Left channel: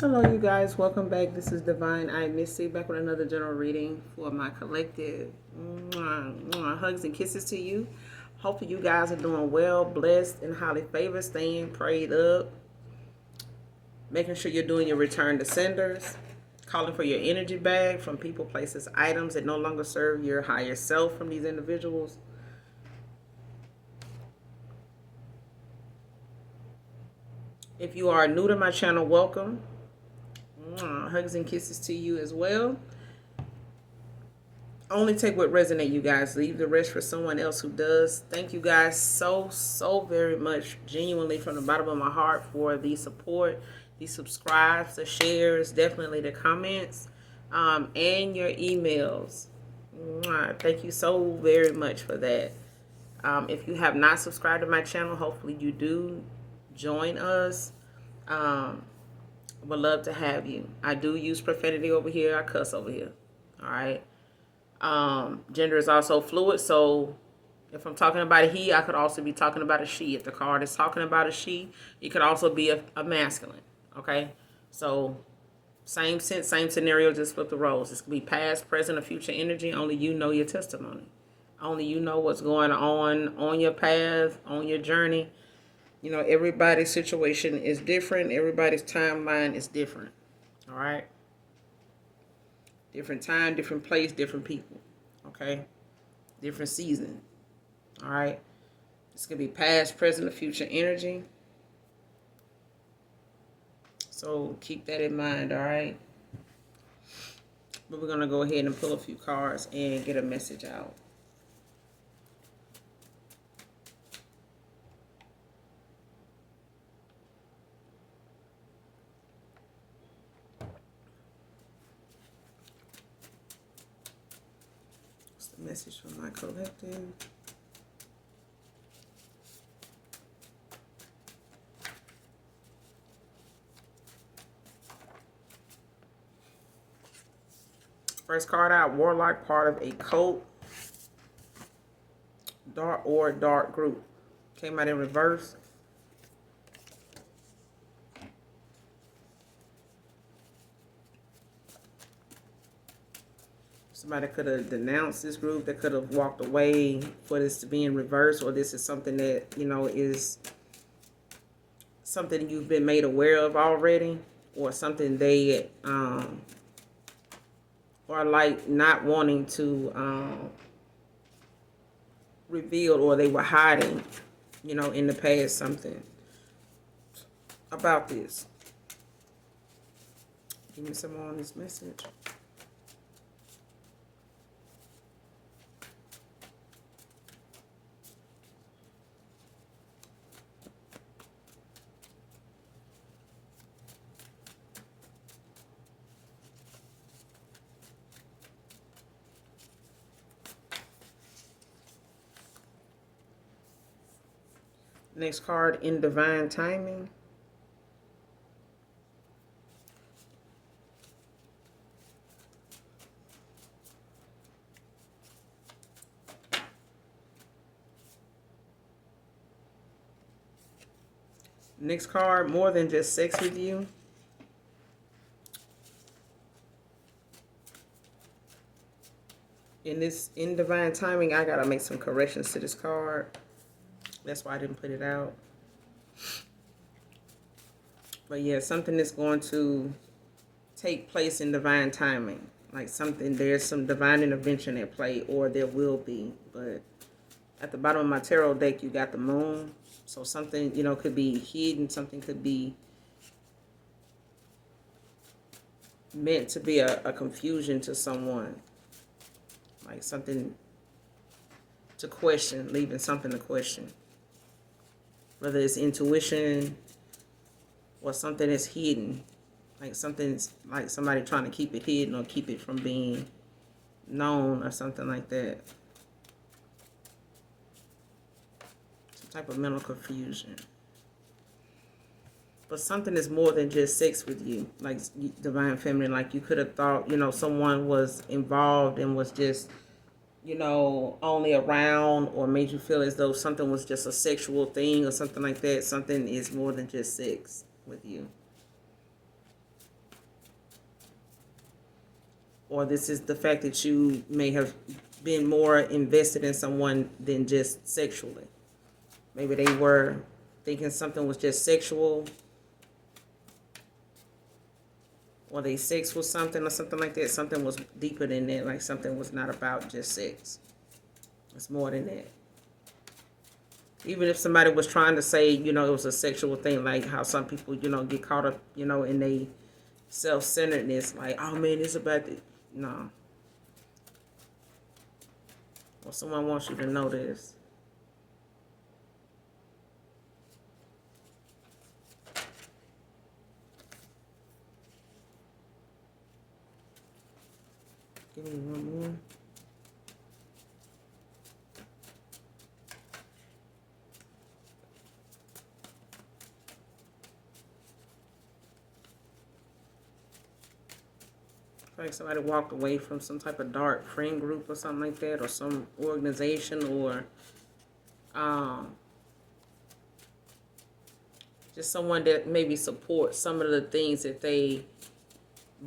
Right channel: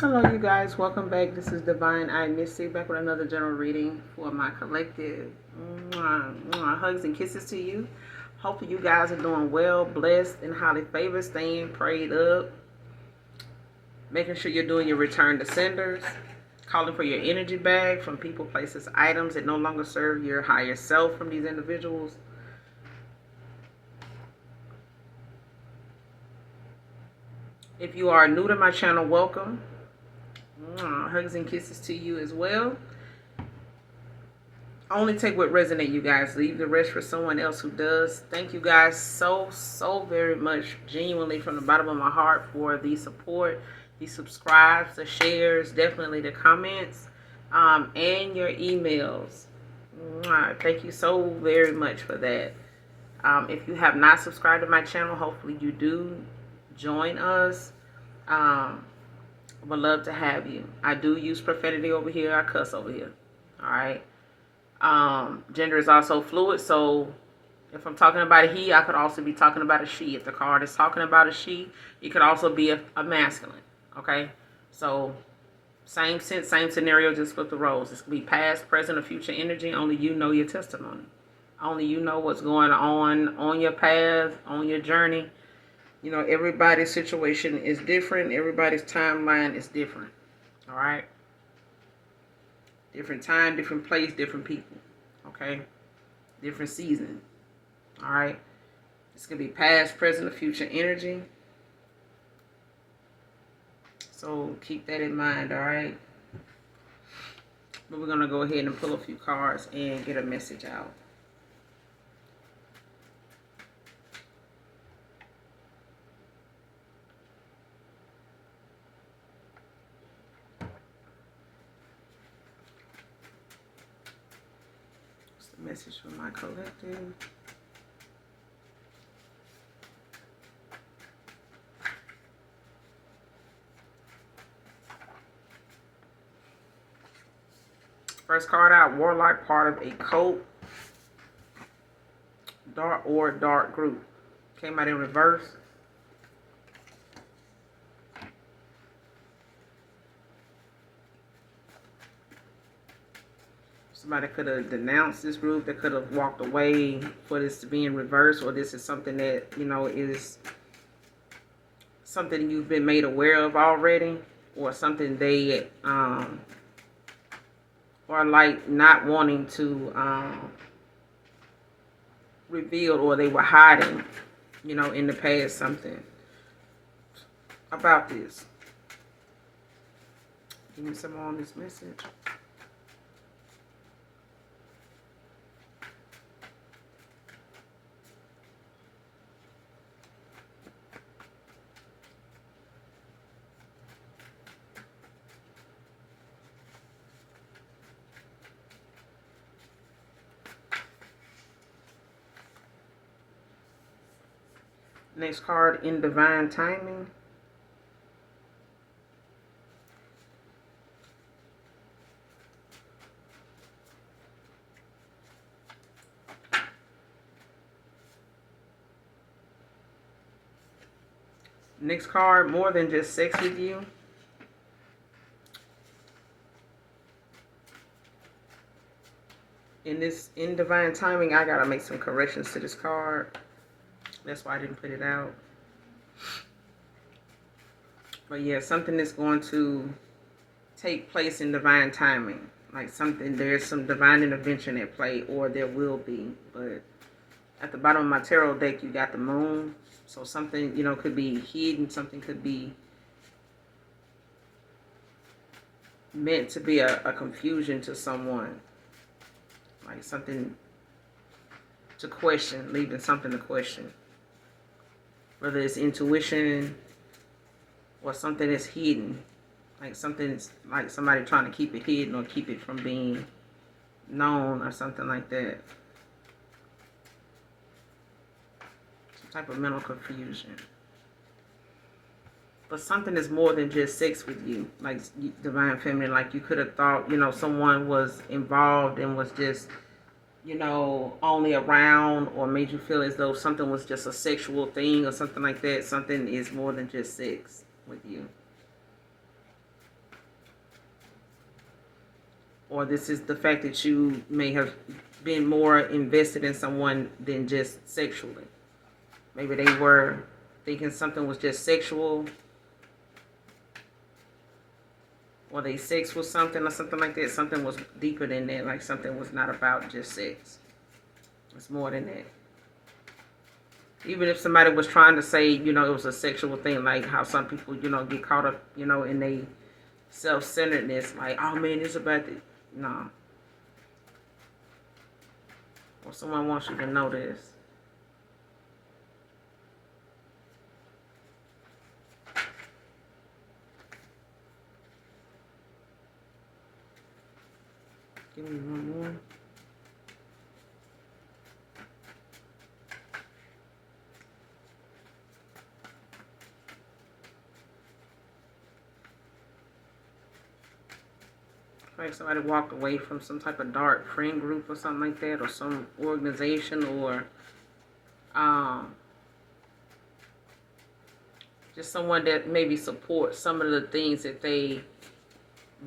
Hello, you guys. Welcome back. This is Divine I Missy back with another general reading for my collective. Hugs and kisses to you. Hopefully, you guys are doing well, blessed, and highly favored, staying prayed up, making sure you're doing your return to senders, calling for your energy back from people, places, items that no longer serve your higher self from these individuals. If you are new to my channel, welcome. Hugs and kisses to you as well. Only take what resonate, you guys. Leave the rest for someone else who does. Thank you guys so very much, genuinely from the bottom of my heart, for the support, the subscribes, the shares, definitely the comments, and your emails. Thank you so very much for that. If you have not subscribed to my channel, hopefully you do join us. Would love to have you. I do use profanity over here. I cuss over here. All right. Gender is also fluid, so if I'm talking about a he, I could also be talking about a she. If the card is talking about a she, it could also be a masculine. Okay, so same sense, same scenario, just flip the roles. This could be past, present, or future energy. Only you know your testimony. Only you know what's going on your path, on your journey. You know, everybody's situation is different. Everybody's timeline is different. All right. Different time, different place, different people. Okay? Different season. All right? This could be past, present, or future energy. So keep that in mind, all right? But we're going to go ahead and pull a few cards and get a message out. What's the message from my collective? First card out, Warlock, part of a cult dark group. Came out in reverse. Somebody could have denounced this group. They could have walked away for this to be in reverse, or this is something that, you know, is something you've been made aware of already, or something they or like not wanting to reveal, or they were hiding, you know, in the past something about this. Give me some more on this message. Next card, in divine timing. Next card, more than just sex with you. In divine timing, I gotta make some corrections to this card. That's why I didn't put it out. But yeah, something that's going to take place in divine timing. Like something, there's some divine intervention at play, or there will be. But at the bottom of my tarot deck, you got the moon. So something, you know, could be hidden. Something could be meant to be a confusion to someone. Like something to question, leaving something to question. Whether it's intuition or something that's hidden. Like something's like somebody trying to keep it hidden or keep it from being known or something like that. Some type of mental confusion. But something is more than just sex with you, like divine feminine. Like you could have thought, you know, someone was involved and was just, you know, only around, or made you feel as though something was just a sexual thing or something like that. Something is more than just sex with you. or this is the fact that you may have been more invested in someone than just sexually. Maybe they were thinking something was just sexual, or they sex was something or something like that. Something was deeper than that, like something was not about just sex. It's more than that. Even if somebody was trying to say, it was a sexual thing, like how some people, get caught up, in they self-centeredness, like, oh man, it's about the, no. Well, someone wants you to know this. Give me one more. Like somebody walked away from some type of dark friend group or something like that, or some organization, or just someone that maybe supports some of the things that they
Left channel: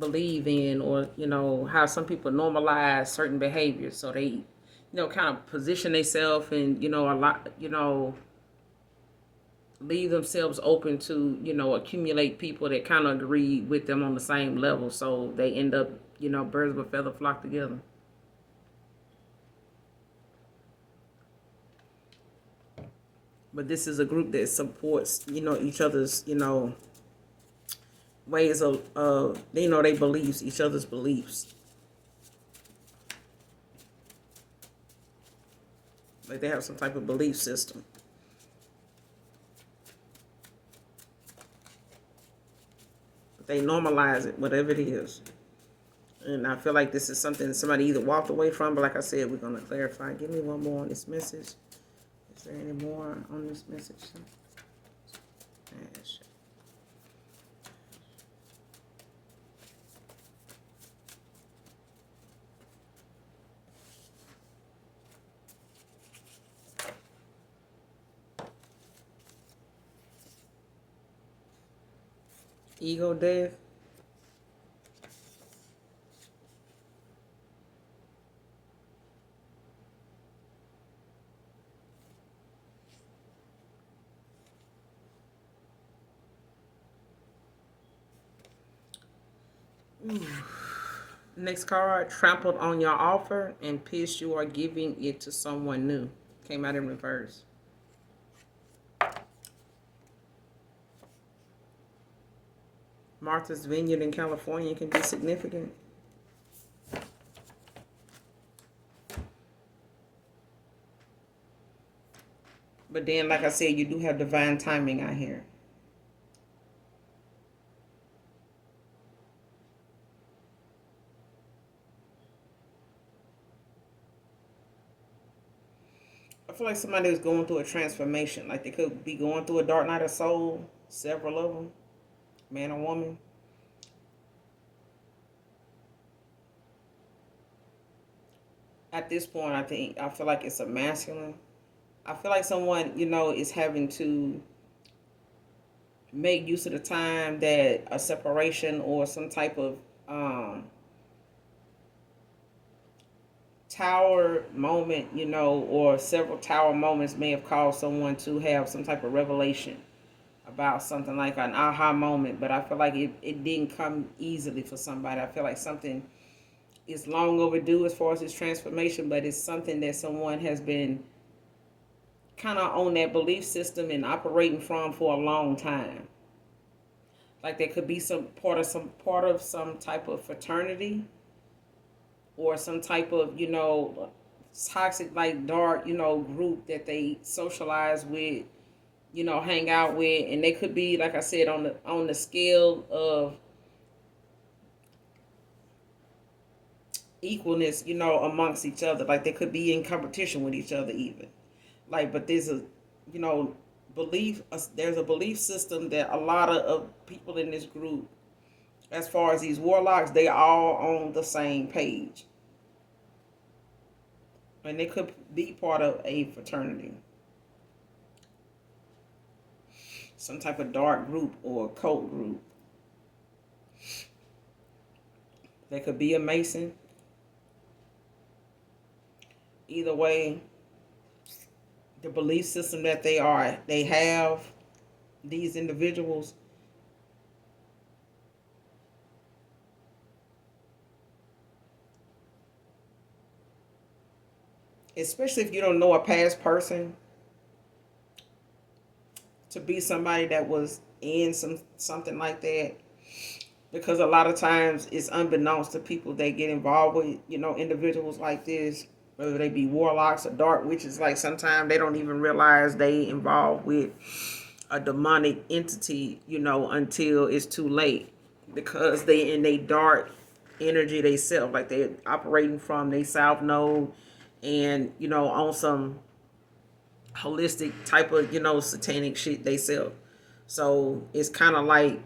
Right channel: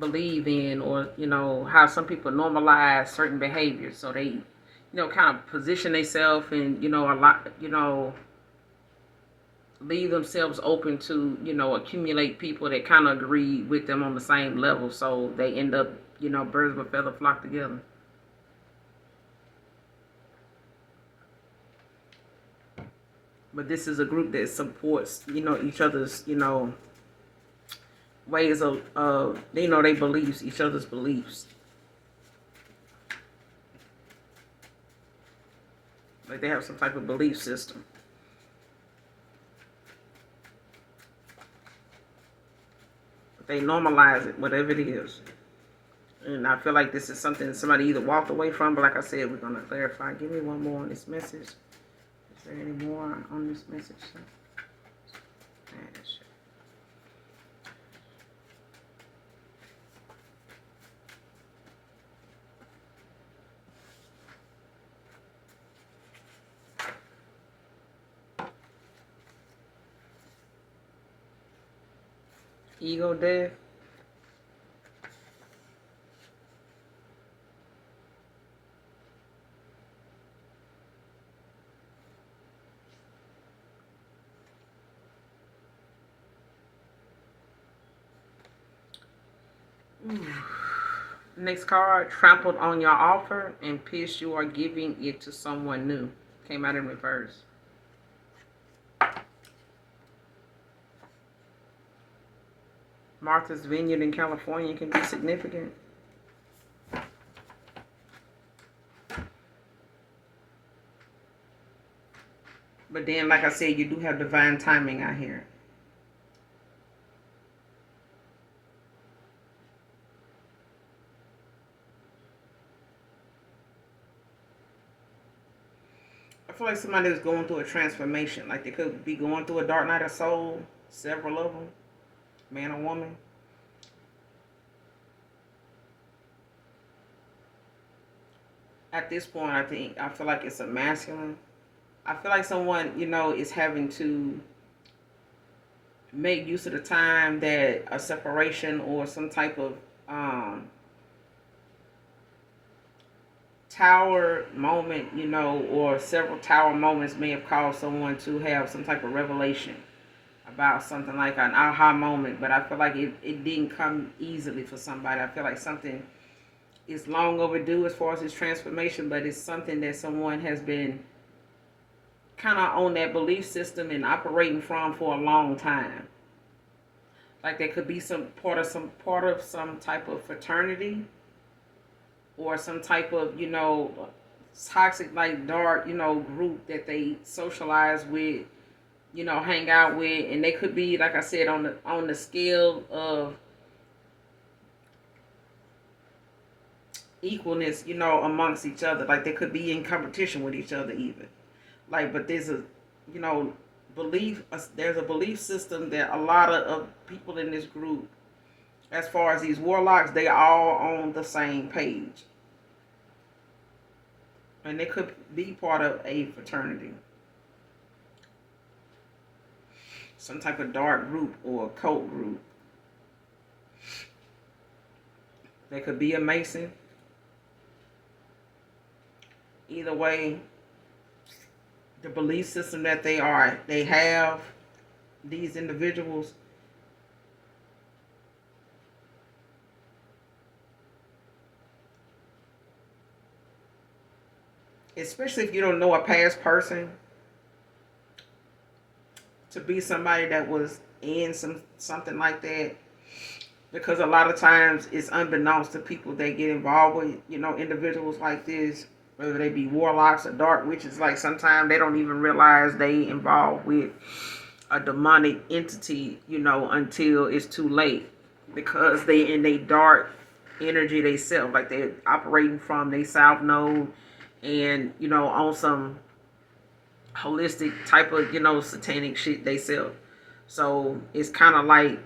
believe in, or how some people normalize certain behaviors, so they kind of position themselves and a lot leave themselves open to accumulate people that kind of agree with them on the same level, so they end up birds of a feather flock together. But this is a group that supports each other's ways of they beliefs, each other's beliefs. Like they have some type of belief system. They normalize it, whatever it is. And I feel like this is something somebody either walked away from, but like I said, we're going to clarify. Give me one more on this message. Is there any more on this message? Ego death. Next card, trampled on your offer and pissed you are giving it to someone new. Came out in reverse. Martha's Vineyard in California can be significant. But then, like I said, you do have divine timing out here. I feel like somebody is going through a transformation. Like they could be going through a dark night of soul. Several of them, man or woman. At this point, I feel like it's a masculine. I feel like someone is having to make use of the time that a separation or some type of tower moment, or several tower moments may have caused someone to have some type of revelation about something, like an aha moment. But I feel like it didn't come easily for somebody. I feel like something is long overdue as far as its transformation, but it's something that someone has been kind of on that belief system and operating from for a long time. Like there could be some part of some type of fraternity, or some type of toxic, like dark group that they socialize with, hang out with. And they could be, like I said, on the scale of equalness, amongst each other. Like they could be in competition with each other even. Like, but there's a belief, there's a belief system that a lot of people in this group, as far as these warlocks, they all on the same page. And they could be part of a fraternity, some type of dark group or cult group. They could be a Mason. Either way, the belief system that they have, these individuals, especially if you don't know a past person, to be somebody that was in something like that, because a lot of times it's unbeknownst to people that get involved with, individuals like this, whether they be warlocks or dark witches. Like sometimes they don't even realize they involved with a demonic entity, until it's too late, because they in they dark energy they self, like they're operating from they south node, and on some holistic type of satanic shit they self. So it's kind of like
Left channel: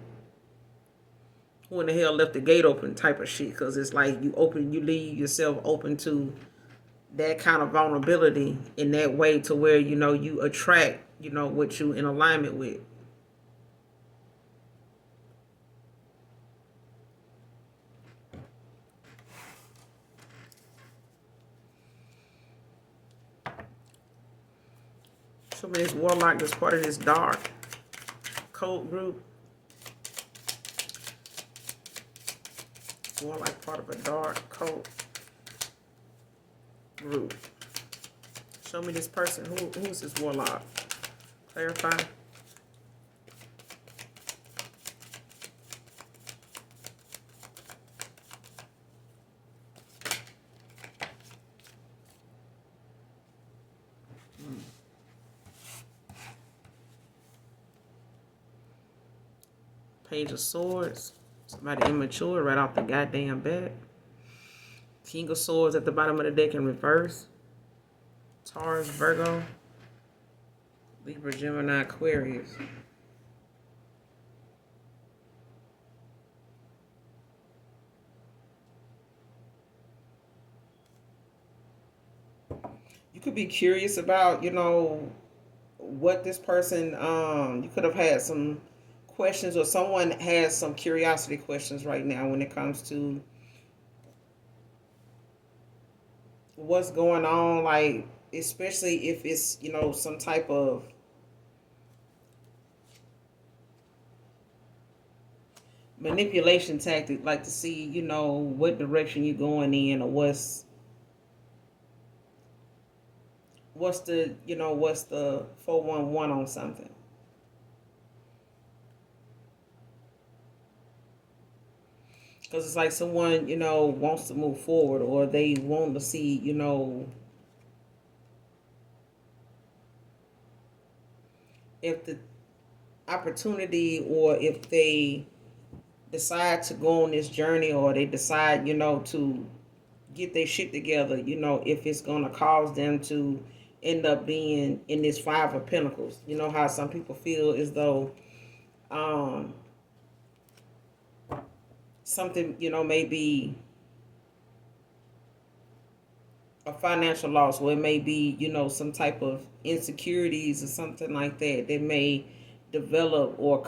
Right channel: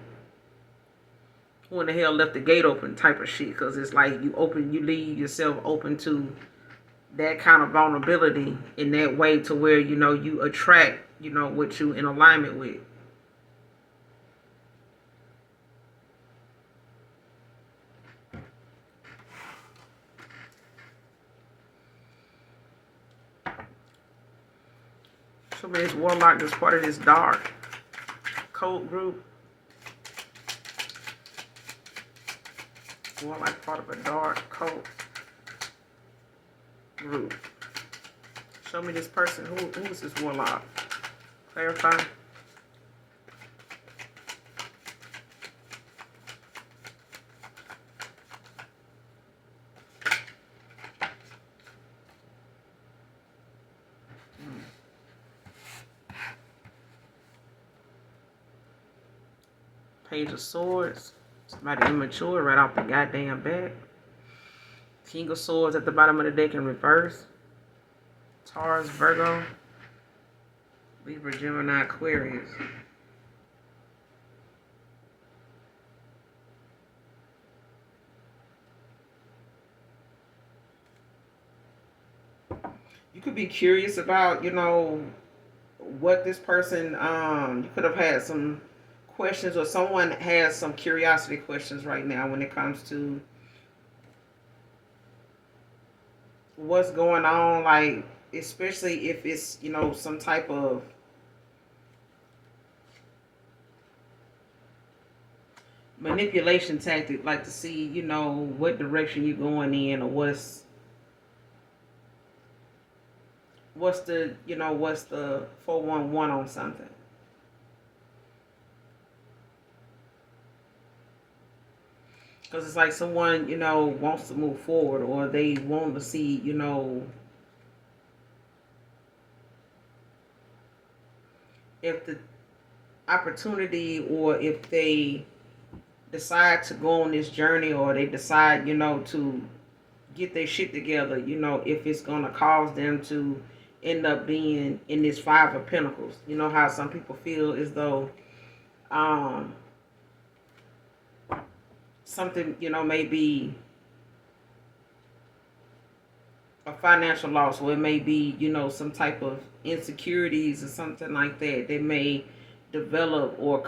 who in the hell left the gate open type of shit, because it's like you leave yourself open to that kind of vulnerability in that way, to where you attract what you in alignment with. So this warlock is part of this dark cult group. Warlock part of a dark cult group. Show me this person. Who's this warlock? Clarify. Page of Swords. Somebody immature right off the goddamn bat. King of Swords at the bottom of the deck in reverse. Taurus, Virgo, Libra, Gemini, Aquarius. You could be curious about, what this person, you could have had some questions, or someone has some curiosity questions right now when it comes to what's going on, like especially if it's some type of manipulation tactic, like to see what direction you're going in, or what's the 411 on something. Because it's like someone wants to move forward, or they want to see if the opportunity, or if they decide to go on this journey, or they decide to get their shit together, if it's going to cause them to end up being in this Five of Pentacles. You know how some people feel as though something may be a financial loss, or it may be some type of insecurities or something like that. They may develop, or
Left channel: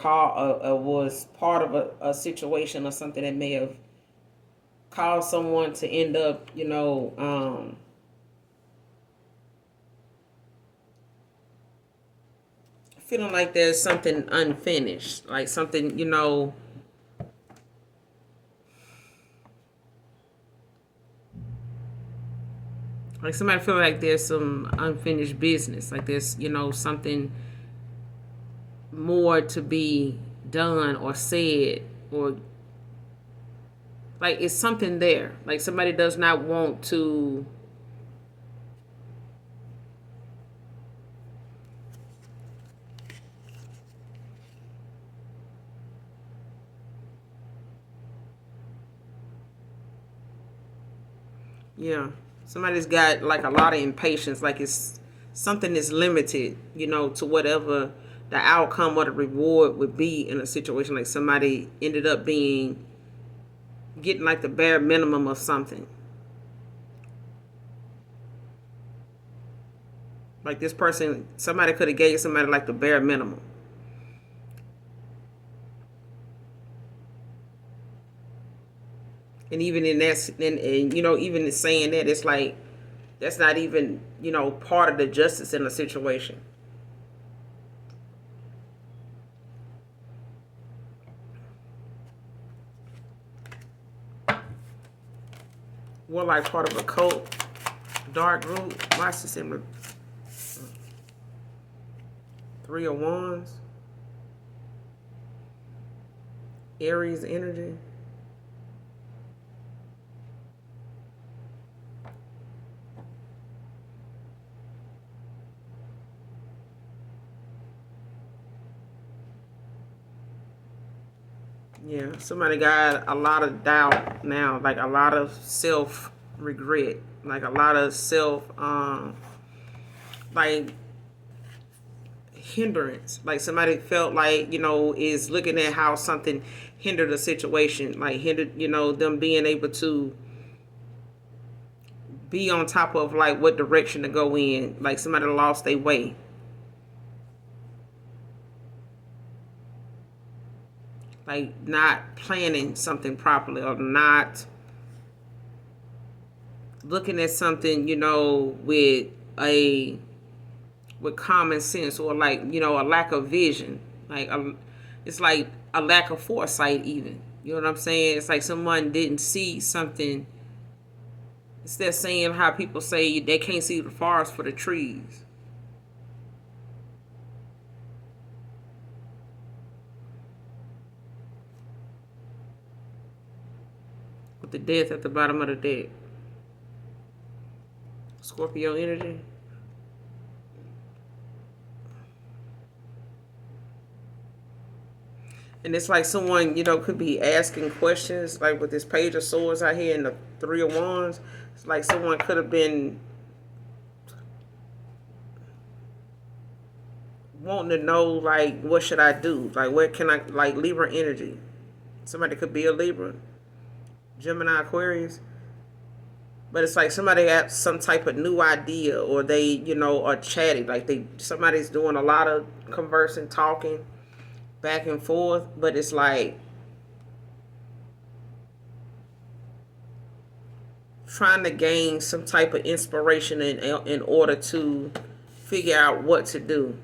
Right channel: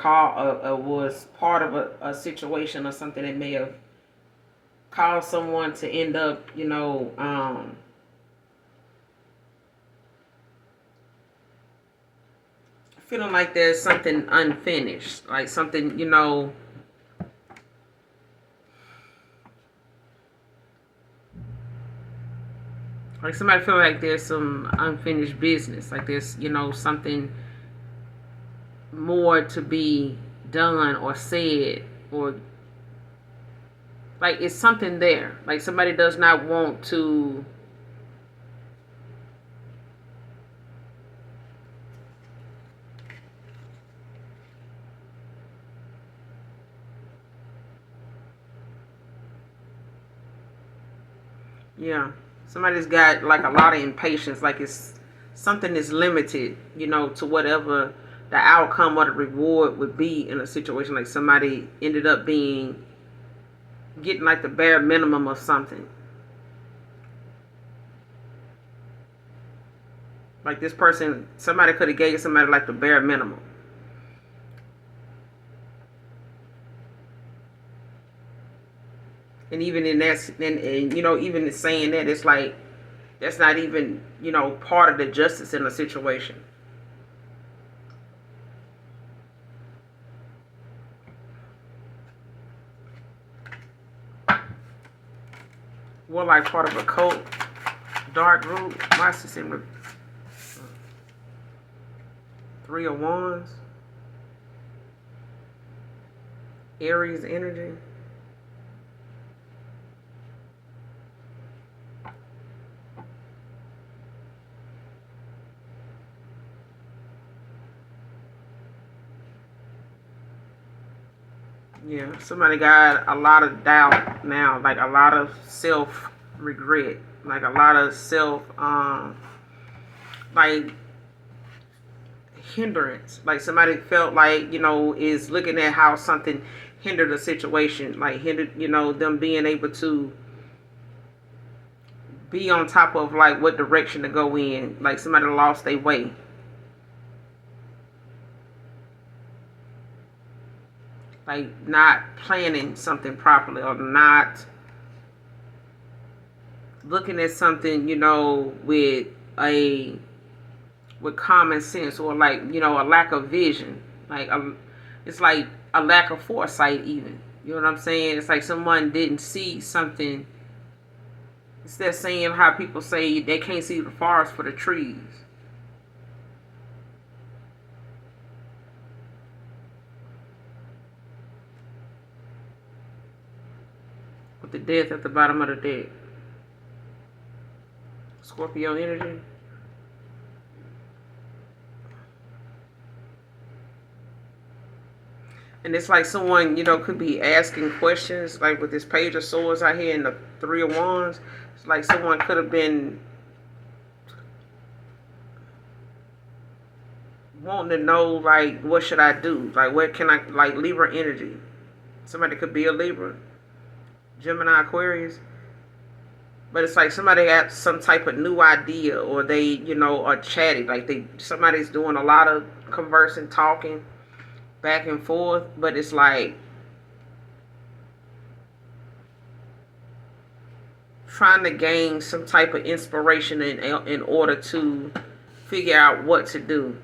was part of a situation or something that may have caused someone to end up feeling like there's something unfinished, like something like somebody feel like there's some unfinished business, like there's something more to be done or said, or like it's something there, like somebody does not want to yeah, somebody's got like a lot of impatience, like it's something is limited, to whatever the outcome or the reward would be in a situation. Like somebody ended up getting like the bare minimum of something. Like this person, somebody could have gave somebody like the bare minimum. And even in that, and even saying that, it's like that's not even part of the justice in the situation. We're like part of a cult, dark group. My system, Three of Wands, Aries energy. Yeah, somebody got a lot of doubt now, like a lot of self regret, like a lot of self, like hindrance. Like somebody felt like is looking at how something hindered a situation, like hindered them being able to be on top of like what direction to go in. Like somebody lost their way. Like not planning something properly, or not looking at something, with a with common sense, or like a lack of vision. Like it's like a lack of foresight, even. You know what I'm saying? It's like someone didn't see something. Instead of saying how people say they can't see the forest for the trees. With the death at the bottom of the deck. Scorpio energy. And it's like someone, could be asking questions, like with this Page of Swords out here and the Three of Wands. It's like someone could have been wanting to know, like, what should I do? Like, where can I, like, Libra energy. Somebody could be a Libra, Gemini, Aquarius. But it's like somebody got some type of new idea, or they, are chatty. Like somebody's doing a lot of conversing, talking back and forth. But it's like trying to gain some type of inspiration in order to figure out what to do.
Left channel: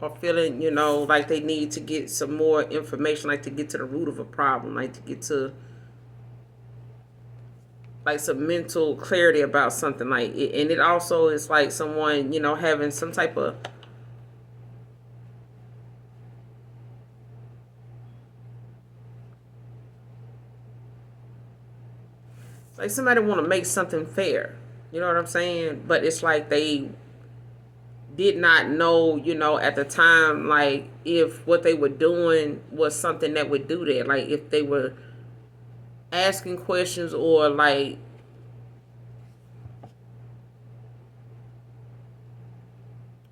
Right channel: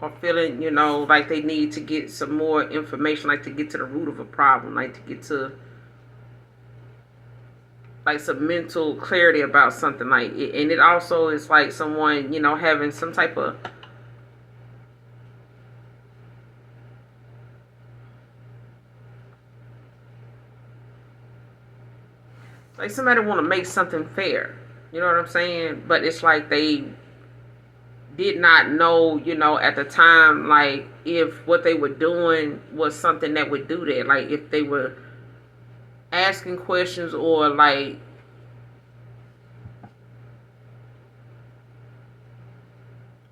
Or feeling, like they need to get some more information, like to get to the root of a problem, like to get to like some mental clarity about something, like and it also is like someone having some type of like somebody want to make something fair, you know what I'm saying? But it's like they did not know, at the time, like if what they were doing was something that would do that. Like if they were asking questions, or like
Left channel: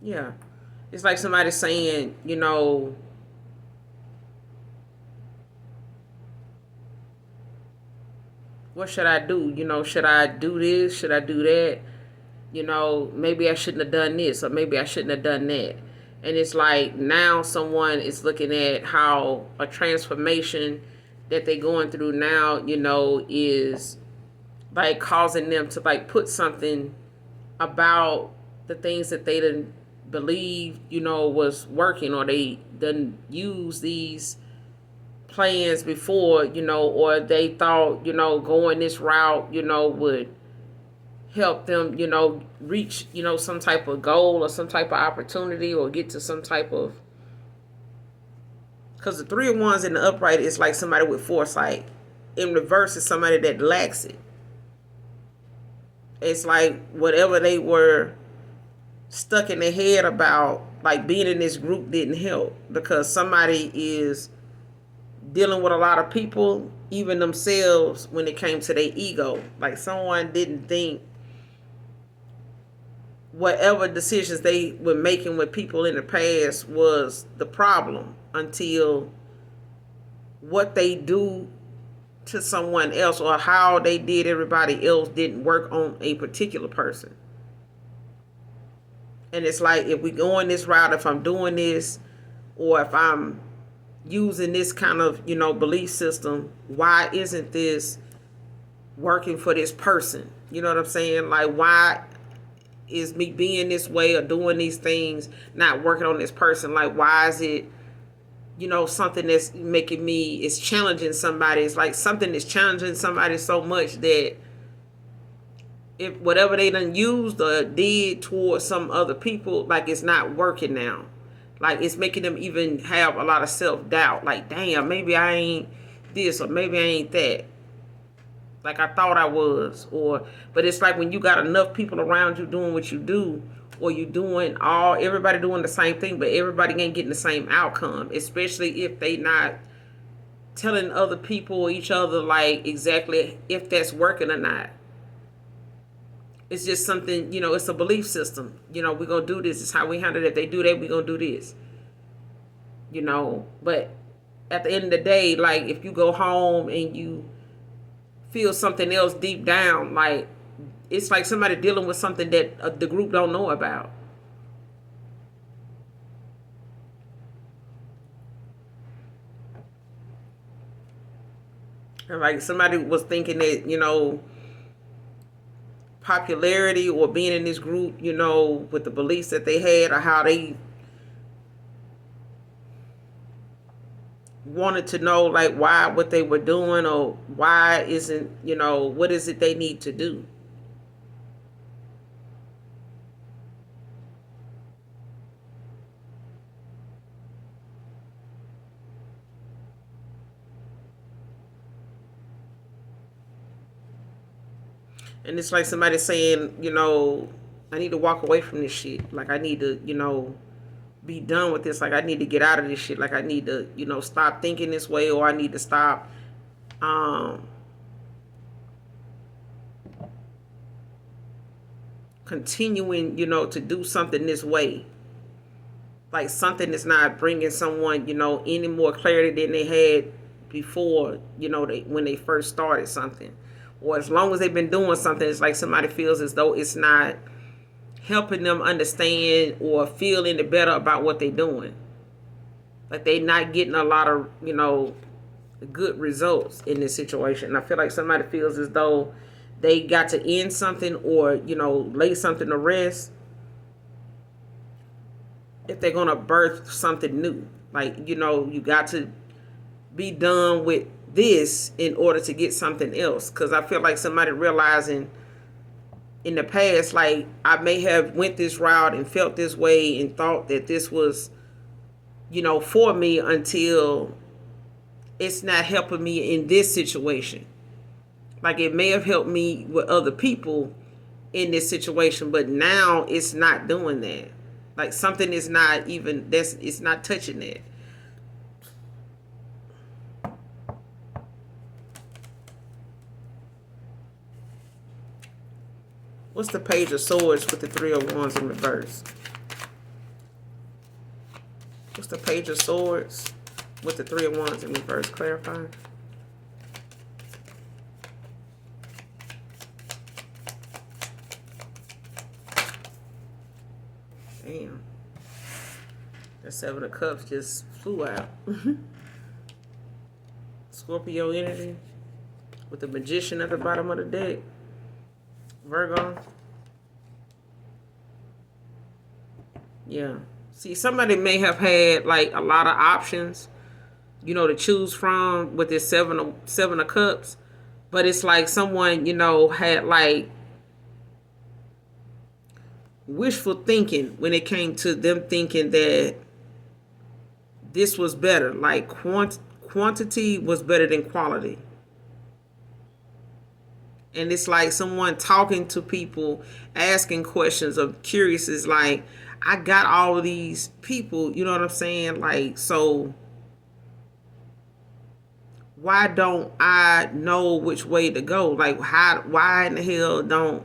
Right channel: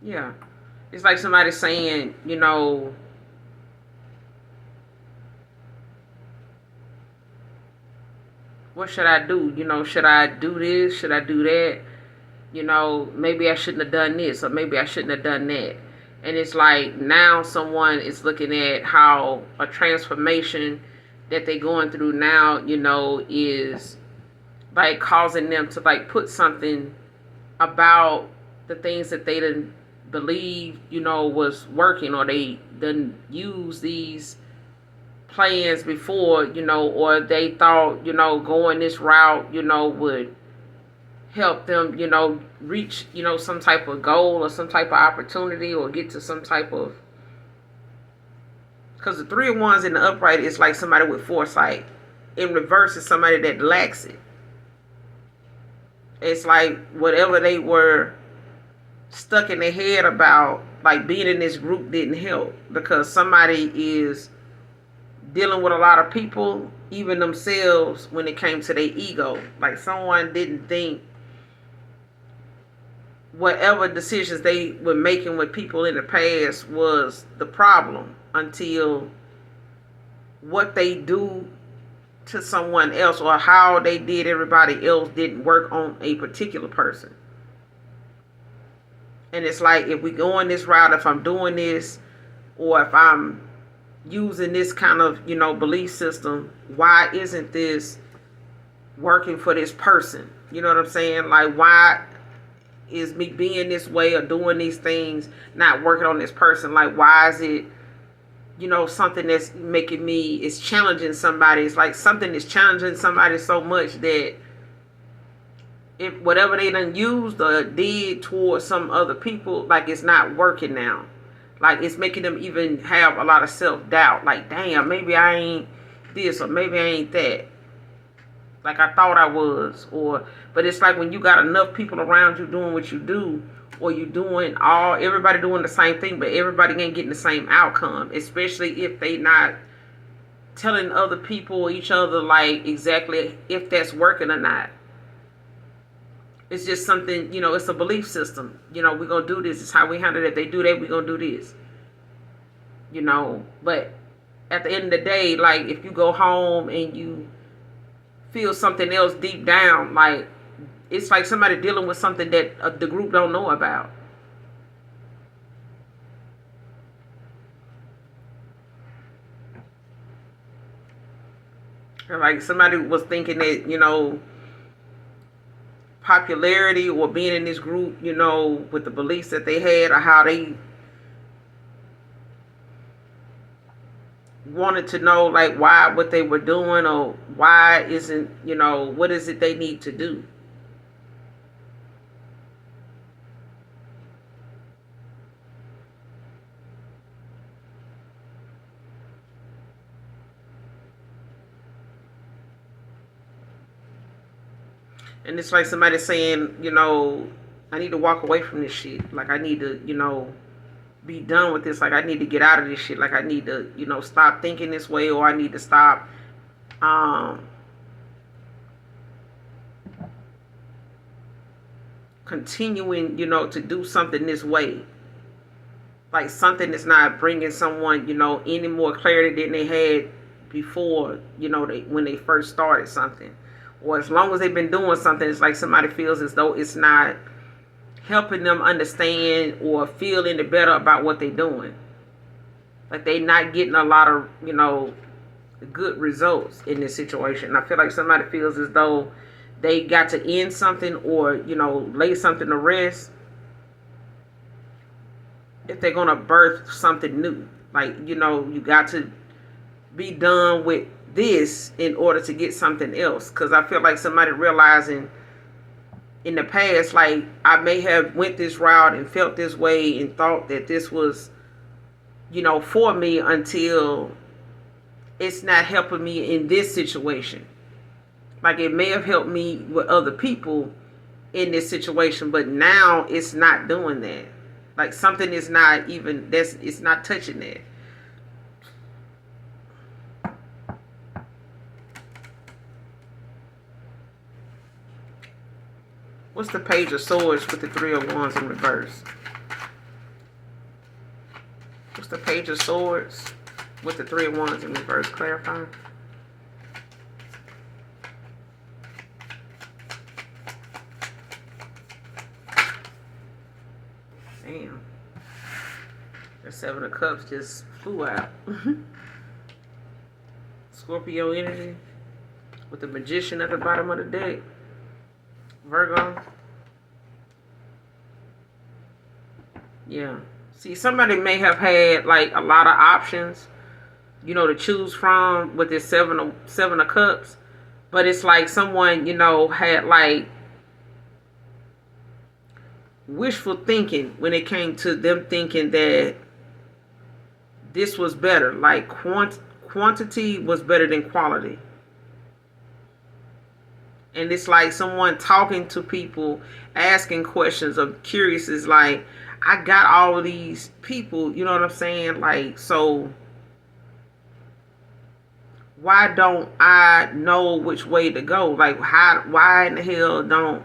yeah, it's like somebody saying, what should I do? Should I do this? Should I do that? Maybe I shouldn't have done this, or maybe I shouldn't have done that. And it's like now someone is looking at how a transformation that they're going through now, is like causing them to like put something about the things that they didn't believe, was working, or they didn't use these plans before, or they thought, going this route, would help them, reach, some type of goal or some type of opportunity, or get to some type of. Because the Three of Wands in the upright is like somebody with foresight. In reverse is somebody that lacks it. It's like whatever they were stuck in their head about, like being in this group didn't help, because somebody is dealing with a lot of people, even themselves, when it came to their ego. Like someone didn't think whatever decisions they were making with people in the past was the problem, until what they do to someone else, or how they did everybody else, didn't work on a particular person. And it's like, if we go on this route, if I'm doing this, or if I'm using this kind of, belief system, why isn't this working for this person? You know what I'm saying? Like, why is me being this way or doing these things not working on this person? Like, why is it, something that's making me, is challenging somebody? It's like something is challenging somebody so much that if whatever they done used or did towards some other people, like, it's not working now. Like, it's making them even have a lot of self-doubt. Like, damn, maybe I ain't this, or maybe I ain't that, like I thought I was. But it's like when you got enough people around you doing what you do, or you doing everybody doing the same thing, but everybody ain't getting the same outcome, especially if they not telling other people or each other, like, exactly if that's working or not. It's just something, it's a belief system. We're going to do this. It's how we handle it. If they do that, we're going to do this. But at the end of the day, like, if you go home and you feel something else deep down, like, it's like somebody dealing with something that the group don't know about. And like somebody was thinking that, popularity or being in this group, with the beliefs that they had or how they wanted to know, like, why what they were doing, or why isn't, what is it they need to do. And it's like somebody saying, I need to walk away from this shit. Like, I need to, be done with this. Like, I need to get out of this shit. Like, I need to, stop thinking this way, or I need to stop continuing, to do something this way. Like, something that's not bringing someone, any more clarity than they had before, when they first started something. Or as long as they've been doing something, it's like somebody feels as though it's not helping them understand or feel any better about what they're doing. Like, they not getting a lot of, good results in this situation. I feel like somebody feels as though they got to end something, or, lay something to rest if they're going to birth something new. Like, you got to be done with this in order to get something else. Because I feel like somebody realizing in the past, like, I may have went this route and felt this way and thought that this was, for me, until it's not helping me in this situation. Like, it may have helped me with other people in this situation, but now it's not doing that. Like, something is not even, it's not touching that. What's the Page of Swords with the Three of Wands in reverse? What's the Page of Swords with the Three of Wands in reverse? Clarify. Damn. The Seven of Cups just flew out. Scorpio energy with the Magician at the bottom of the deck. Virgo. Yeah. See, somebody may have had, like, a lot of options, to choose from with this seven of cups. But it's like someone, had, like, wishful thinking when it came to them thinking that this was better. Like, quantity was better than quality. And it's like someone talking to people, asking questions of curious, is like, I got all of these people, you know what I'm saying? Like, so why don't I know which way to go? Like, why in the hell don't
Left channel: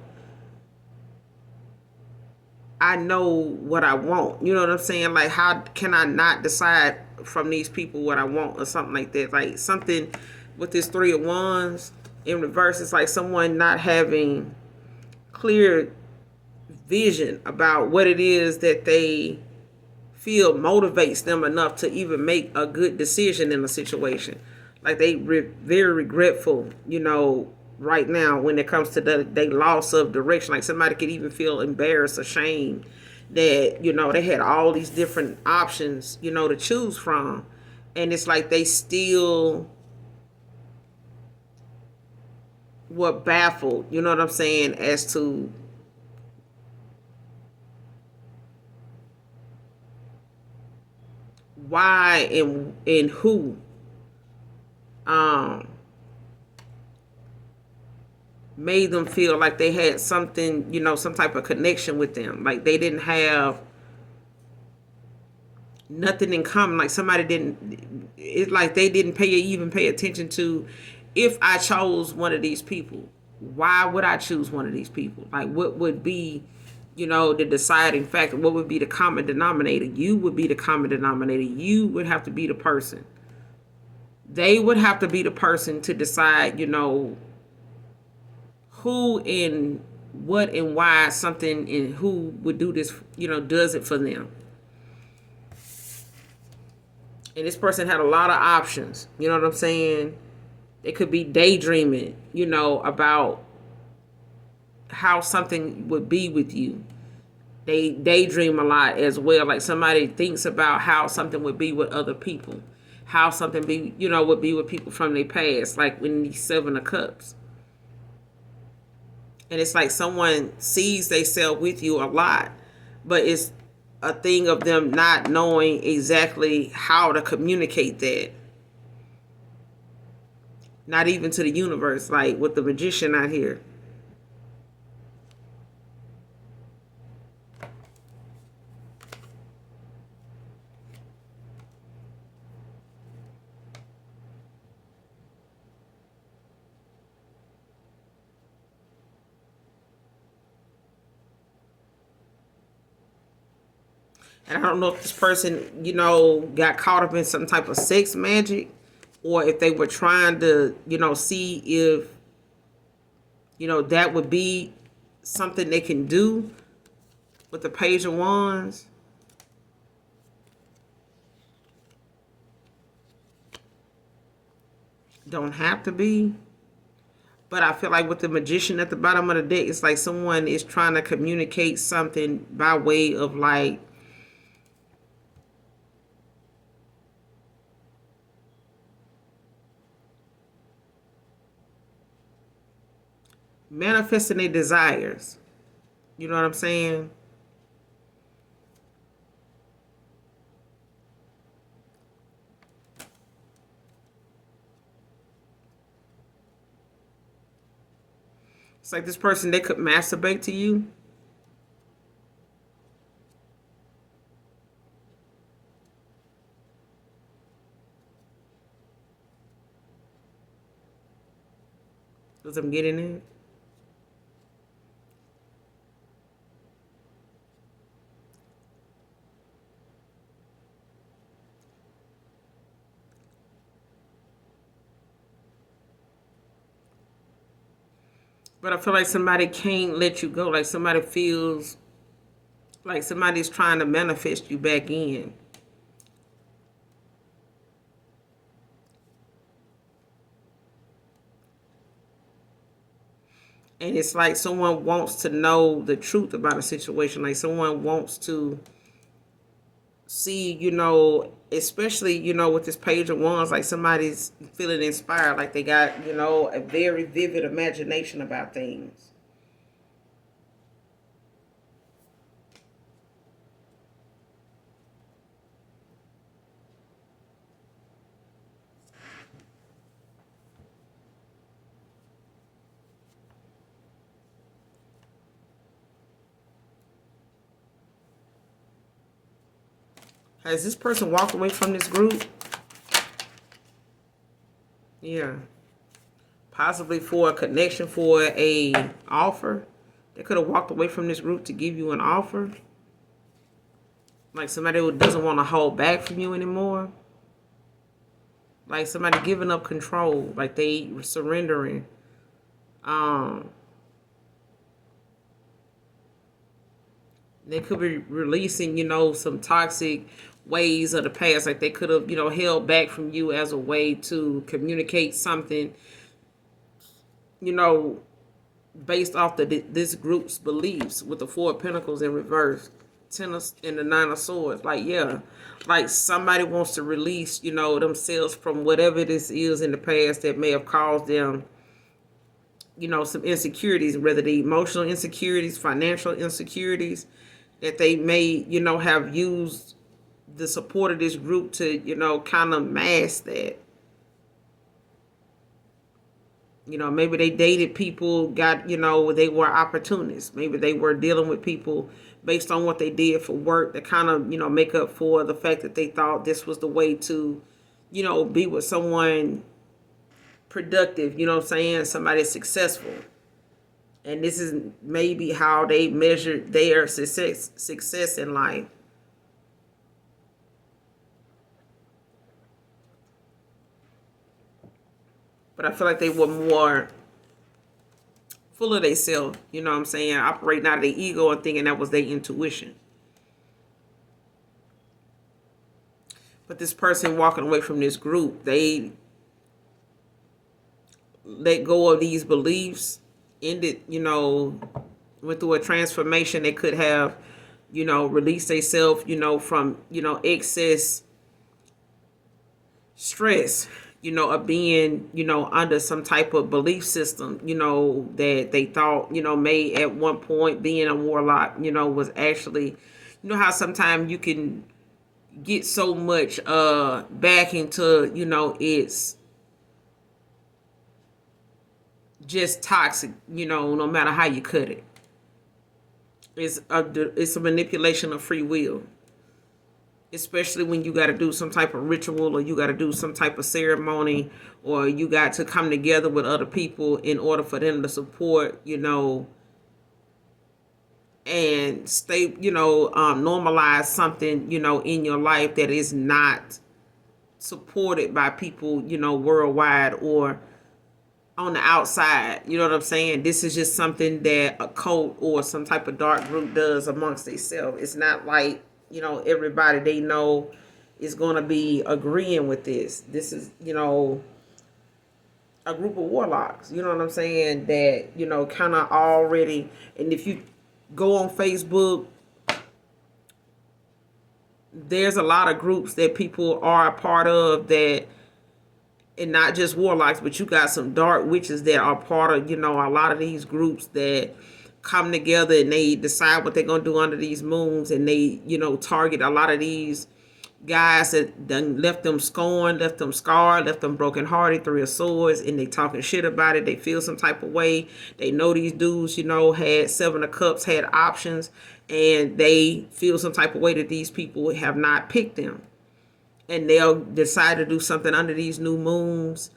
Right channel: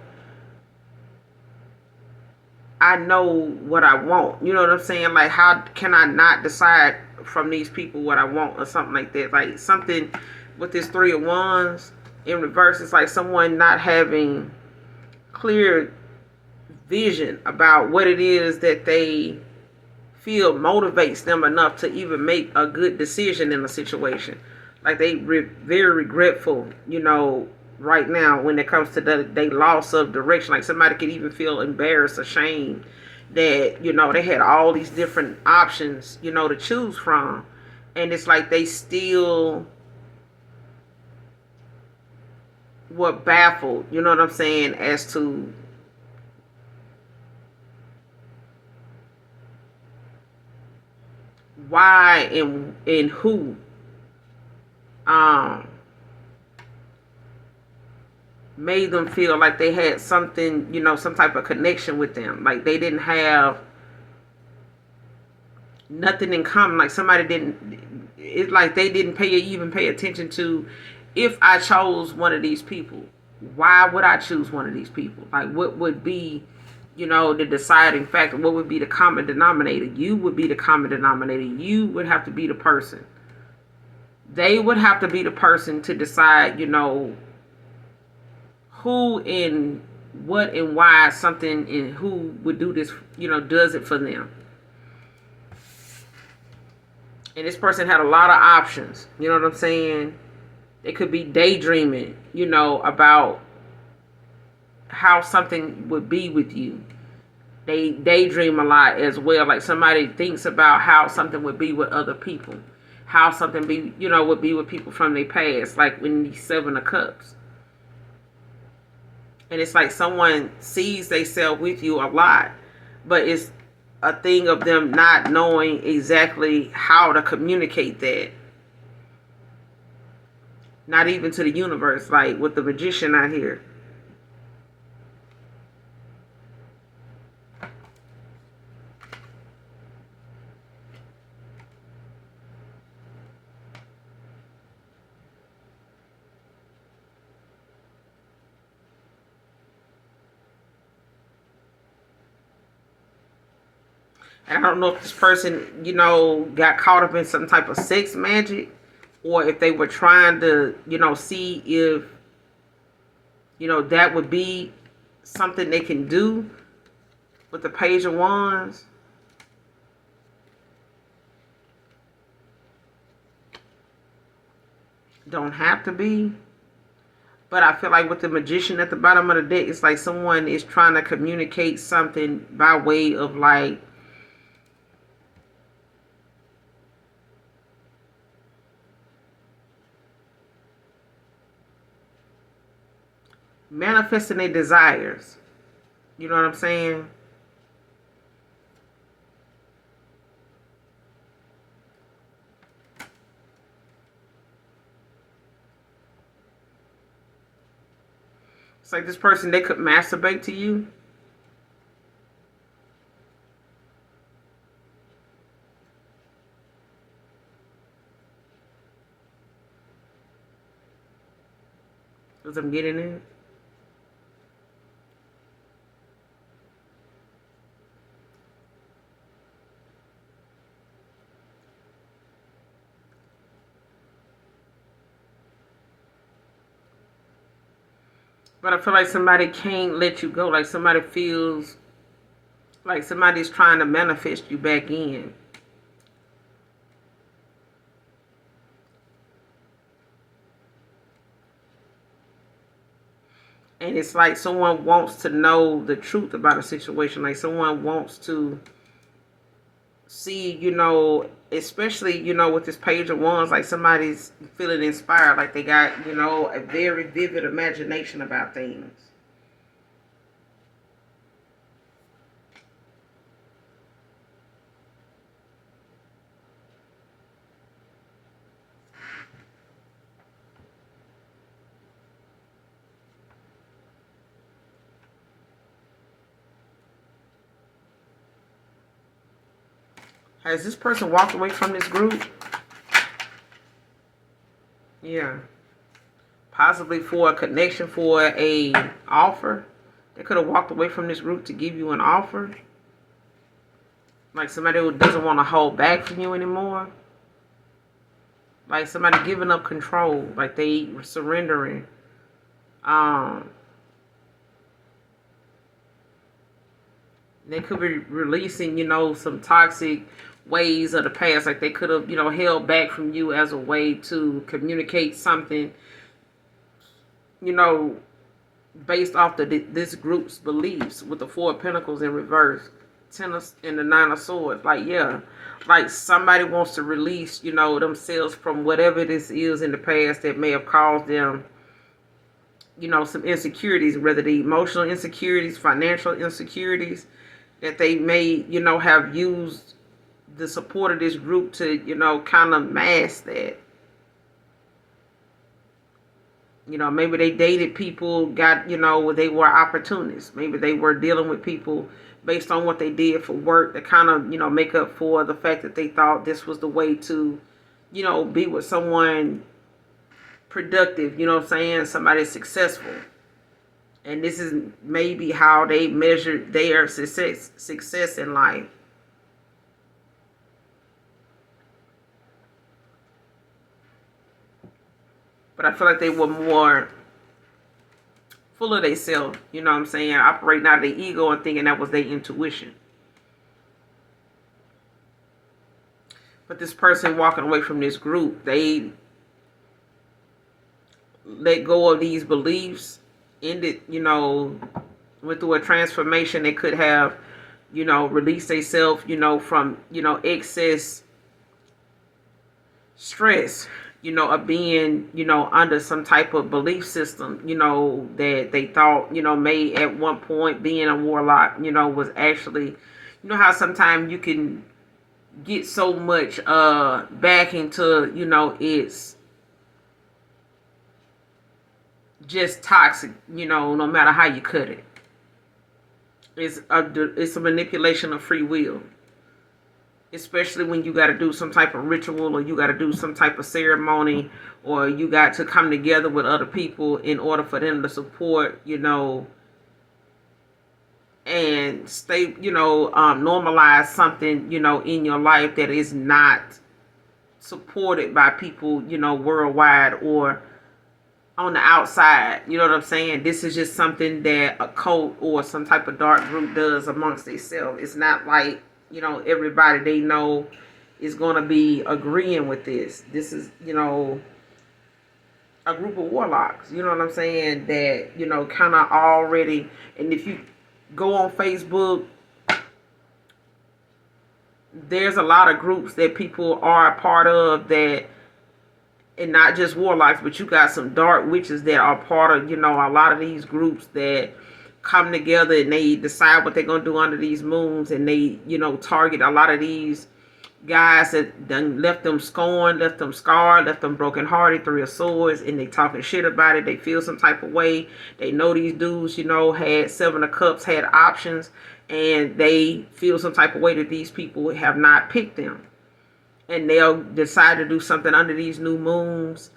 I know what I want? You know what I'm saying? Like, how can I not decide from these people what I want, or something like that? Like, something with this Three of Wands in reverse, it's like someone not having clear vision about what it is that they feel motivates them enough to even make a good decision in a situation. Like they very regretful, right now when it comes to they loss of direction. Like somebody could even feel embarrassed, ashamed that they had all these different options, to choose from, and it's like they still were baffled. You know what I'm saying? As to why and who um made them feel like they had something, some type of connection with them. Like they didn't have nothing in common. Like somebody didn't. It's like they didn't even pay attention to if I chose one of these people. Why would I choose one of these people? Like what would be, the deciding factor? What would be the common denominator? You would be the common denominator. You would have to be the person. They would have to be the person to decide, who and what and why something and who would do this, does it for them. And this person had a lot of options. You know what I'm saying? They could be daydreaming, about how something would be with you. They daydream a lot as well. Like somebody thinks about how something would be with other people. How something would be with people from their past. Like in the Seven of Cups. And it's like someone sees themselves with you a lot. But it's a thing of them not knowing exactly how to communicate that. Not even to the universe, like with the Magician out here. And I don't know if this person, got caught up in some type of sex magic, or if they were trying to, see if, that would be something they can do with the Page of Wands. Don't have to be. But I feel like with the Magician at the bottom of the deck, it's like someone is trying to communicate something by way of like, manifesting their desires. You know what I'm saying? It's like this person, they could masturbate to you. Because I'm getting it. But I feel like somebody can't let you go. Like somebody feels like somebody's trying to manifest you back in. And it's like someone wants to know the truth about a situation. Like someone wants to see, especially, with this Page of Wands, like somebody's feeling inspired. Like they got, a very vivid imagination about things. Has this person walked away from this group? Yeah. Possibly for a connection, for a offer. They could have walked away from this group to give you an offer. Like somebody who doesn't want to hold back from you anymore. Like somebody giving up control. Like they surrendering. They could be releasing, some toxic ways of the past. Like they could have, held back from you as a way to communicate something, you know, based off this group's beliefs with the Four of Pentacles in reverse. Ten of, and the Nine of Swords. Like, yeah. Like somebody wants to release, themselves from whatever this is in the past that may have caused them, some insecurities, whether the emotional insecurities, financial insecurities, that they may, have used the support of this group to, kind of mask that. Maybe they dated people, they were opportunists. Maybe they were dealing with people based on what they did for work to kind of, make up for the fact that they thought this was the way to, be with someone productive, somebody successful. And this is maybe how they measured their success in life. But I feel like they were more full of themselves, operating out of their ego and thinking that was their intuition. But this person walking away from this group, they let go of these beliefs, ended, went through a transformation. They could have, released themselves, from, excess stress, of being, under some type of belief system, that they thought, may at one point being a warlock, was actually, how sometimes you can get so much back into, it's just toxic, no matter how you cut it. It's a manipulation of free will. Especially when you got to do some type of ritual, or you got to do some type of ceremony, or you got to come together with other people in order for them to support, and stay, normalize something, in your life that is not supported by people, worldwide or on the outside. You know what I'm saying? This is just something that a cult or some type of dark group does amongst themselves. It's not like, everybody they know is going to be agreeing with this. This is, a group of warlocks, you know what I'm saying, that, kind of already, and if you go on Facebook, there's a lot of groups that people are a part of that, and not just warlocks, but you got some dark witches that are part of, a lot of these groups that come together and they decide what they're going to do under these moons, and they, target a lot of these guys that done left them scorned, left them scarred, left them brokenhearted, Three of Swords, and they talking shit about it. They feel some type of way. They know these dudes, had Seven of Cups, had options, and they feel some type of way that these people have not picked them. And they'll decide to do something under these new moons,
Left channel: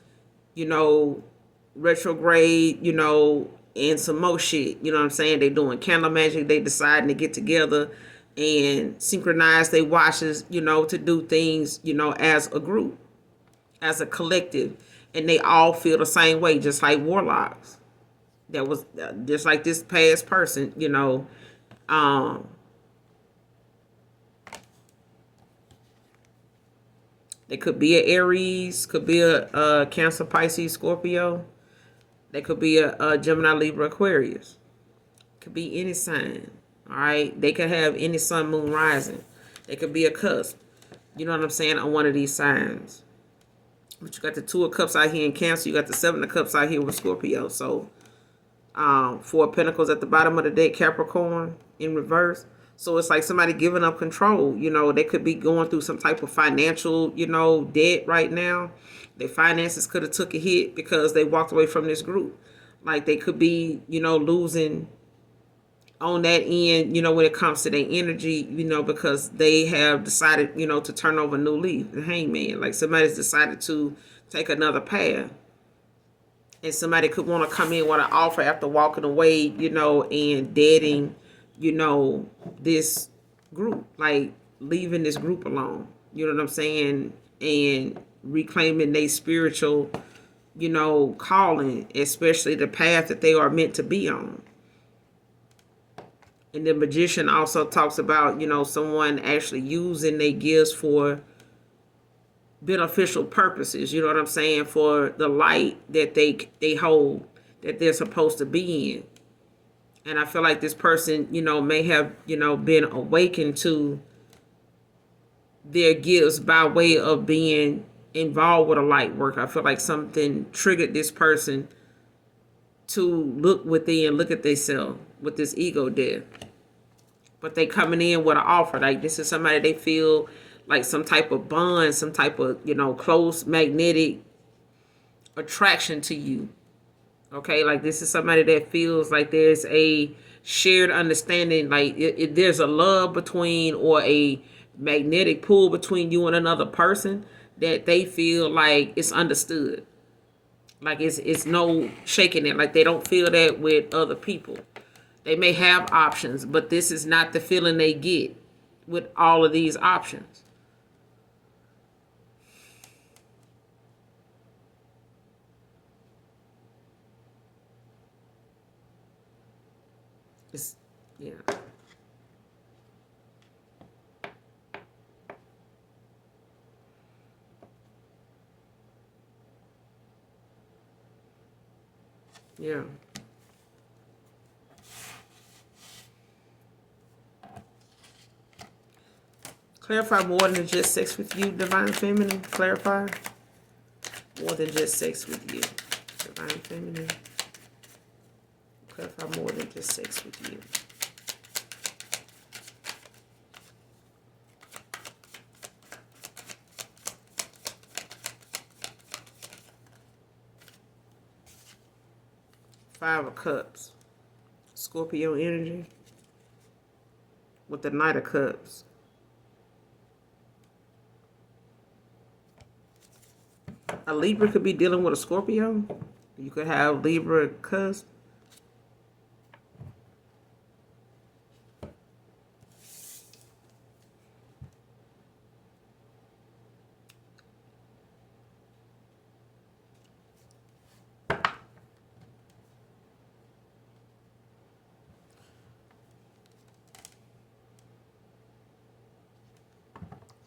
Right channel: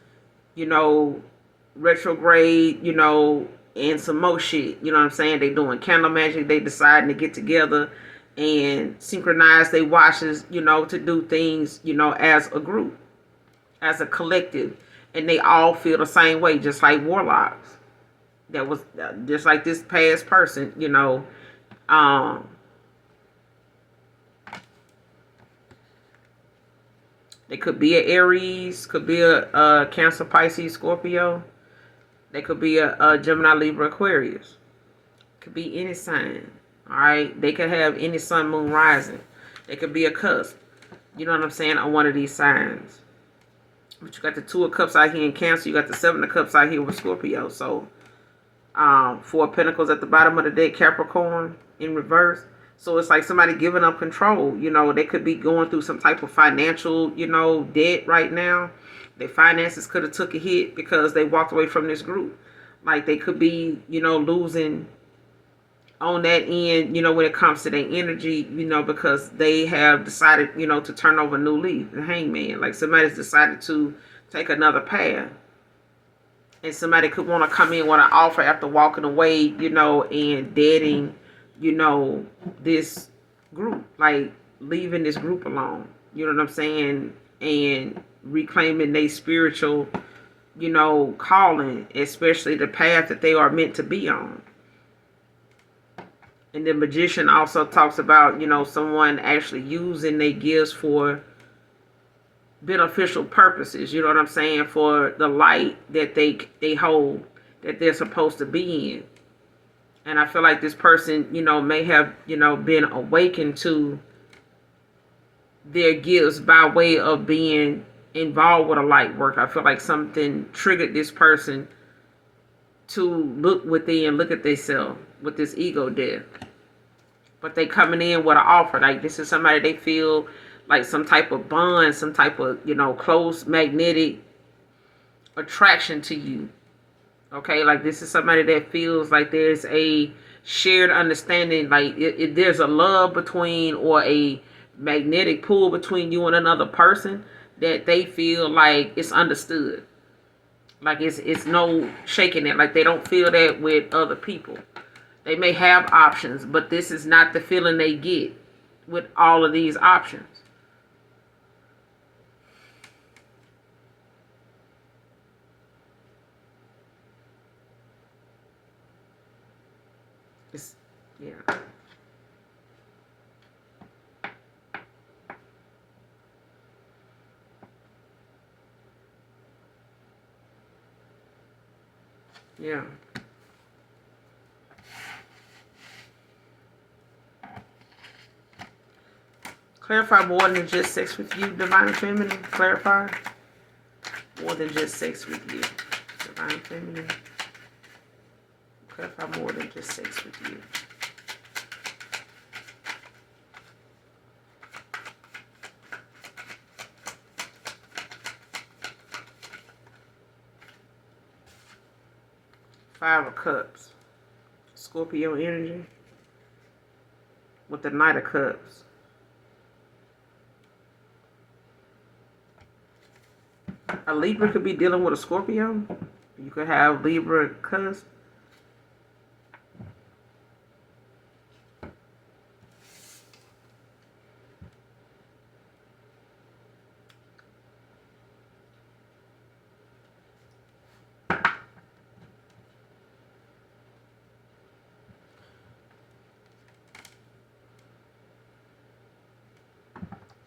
retrograde, and some more shit. You know what I'm saying? They doing candle magic. They deciding to get together and synchronize their watches, to do things, as a group, as a collective. And they all feel the same way, just like warlocks. That was just like this past person, They could be an Aries, could be a Cancer, Pisces, Scorpio. They could be a Gemini, Libra, Aquarius. Could be any sign. All right. They could have any sun, moon, rising. They could be a cusp. You know what I'm saying? On one of these signs. But you got the Two of Cups out here in Cancer. You got the Seven of Cups out here with Scorpio. So, Four of Pentacles at the bottom of the deck, Capricorn in reverse. So it's like somebody giving up control. They could be going through some type of financial, debt right now. Their finances could have took a hit because they walked away from this group. Like they could be, losing on that end, when it comes to their energy, because they have decided, to turn over a new leaf, the Hangman. Like somebody's decided to take another path. And somebody could want to come in with an offer after walking away, and deading, this group, like leaving this group alone. You know what I'm saying? And reclaiming their spiritual, calling, especially the path that they are meant to be on. And the Magician also talks about, someone actually using their gifts for beneficial purposes, you know what I'm saying, for the light that they hold, that they're supposed to be in. And I feel like this person, may have, been awakened to their gifts by way of being involved with a light work. I feel like something triggered this person to look within, look at themselves with this ego death. But they coming in with an offer. Like, this is somebody they feel like some type of bond, some type of, close magnetic attraction to you. Okay, like this is somebody that feels like there's a shared understanding, like there's a love between, or a magnetic pull between you and another person, that they feel like it's understood. Like it's no shaking it. Like they don't feel that with other people. They may have options, but this is not the feeling they get with all of these options. It's, yeah. Yeah. Clarify more than just sex with you, Divine Feminine. Clarify more than just sex with you, Divine Feminine. Clarify more than just sex with you. Five of Cups. Scorpio energy. With the Knight of Cups. A Libra could be dealing with a Scorpio. You could have Libra cusp.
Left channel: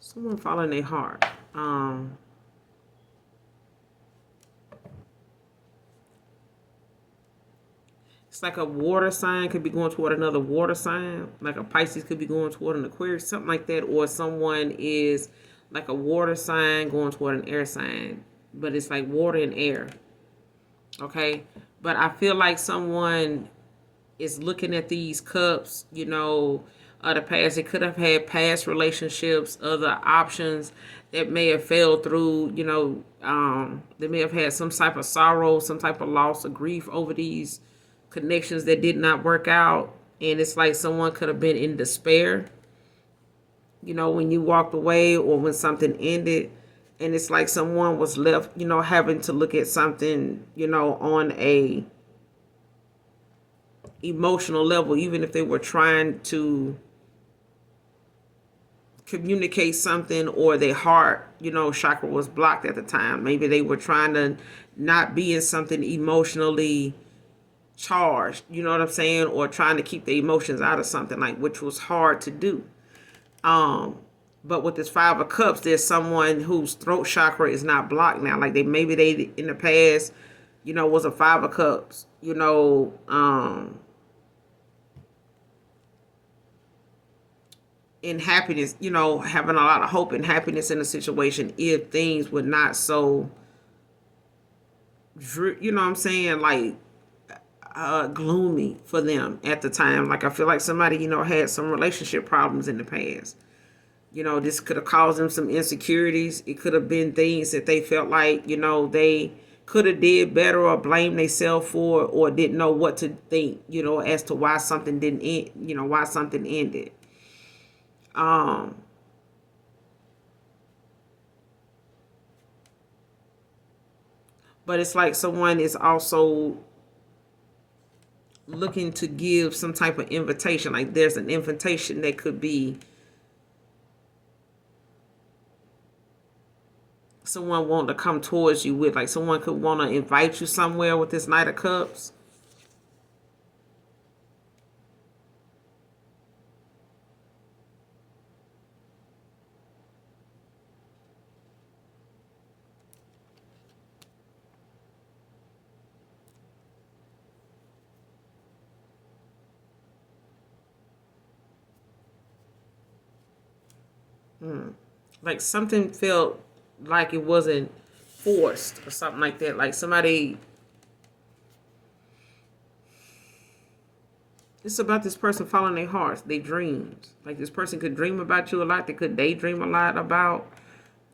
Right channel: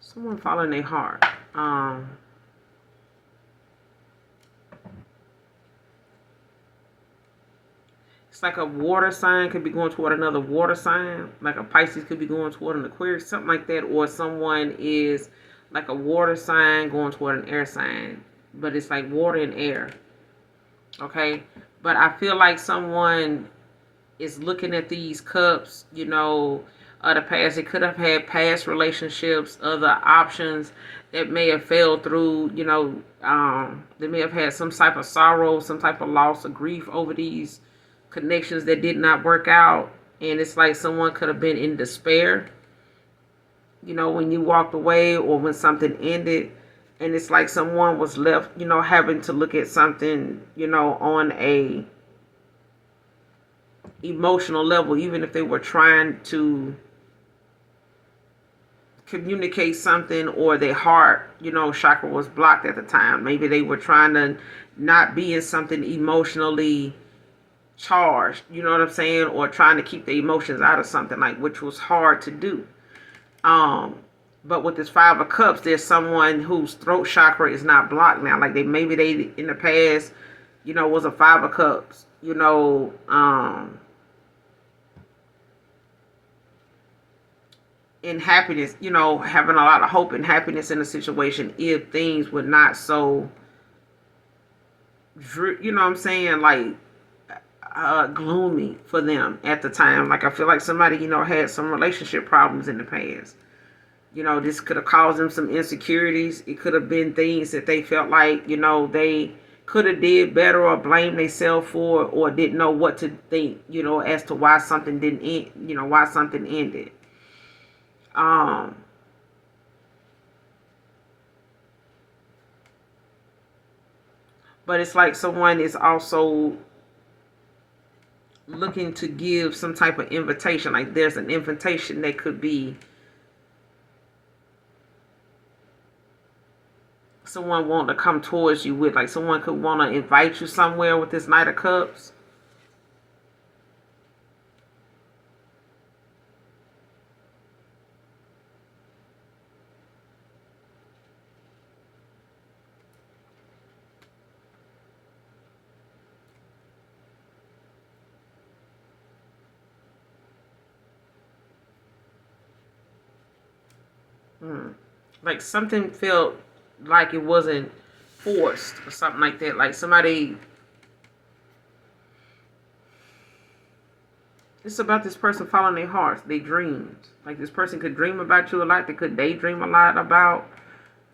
Someone following their heart. It's like a water sign could be going toward another water sign. Like a Pisces could be going toward an Aquarius, something like that. Or someone is like a water sign going toward an air sign. But it's like water and air. Okay? But I feel like someone is looking at these cups, the past. It could have had past relationships, other options that may have failed through, they may have had some type of sorrow, some type of loss or grief over these connections that did not work out. And it's like someone could have been in despair, when you walked away or when something ended. And it's like someone was left, having to look at something, on a emotional level, even if they were trying to communicate something, or their heart, chakra was blocked at the time. Maybe they were trying to not be in something emotionally charged, you know what I'm saying, or trying to keep the emotions out of something, like, which was hard to do. But with this Five of Cups, there's someone whose throat chakra is not blocked now. Like maybe they in the past, was a Five of Cups, in happiness, having a lot of hope and happiness in a situation, if things were not so, what I'm saying, like gloomy for them at the time. Like I feel like somebody, had some relationship problems in the past. This could have caused them some insecurities. It could have been things that they felt like, they could have did better, or blamed themselves for, or didn't know what to think, as to why something didn't end, why something ended. But it's like someone is also looking to give some type of invitation. Like there's an invitation that could be someone wanting to come towards you with, like someone could want to invite you somewhere with this Knight of Cups. Like something felt like it wasn't forced or something like that. Like somebody, it's about this person following their hearts, their dreams. Like this person could dream about you a lot. They could daydream a lot about,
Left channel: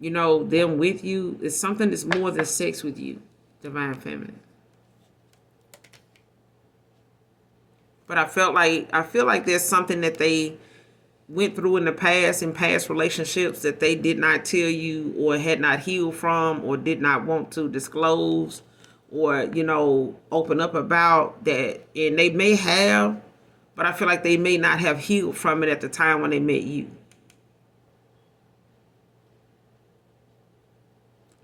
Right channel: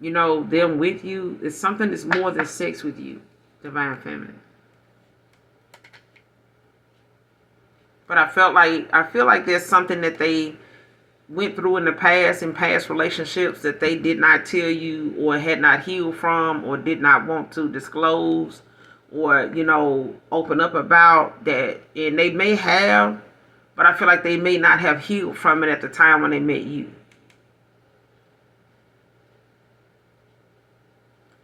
them with you. It's something that's more than sex with you, divine feminine. But I feel like there's something that they went through in the past, in past relationships, that they did not tell you or had not healed from or did not want to disclose or open up about that. And they may have, but I feel like they may not have healed from it at the time when they met you.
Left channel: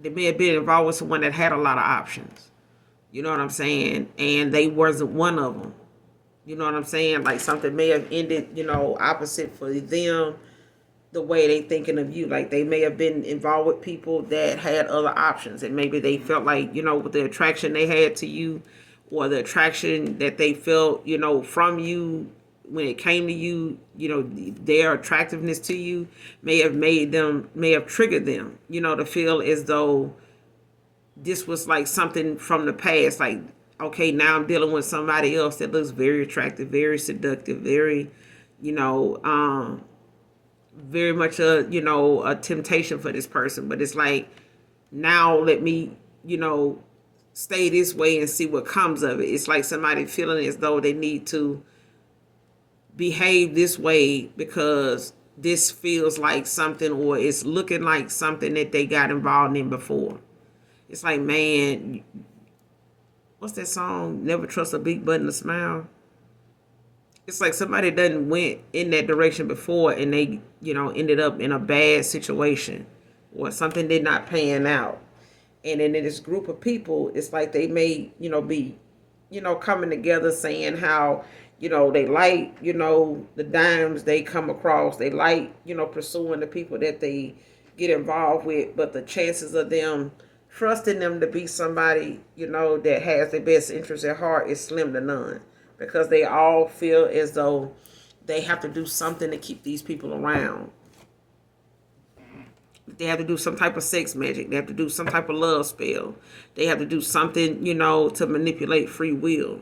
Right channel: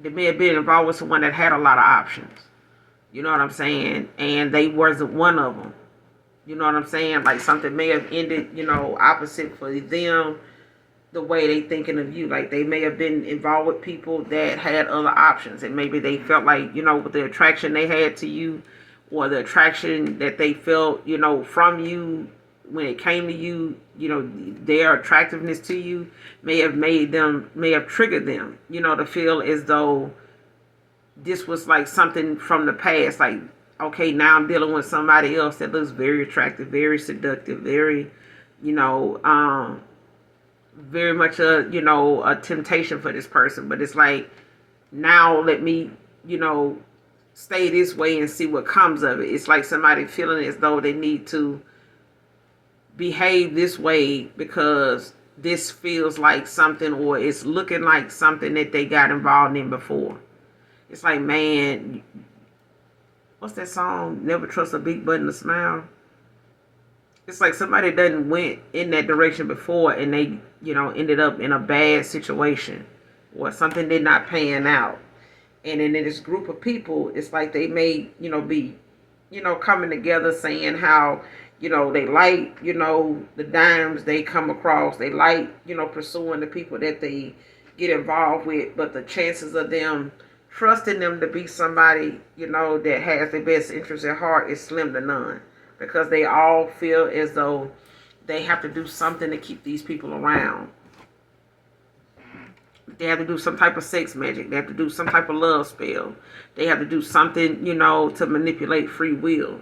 They may have been involved with someone that had a lot of options, you know what I'm saying, and they wasn't one of them. You know what I'm saying? Like something may have ended, opposite for them, the way they thinking of you. Like they may have been involved with people that had other options, and maybe they felt like, with the attraction they had to you, or the attraction that they felt, from you when it came to you, their attractiveness to you may have triggered them, to feel as though this was like something from the past. Like, okay, now I'm dealing with somebody else that looks very attractive, very seductive, very, you know, um, very much a temptation for this person. But it's like, now let me, you know, stay this way and see what comes of it. It's like somebody feeling as though they need to behave this way because this feels like something, or it's looking like something that they got involved in before. It's like, man, what's that song? Never trust a big button to smile. It's like somebody done went in that direction before and they, ended up in a bad situation or something did not pan out. And then in this group of people, it's like they may, be, coming together saying how, they like, the dimes they come across. They like, pursuing the people that they get involved with. But the chances of them trusting them to be somebody, that has their best interest at heart is slim to none. Because they all feel as though they have to do something to keep these people around. They have to do some type of sex magic. They have to do some type of love spell. They have to do something, to manipulate free will.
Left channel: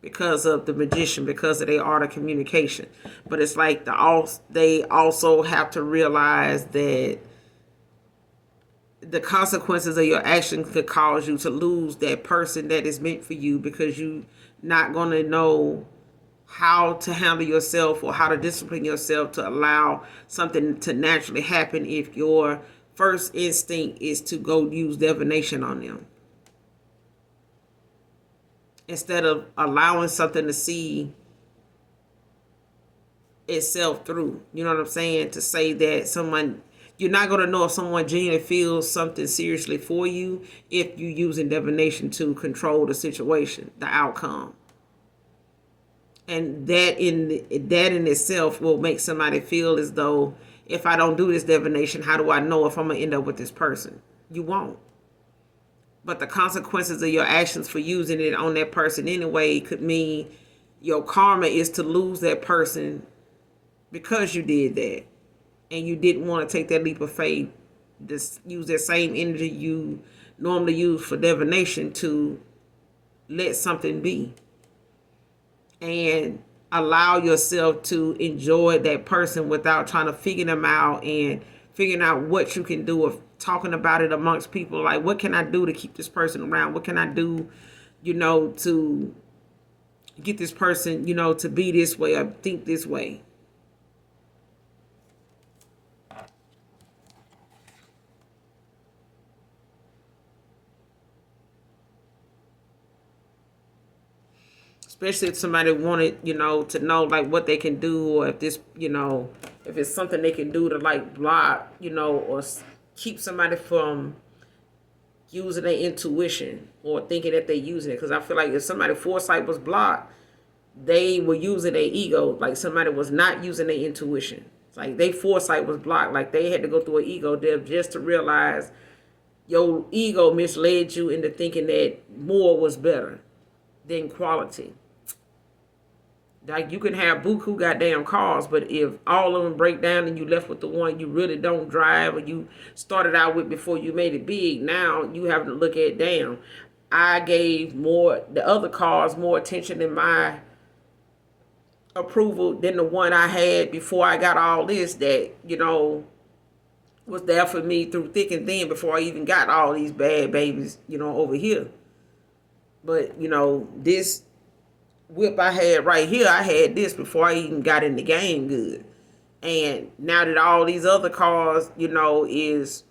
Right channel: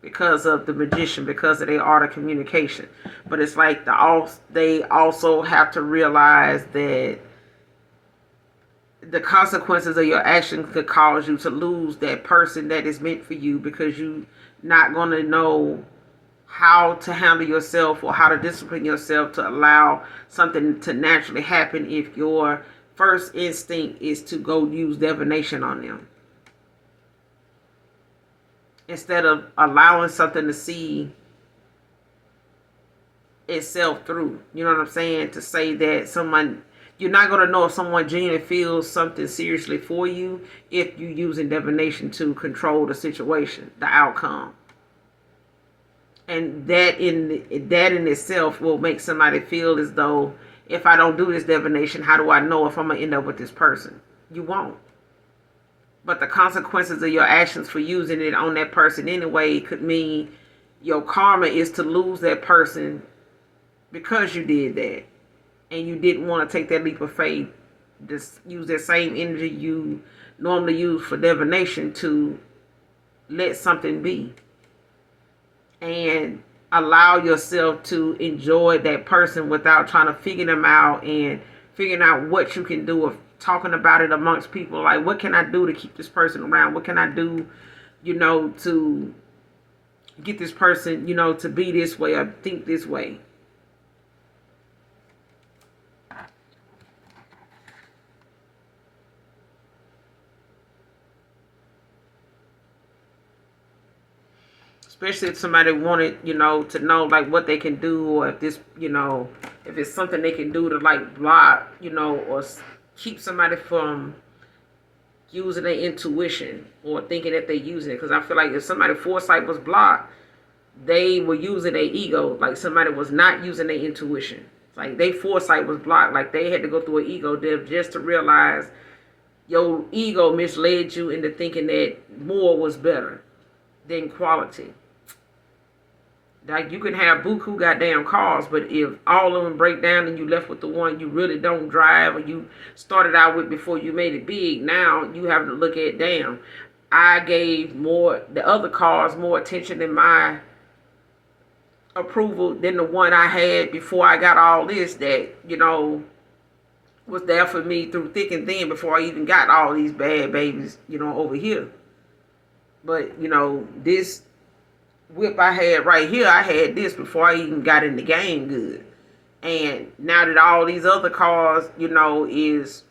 Because of the magician, because of their art of communication. But it's like they also have to realize that the consequences of your action could cause you to lose that person that is meant for you, because you're not going to know how to handle yourself or how to discipline yourself to allow something to naturally happen if your first instinct is to go use divination on them instead of allowing something to see itself through. You know what I'm saying? To say that someone, you're not going to know if someone genuinely feels something seriously for you if you're using divination to control the situation, the outcome. And that in itself will make somebody feel as though, if I don't do this divination, how do I know if I'm going to end up with this person? You won't. But the consequences of your actions for using it on that person anyway could mean your karma is to lose that person because you did that. And you didn't want to take that leap of faith, just use that same energy you normally use for divination to let something be. And allow yourself to enjoy that person without trying to figure them out and figuring out what you can do, of talking about it amongst people. Like, what can I do to keep this person around? What can I do, to get this person, to be this way or think this way? Especially if somebody wanted, to know like what they can do, or if this, if it's something they can do to like block, or keep somebody from using their intuition or thinking that they're using it. Because I feel like if somebody's foresight was blocked, they were using their ego. Like somebody was not using their intuition. It's like their foresight was blocked. Like they had to go through an ego death just to realize your ego misled you into thinking that more was better than quality. Like, you can have buku goddamn cars, but if all of them break down and you left with the one you really don't drive, or you started out with before you made it big, now you have to look at, damn, I gave the other cars more attention in my approval than the one I had before I got all this, that, was there for me through thick and thin before I even got all these bad babies, over here. But, this whip I had right here, I had this before I even got in the game good. And now that all these other cars, is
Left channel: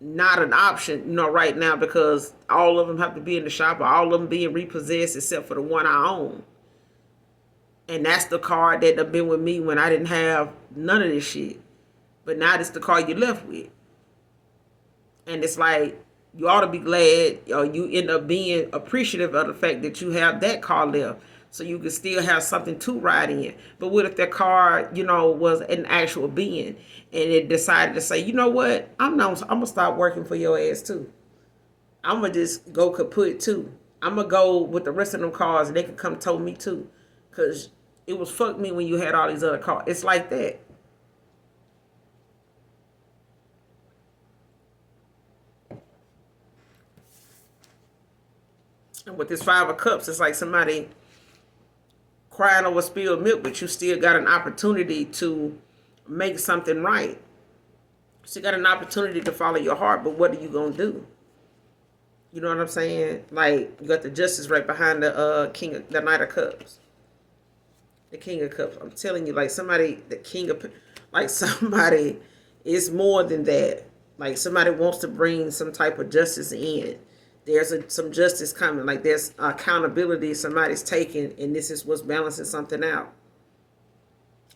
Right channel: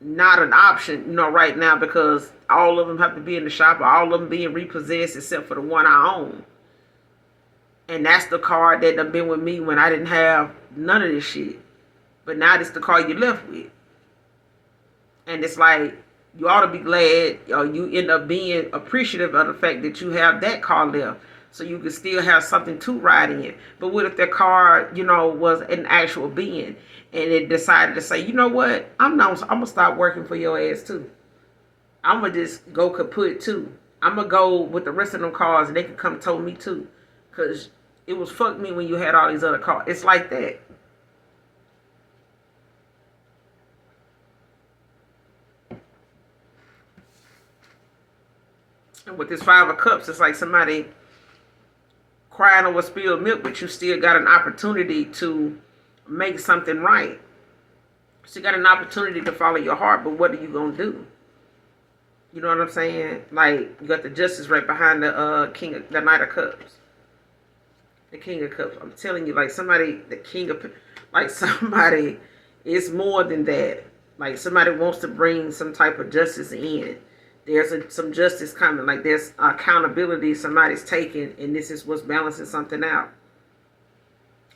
not an option, right now, because all of them have to be in the shop, or all of them being repossessed except for the one I own. And that's the car that have been with me when I didn't have none of this shit. But now it's the car you left with. And it's like, you ought to be glad, or you end up being appreciative of the fact that you have that car left, so you can still have something to ride in. But what if that car, was an actual being, and it decided to say, you know what, I'm gonna stop working for your ass too. I'm gonna just go kaput too. I'm gonna go with the rest of them cars, and they can come tow me too, cause it was fuck me when you had all these other cars. It's like that. And with this 5 of Cups, it's like somebody crying over spilled milk, but you still got an opportunity to make something right. So you got an opportunity to follow your heart, but what are you gonna do? You know what I'm saying? Like, you got the Justice right behind the the Knight of Cups, the King of Cups. I'm telling you, like, somebody, the King of, like, somebody is more than that. Like, somebody wants to bring some type of justice in. There's some justice coming. Like, there's accountability somebody's taking, and this is what's balancing something out.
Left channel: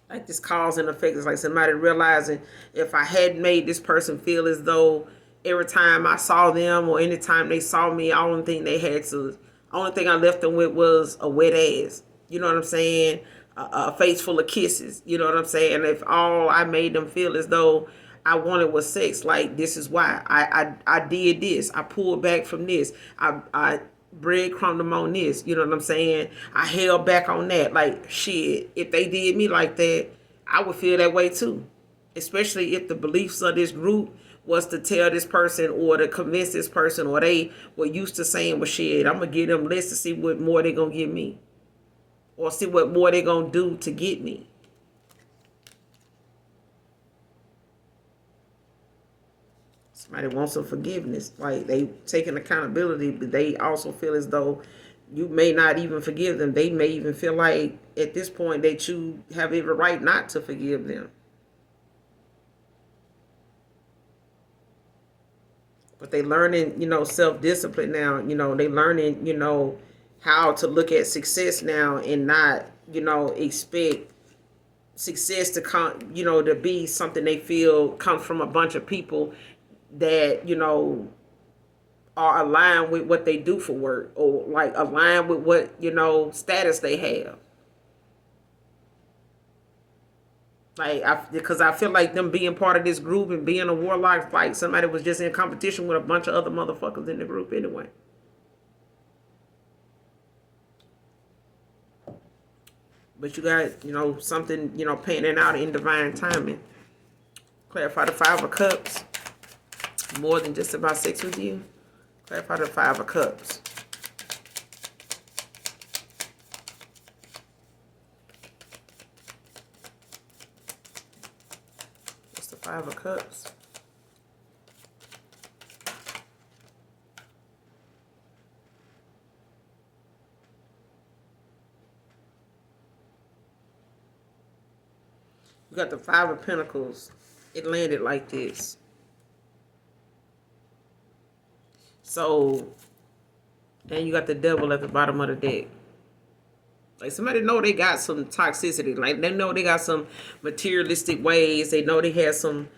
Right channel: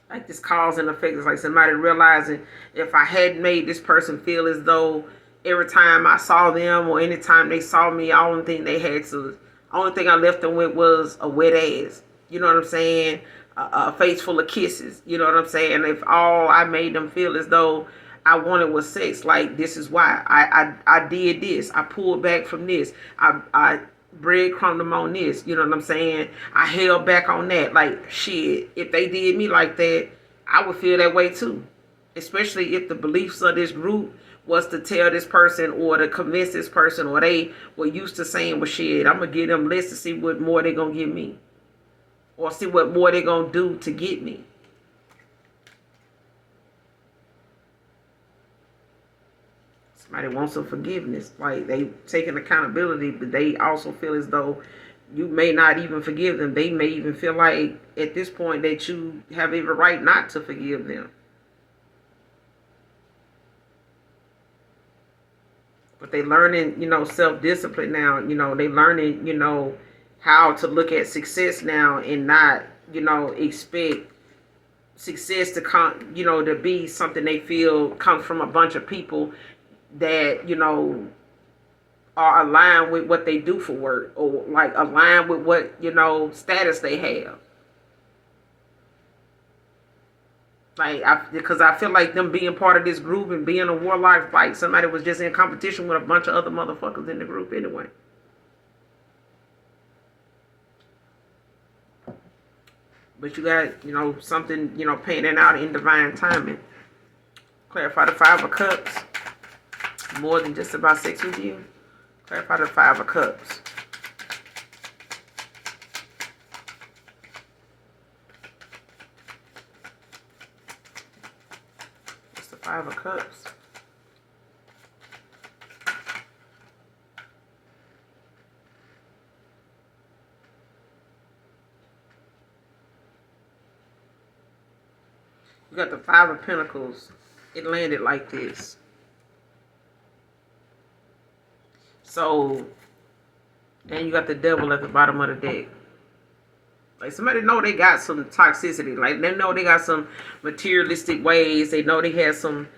Like, this cause and effect is like somebody realizing, if I hadn't made this person feel as though every time I saw them or anytime they saw me, only thing I left them with was a wet ass. You know what I'm saying? A face full of kisses. You know what I'm saying? If all I made them feel as though I wanted was sex, like, this is why I did this. I pulled back from this. I breadcrumbed them on this. You know what I'm saying? I held back on that. Like, shit, if they did me like that, I would feel that way too. Especially if the beliefs of this group was to tell this person or to convince this person, or they were used to saying, well, shit, I'm going to give them less to see what more they're going to give me, or see what more they're going to do to get me. Somebody wants some forgiveness. Like, they taking accountability, but they also feel as though you may not even forgive them. They may even feel like at this point that you have every right not to forgive them. But they learning, self-discipline now. They learning, how to look at success now, and not, expect success to come, to be something they feel comes from a bunch of people that, are aligned with what they do for work, or like aligned with what, status they have. Like, because I feel like them being part of this group and being a warlock, like somebody was just in competition with a bunch of other motherfuckers in the group anyway. But you got, something, panning out in divine timing. Clarify the 5 of Cups. More than just about sex with you. Clarify the 5 of Cups. What's the 5 of Cups? You got the 5 of Pentacles. It landed like this. So, and you got the Devil at the bottom of the deck. Like, somebody know they got some toxicity. Like, they know they got some materialistic ways. They know they had some,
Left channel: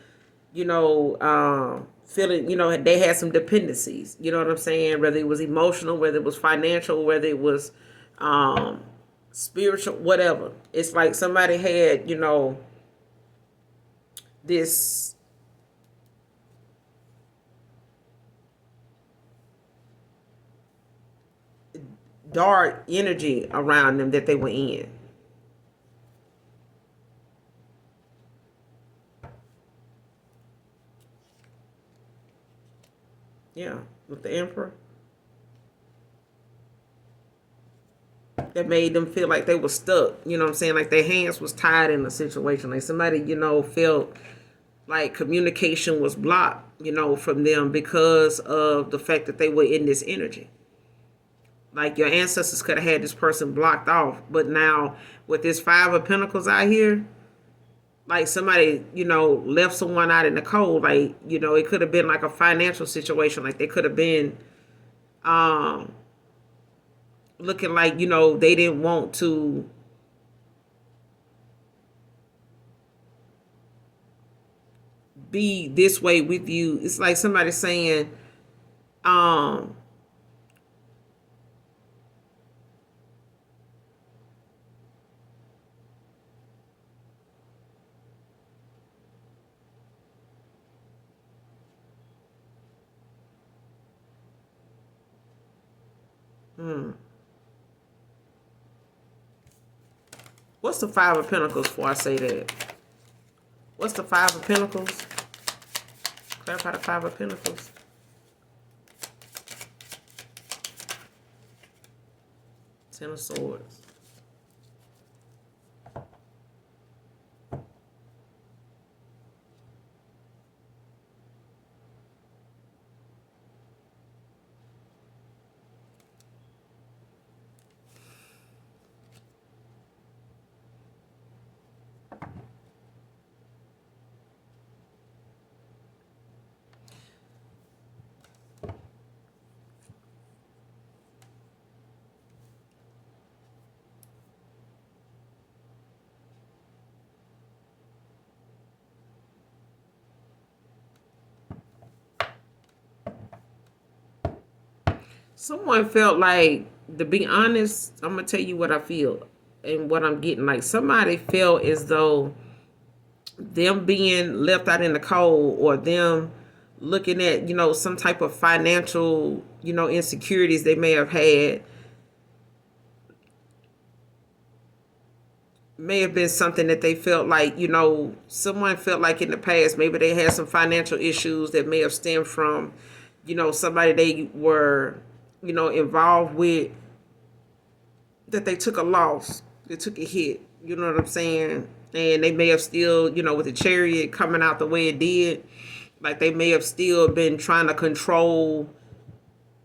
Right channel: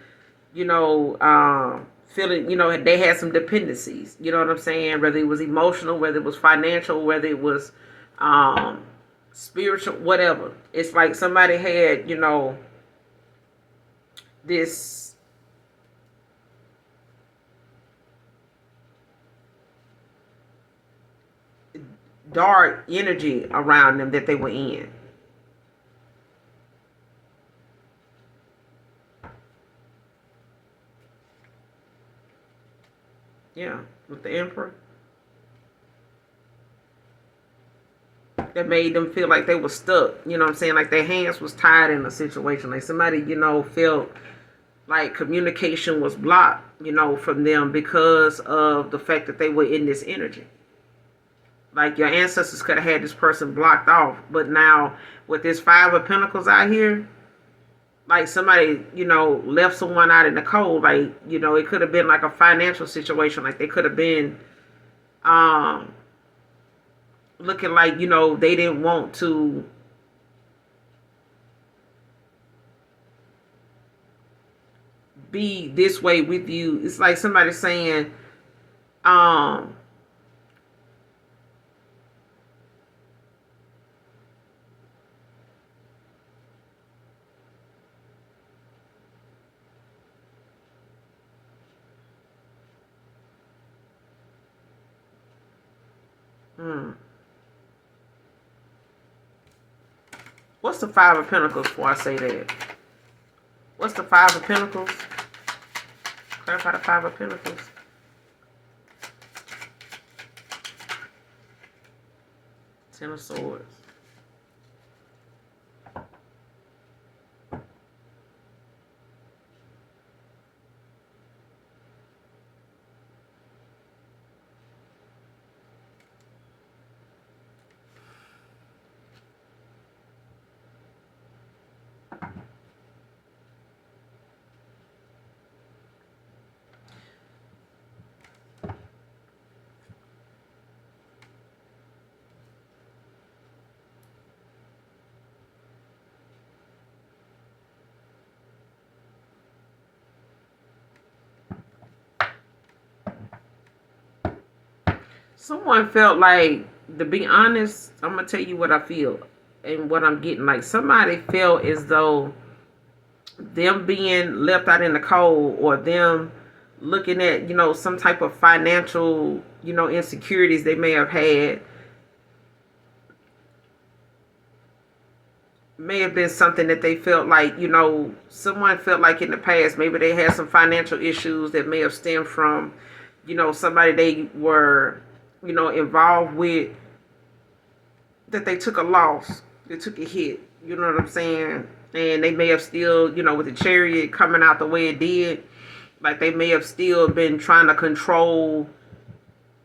feeling, they had some dependencies. You know what I'm saying? Whether it was emotional, whether it was financial, whether it was spiritual, whatever. It's like somebody had, this dark energy around them that they were in. Yeah, with the Emperor. That made them feel like they were stuck. You know what I'm saying? Like their hands was tied in a situation. Like somebody, felt like communication was blocked, from them because of the fact that they were in this energy. Like your ancestors could have had this person blocked off, but now with this Five of Pentacles out here, like somebody, left someone out in the cold. Like, it could have been like a financial situation. Like they could have been um looking like, they didn't want to be this way with you. It's like somebody saying, um, hmm, what's the Five of Pentacles before I say that? What's the Five of Pentacles? Clarify the Five of Pentacles. Ten of Swords. Someone felt like, to be honest, I'm gonna tell you what I feel and what I'm getting. Like somebody felt as though them being left out in the cold, or them looking at, some type of financial, insecurities they may have had, may have been something that they felt like, someone felt like in the past, maybe they had some financial issues that may have stemmed from, somebody they were, involved with, that they took a loss, they took a hit, you know what I'm saying? And they may have still, with the Chariot coming out the way it did, like they may have still been trying to control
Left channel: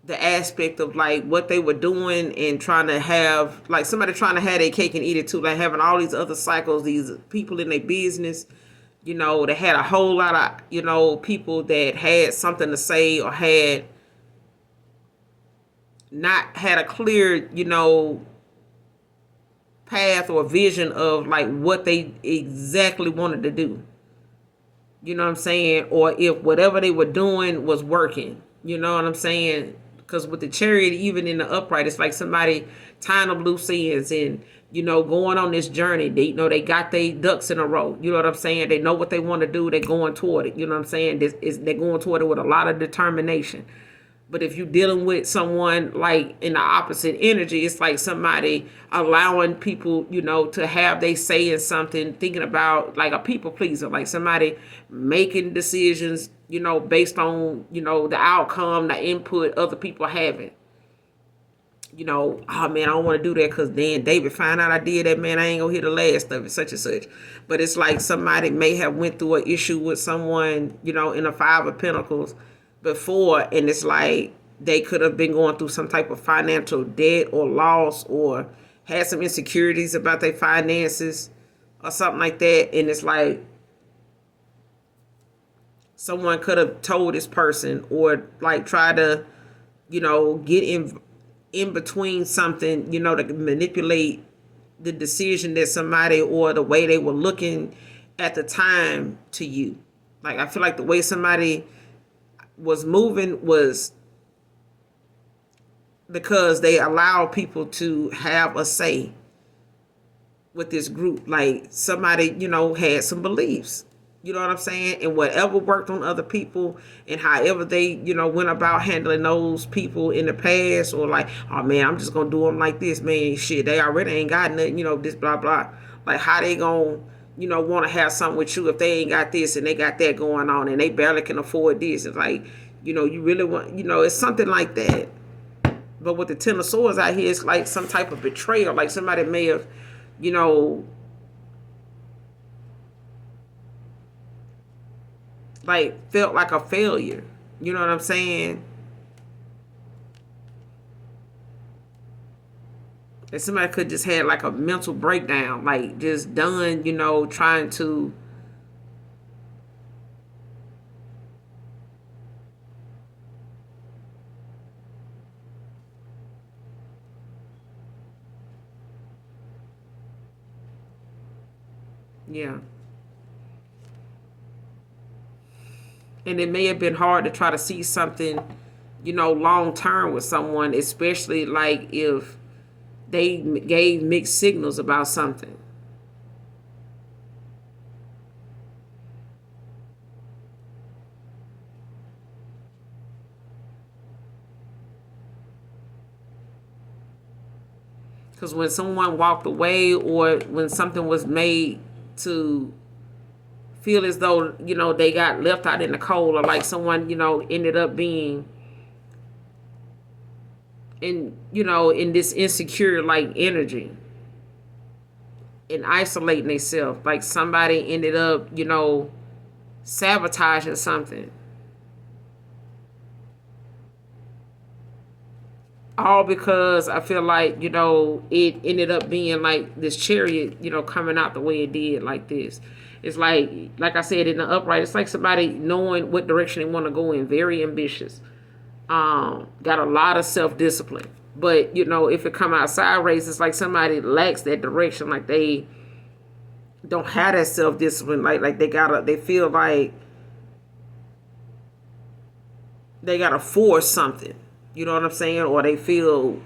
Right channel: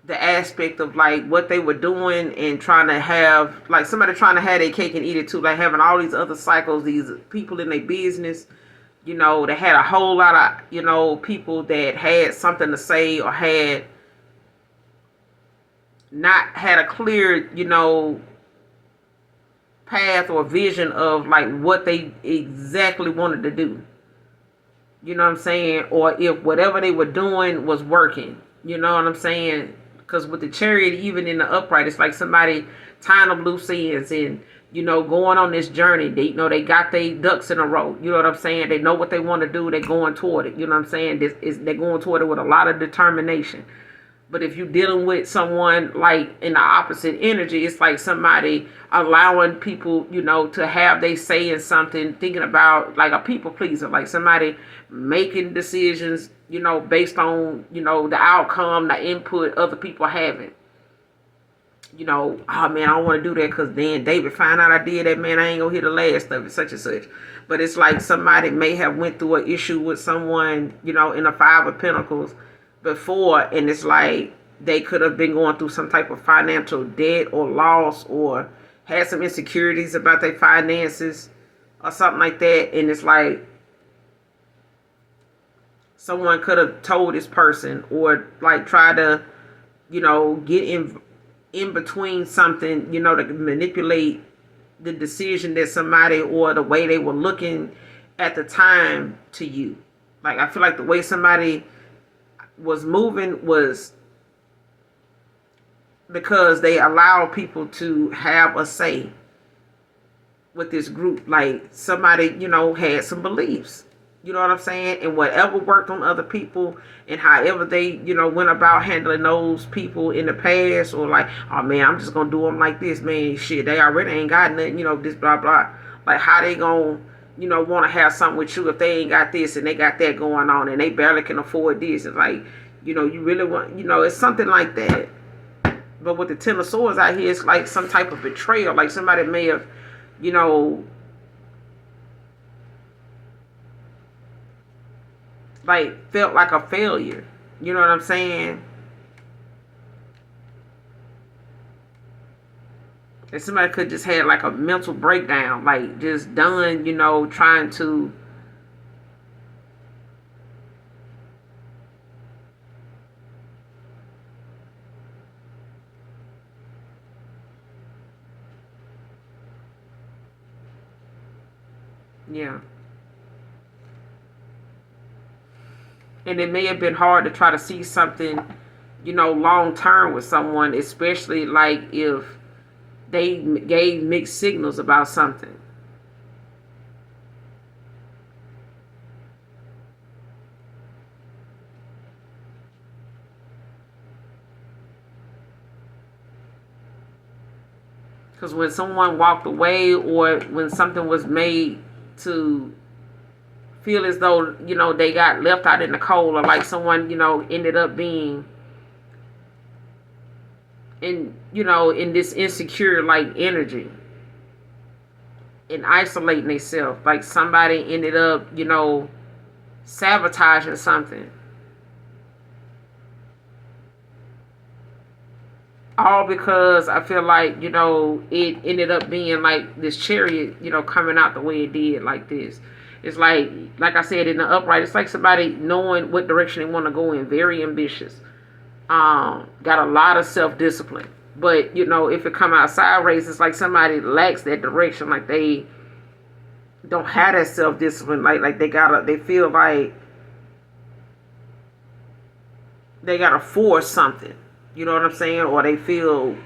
the aspect of like what they were doing, and trying to have like somebody trying to have their cake and eat it too, like having all these other cycles, these people in their business, they had a whole lot of, people that had something to say, or had not had a clear, path or vision of like what they exactly wanted to do. You know what I'm saying? Or if whatever they were doing was working. You know what I'm saying? Because with the Chariot, even in the upright, it's like somebody tying up loose ends and, going on this journey. They, they got their ducks in a row. You know what I'm saying? They know what they want to do. They're going toward it. You know what I'm saying? They're going toward it with a lot of determination. But if you're dealing with someone like in the opposite energy, it's like somebody allowing people, to have they say in something, thinking about like a people pleaser, like somebody making decisions, based on, the outcome, the input other people having. Oh man, I don't want to do that because then David find out I did that, man, I ain't gonna hear the last of it, such and such. But it's like somebody may have went through an issue with someone, in a Five of Pentacles before, and it's like they could have been going through some type of financial debt or loss, or had some insecurities about their finances or something like that. And it's like someone could have told this person, or like try to, get in between something, to manipulate the decision that somebody, or the way they were looking at the time to you. Like I feel like the way somebody was moving was because they allow people to have a say with this group. Like somebody, had some beliefs, You know what I'm saying? And whatever worked on other people and however they, went about handling those people in the past, or like, oh man, I'm just gonna do them like this, man. Shit, they already ain't got nothing, this blah blah. Like, how they gonna, want to have something with you if they ain't got this and they got that going on and they barely can afford this? It's like, you really want, it's something like that. But with the Ten of Swords out here, it's like some type of betrayal. Like somebody may have, you know, like felt like a failure. You know what I'm saying? And somebody could just had like a mental breakdown, like just done, trying to yeah. And it may have been hard to try to see something, long term with someone, especially like if they gave mixed signals about something. Because when someone walked away or when something was made to feel as though, they got left out in the cold, or like someone, ended up being in this insecure like energy and isolating themselves, like somebody ended up, sabotaging something, all because I feel like, it ended up being like this Chariot, coming out the way it did like this. It's like I said in the upright, it's like somebody knowing what direction they want to go in, very ambitious, got a lot of self-discipline. But, if it come out sideways, it's like somebody lacks that direction, like they don't have that self-discipline, like they feel like they gotta force something. You know what I'm saying? Or they feel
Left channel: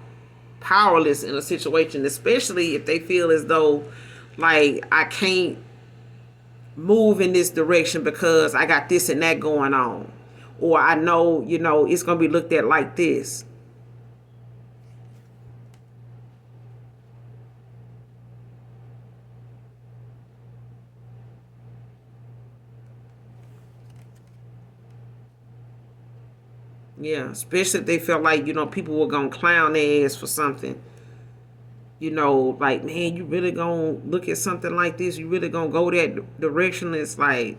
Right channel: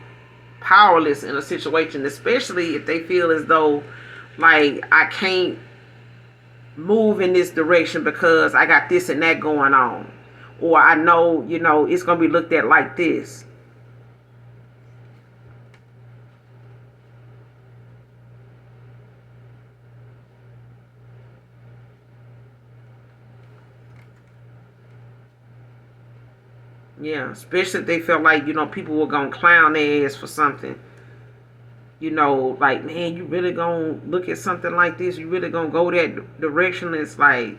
powerless in a situation, especially if they feel as though like I can't move in this direction because I got this and that going on. Or I know, it's gonna be looked at like this. Yeah, especially if they felt like, people were gonna clown their ass for something. Like, man, you really gonna look at something like this? You really gonna go that direction? It's like,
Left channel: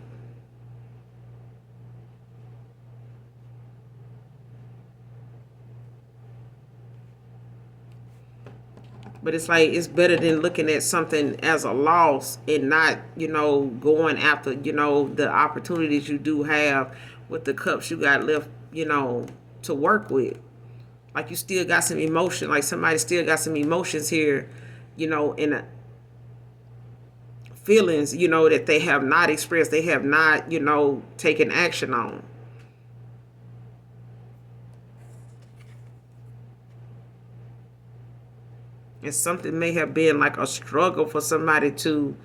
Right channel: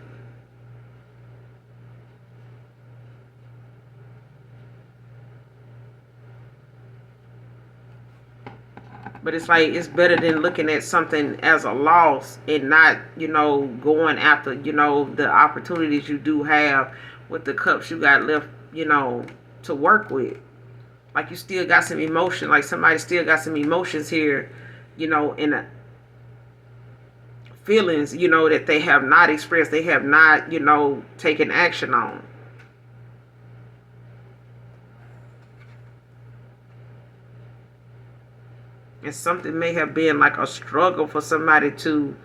but it's like it's better than looking at something as a loss and not, going after, the opportunities you do have with the cups you got left, to work with. Like you still got some emotion, like somebody still got some emotions here, and feelings, that they have not expressed, they have not, taken action on. And something may have been like a struggle for somebody to,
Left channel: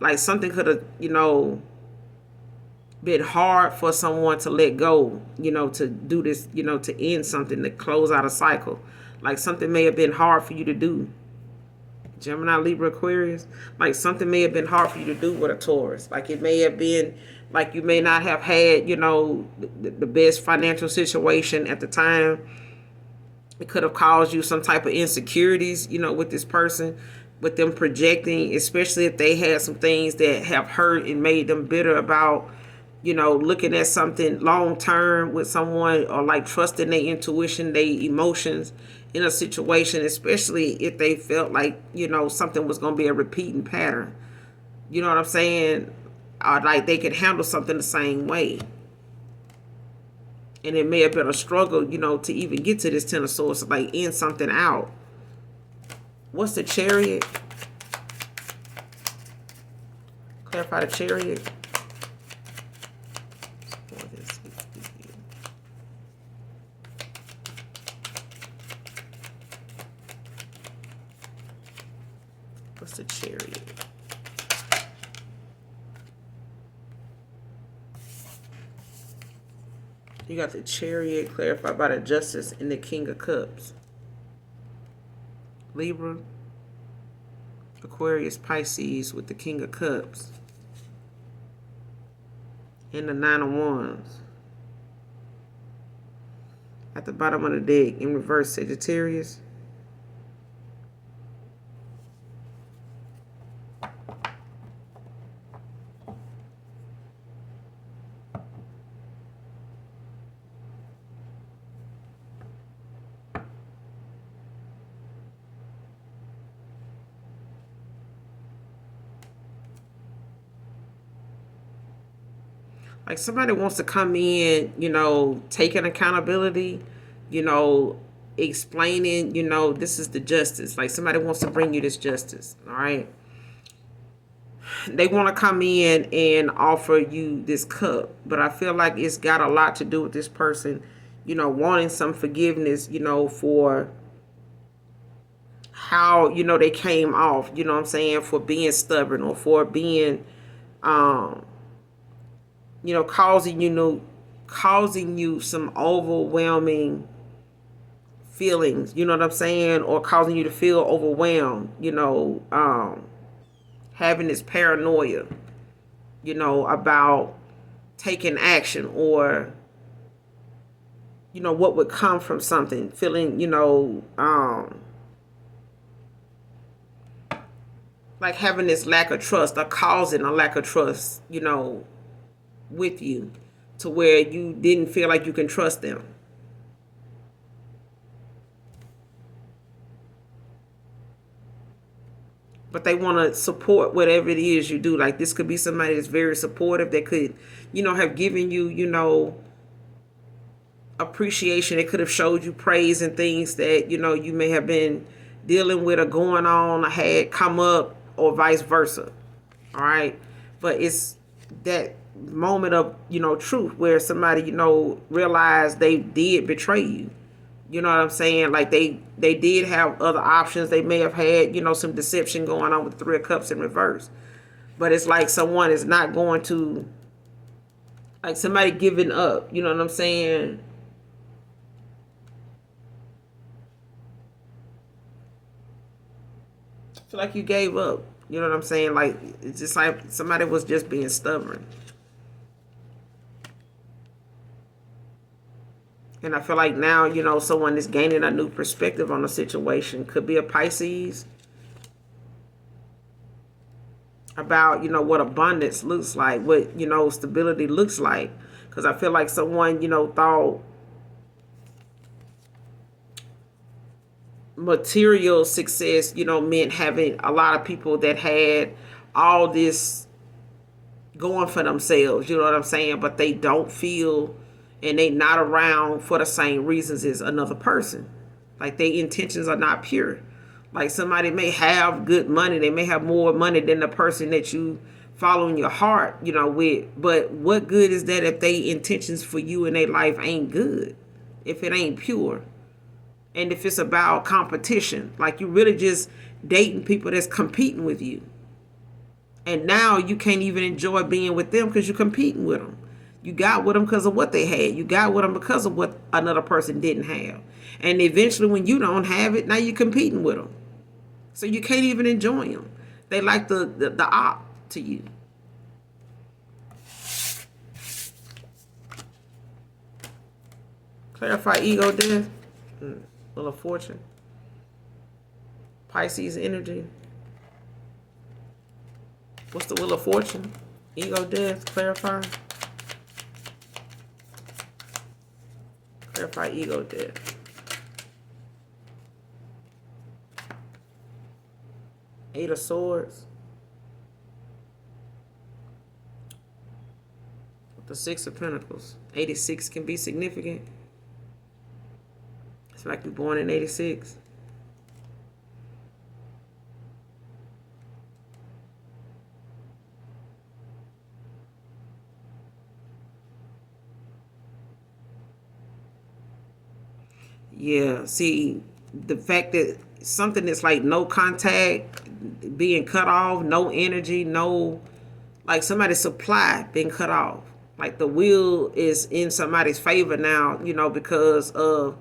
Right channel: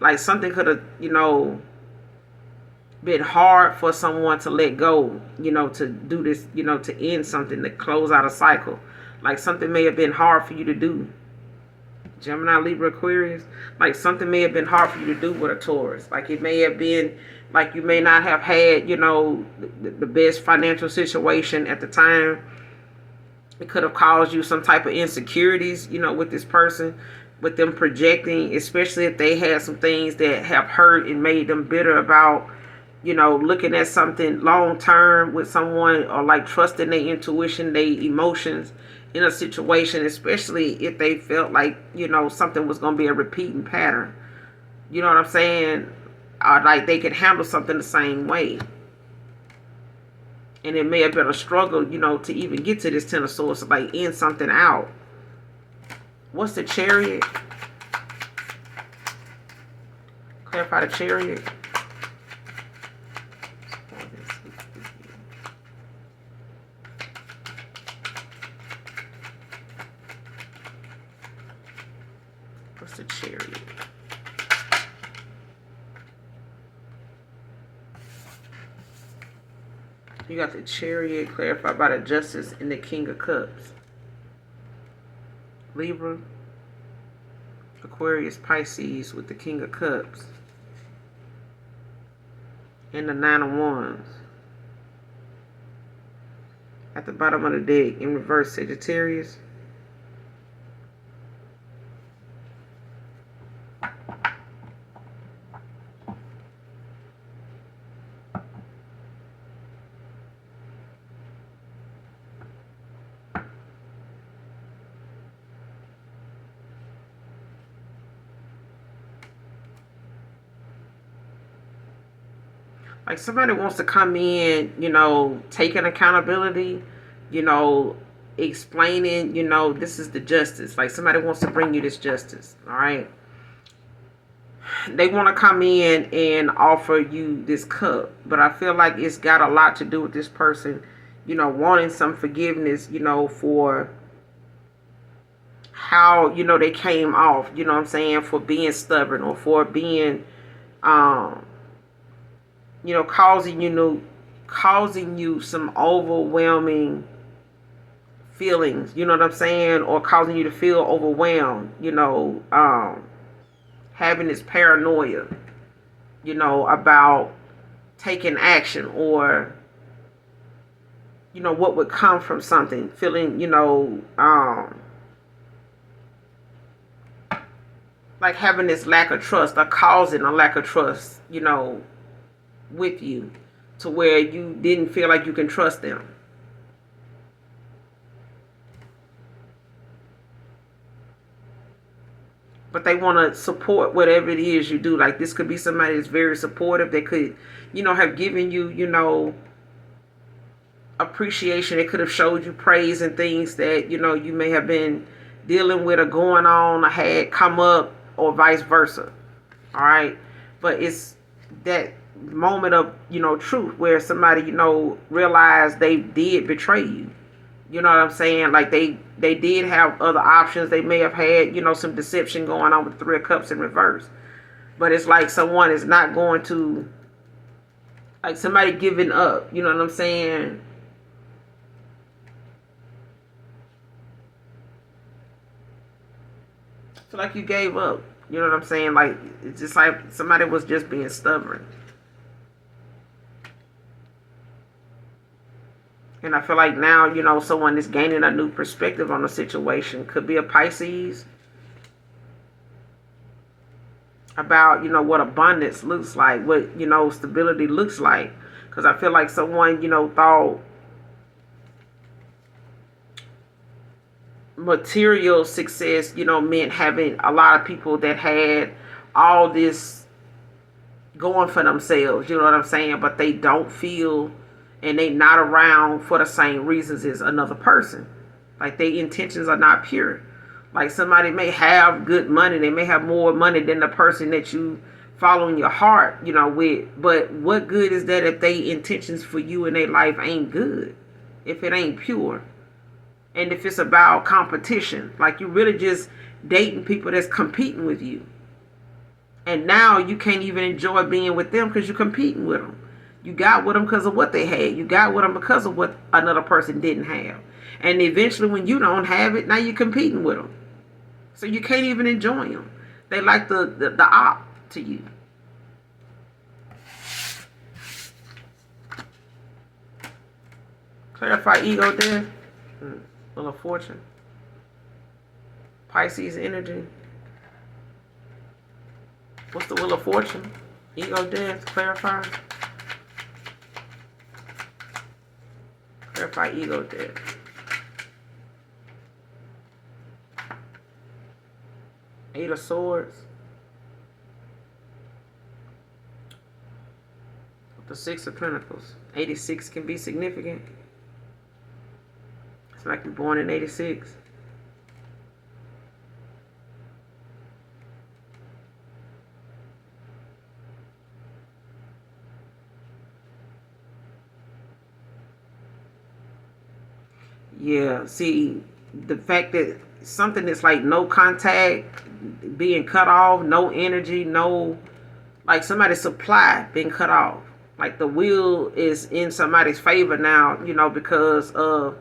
like something could have, been hard for someone to let go, to do this, to end something, to close out a cycle. Like something may have been hard for you to do. Gemini, Libra, Aquarius, like something may have been hard for you to do with a Taurus. Like it may have been like you may not have had, the best financial situation at the time. It could have caused you some type of insecurities, with this person, with them projecting, especially if they had some things that have hurt and made them bitter about, looking at something long term with someone, or like trusting their intuition, their emotions in a situation, especially if they felt like, something was going to be a repeating pattern. You know what I'm saying? Like they could handle something the same way. And it may have been a struggle, to even get to this Ten of Swords, to like end something out. What's the Chariot? Clarify the Chariot. What's the Chariot? You got the Chariot clarified by the Justice and the King of Cups. Libra, Aquarius, Pisces with the King of Cups. And the Nine of Wands. At the bottom of the deck, in reverse, Sagittarius. Like somebody wants to come in, taking accountability, explaining, this is the justice. Like somebody wants to bring you this justice, all right? They want to come in and offer you this cup, but I feel like it's got a lot to do with this person, wanting some forgiveness, for how, they came off, what I'm saying, for being stubborn or for being, causing you some overwhelming feelings, you know what I'm saying, or causing you to feel overwhelmed, having this paranoia, about taking action or, what would come from something, feeling, like having this lack of trust or causing a lack of trust, with you to where you didn't feel like you can trust them. But they want to support whatever it is you do. Like this could be somebody that's very supportive. They could, have given you, appreciation. They could have showed you praise and things that, you may have been dealing with or going on or had come up or vice versa. All right. But it's that moment of, truth where somebody, realized they did betray you. You know what I'm saying? Like they did have other options. They may have had, some deception going on with the Three of Cups in reverse. But it's like someone is not going to, like somebody giving up. You know what I'm saying? I feel like you gave up. You know what I'm saying? Like it's just like somebody was just being stubborn. And I feel like now, someone is gaining a new perspective on the situation. Could be a Pisces. About, what abundance looks like. What, stability looks like. Because I feel like someone, thought material success, meant having a lot of people that had all this going for themselves. You know what I'm saying? But they don't feel... and they not around for the same reasons as another person. Like their intentions are not pure. Like somebody may have good money. They may have more money than the person that you follow in your heart, with. But what good is that if their intentions for you in their life ain't good? If it ain't pure. And if it's about competition. Like you really just dating people that's competing with you. And now you can't even enjoy being with them because you're competing with them. You got with them because of what they had. You got with them because of what another person didn't have. And eventually when you don't have it, now you're competing with them. So you can't even enjoy them. They like the op to you. Clarify ego death. Wheel of Fortune. Pisces energy. What's the Wheel of Fortune? Ego death. Clarify. Clarify ego death. Eight of Swords. The Six of Pentacles. 86 can be significant. It's like you're born in 86. Yeah, see, the fact that something that's like no contact, being cut off, no energy, no, like somebody's supply being cut off. Like the wheel is in somebody's favor now, because of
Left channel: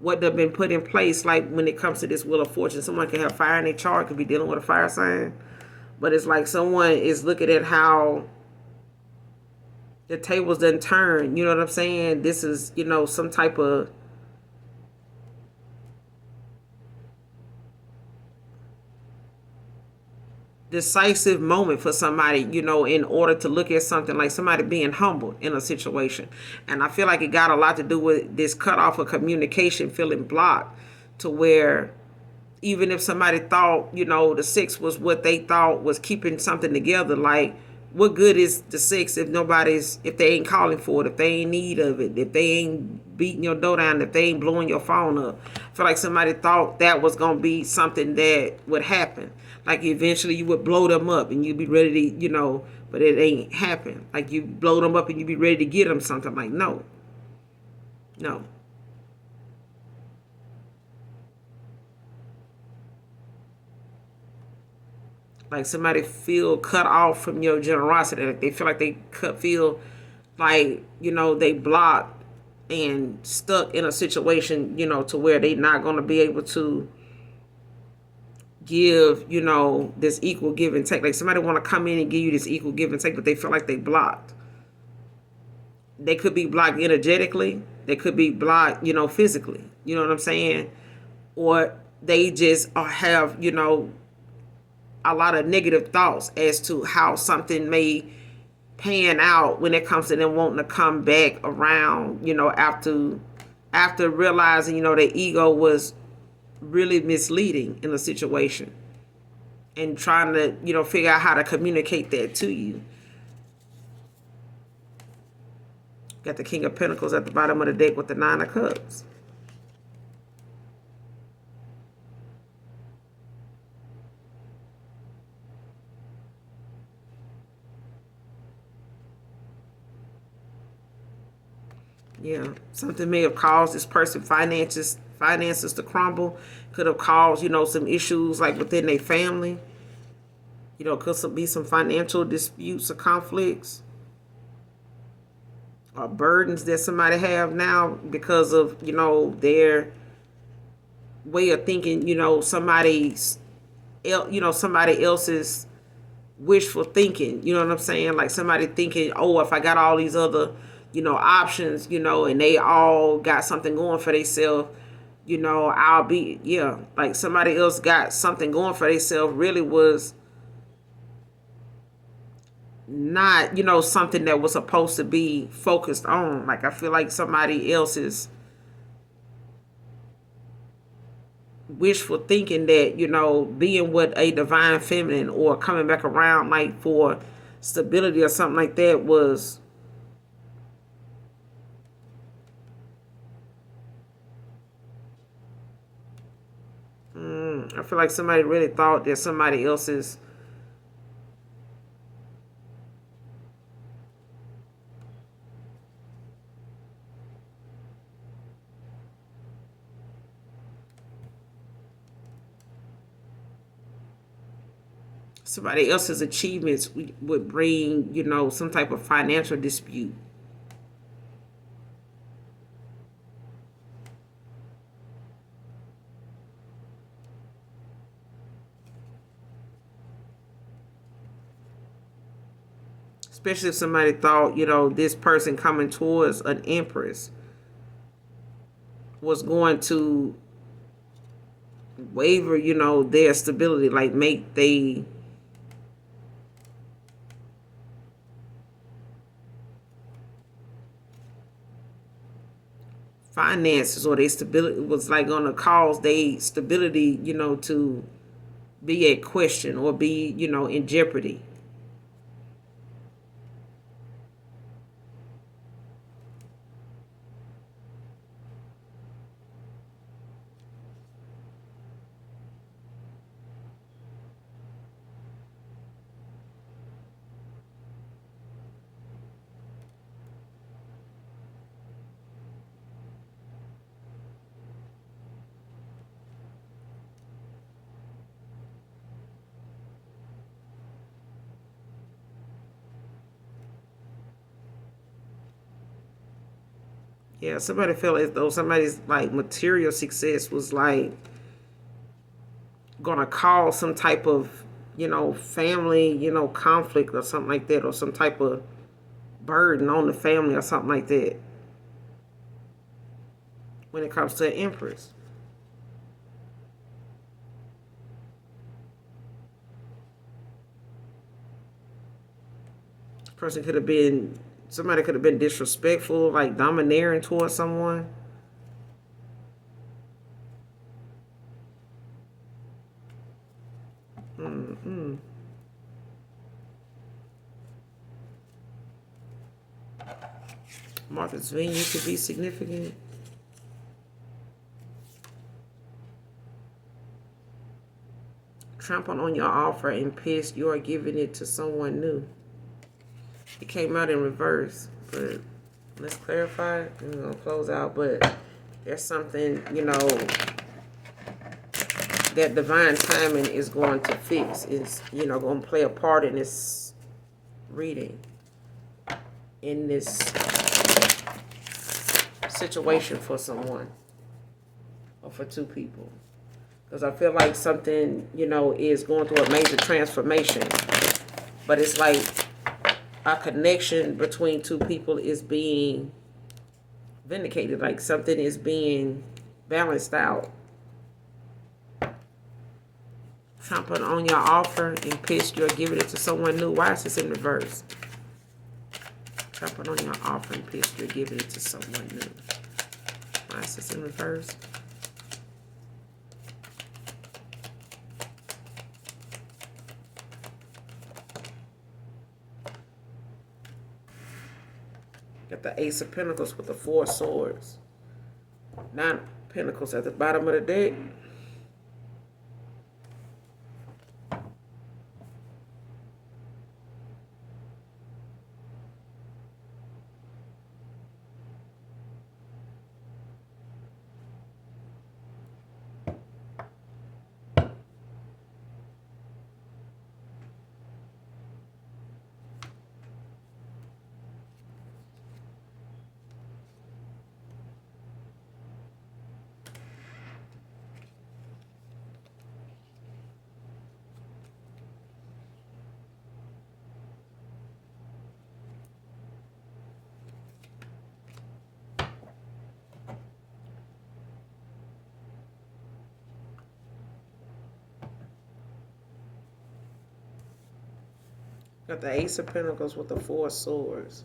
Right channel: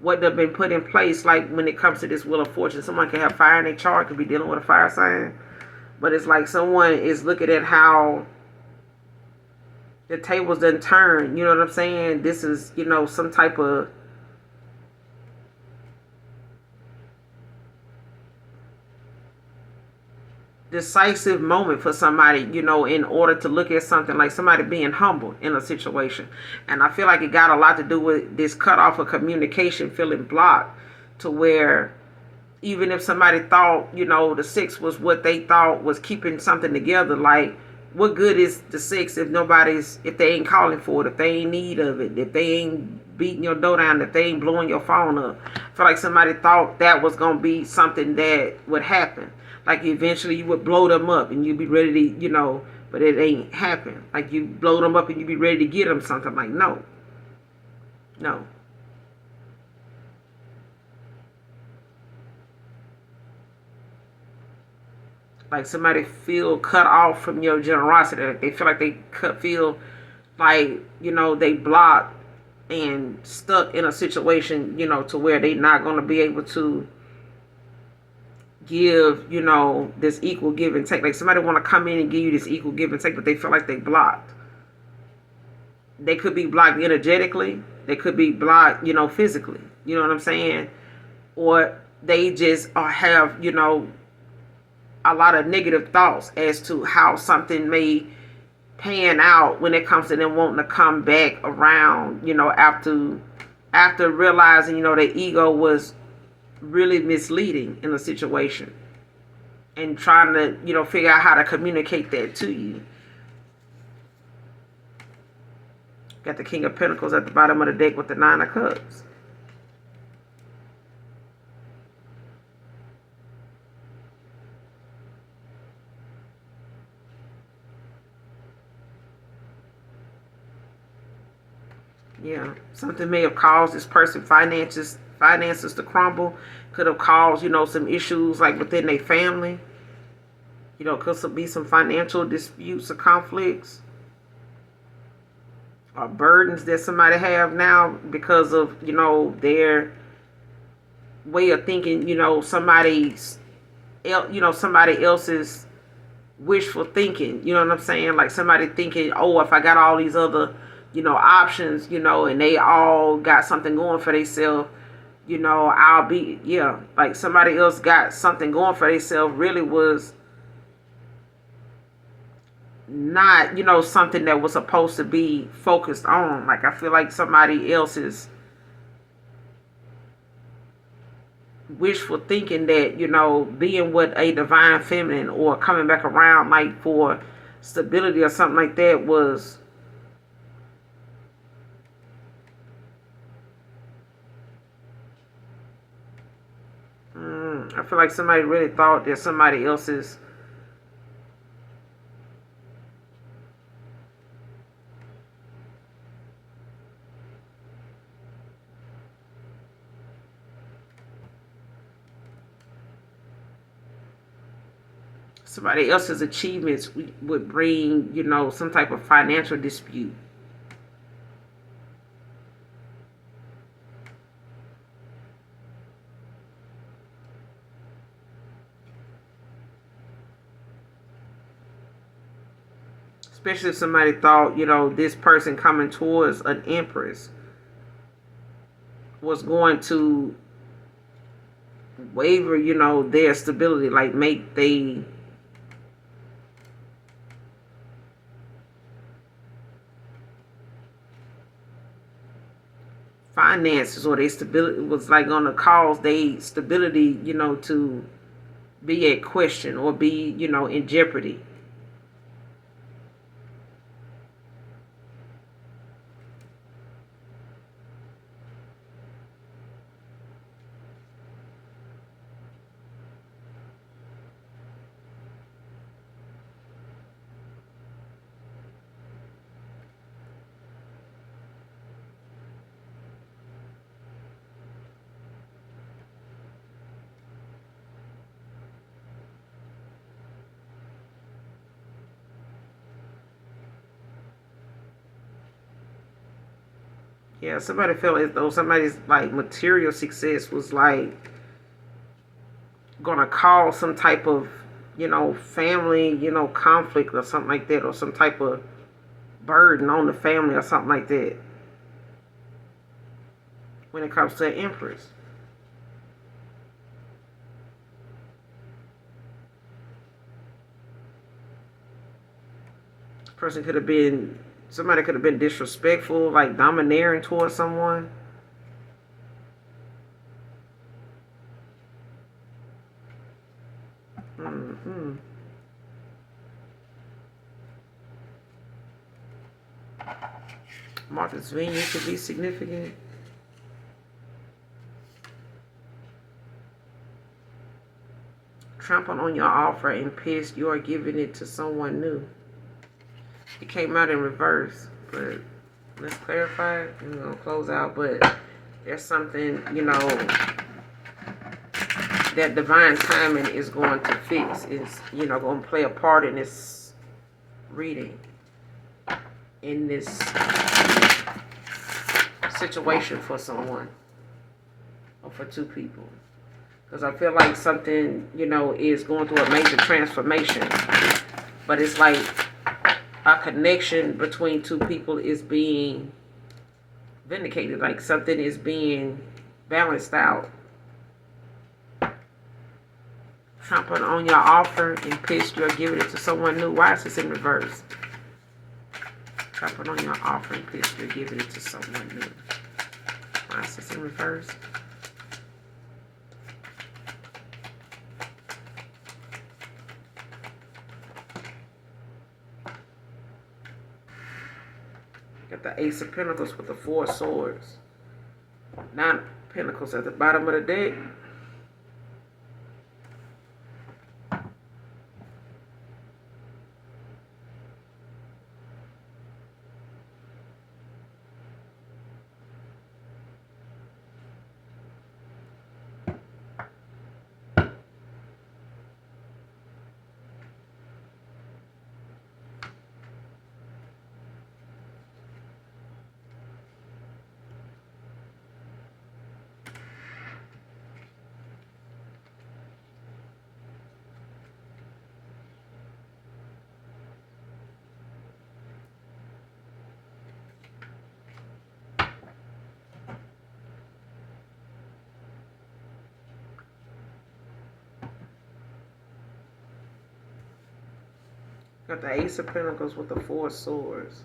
what they've been put in place. Like when it comes to this Wheel of Fortune, someone can have fire in their chart, could be dealing with a fire sign. But it's like someone is looking at how the tables done turn. You know what I'm saying? This is, some type of decisive moment for somebody, in order to look at something, like somebody being humbled in a situation. And I feel like it got a lot to do with this cutoff of communication feeling blocked, to where even if somebody thought, the six was what they thought was keeping something together, like what good is the six if they ain't calling for it, if they ain't need of it, if they ain't beating your door down, if they ain't blowing your phone up. I feel like somebody thought that was gonna be something that would happen. Like eventually you would blow them up and you'd be ready to, but it ain't happen. Like you blow them up and you'd be ready to get them something. Like no, no. Like somebody feel cut off from your generosity. Like they feel like feel like, they blocked and stuck in a situation, to where they not going to be able to give, this equal give and take. Like somebody want to come in and give you this equal give and take, but they feel like they blocked. They could be blocked energetically. They could be blocked, physically. You know what I'm saying? Or they just have, a lot of negative thoughts as to how something may pan out when it comes to them wanting to come back around, after realizing, their ego was really misleading in the situation, and trying to, figure out how to communicate that to you. Got the King of Pentacles at the bottom of the deck with the Nine of Cups. Yeah, something may have caused this person finances to crumble. Could have caused, some issues like within their family. Could be some financial disputes or conflicts or burdens that somebody have now because of, their way of thinking. Somebody else's wishful thinking. You know what I'm saying? Like somebody thinking, oh, if I got all these other, options, and they all got something going for themselves, I'll be, yeah, like somebody else got something going for themselves, really was not, something that was supposed to be focused on. Like I feel like somebody else's wishful thinking that, being with a divine feminine or coming back around like for stability or something like that was I feel like somebody really thought that somebody else's achievements would bring, some type of financial dispute. Especially if somebody thought, this person coming towards an empress was going to waver, their stability, like make they finances or their stability was like going to cause their stability, to be at question or be, in jeopardy. Yeah, somebody felt as though somebody's like material success was like gonna cause some type of, family, conflict or something like that, or some type of burden on the family or something like that when it comes to an empress. Person could have been somebody could have been disrespectful, like domineering towards someone. Hmm. Martha's Vineyard could be significant. Trample on your offer and pissed, you are giving it to someone new. It came out in reverse, but let's clarify. And we're gonna close out, but there's something, that divine timing is going to fix. Is going to play a part in this reading, in this situation for someone or for two people. Because I feel like something, is going through a major transformation. But it's like a connection between two people is being vindicated. Like something is being balanced out. Trampled on your offer and pissed, you're giving it to someone new. Why is this in reverse? Trampled on your offer and pissed, you're giving it to someone new. Why is this in reverse? Got the Ace of Pentacles with the Four Swords. 9 of Pentacles at the bottom of the deck. Got the Ace of Pentacles with the Four Swords.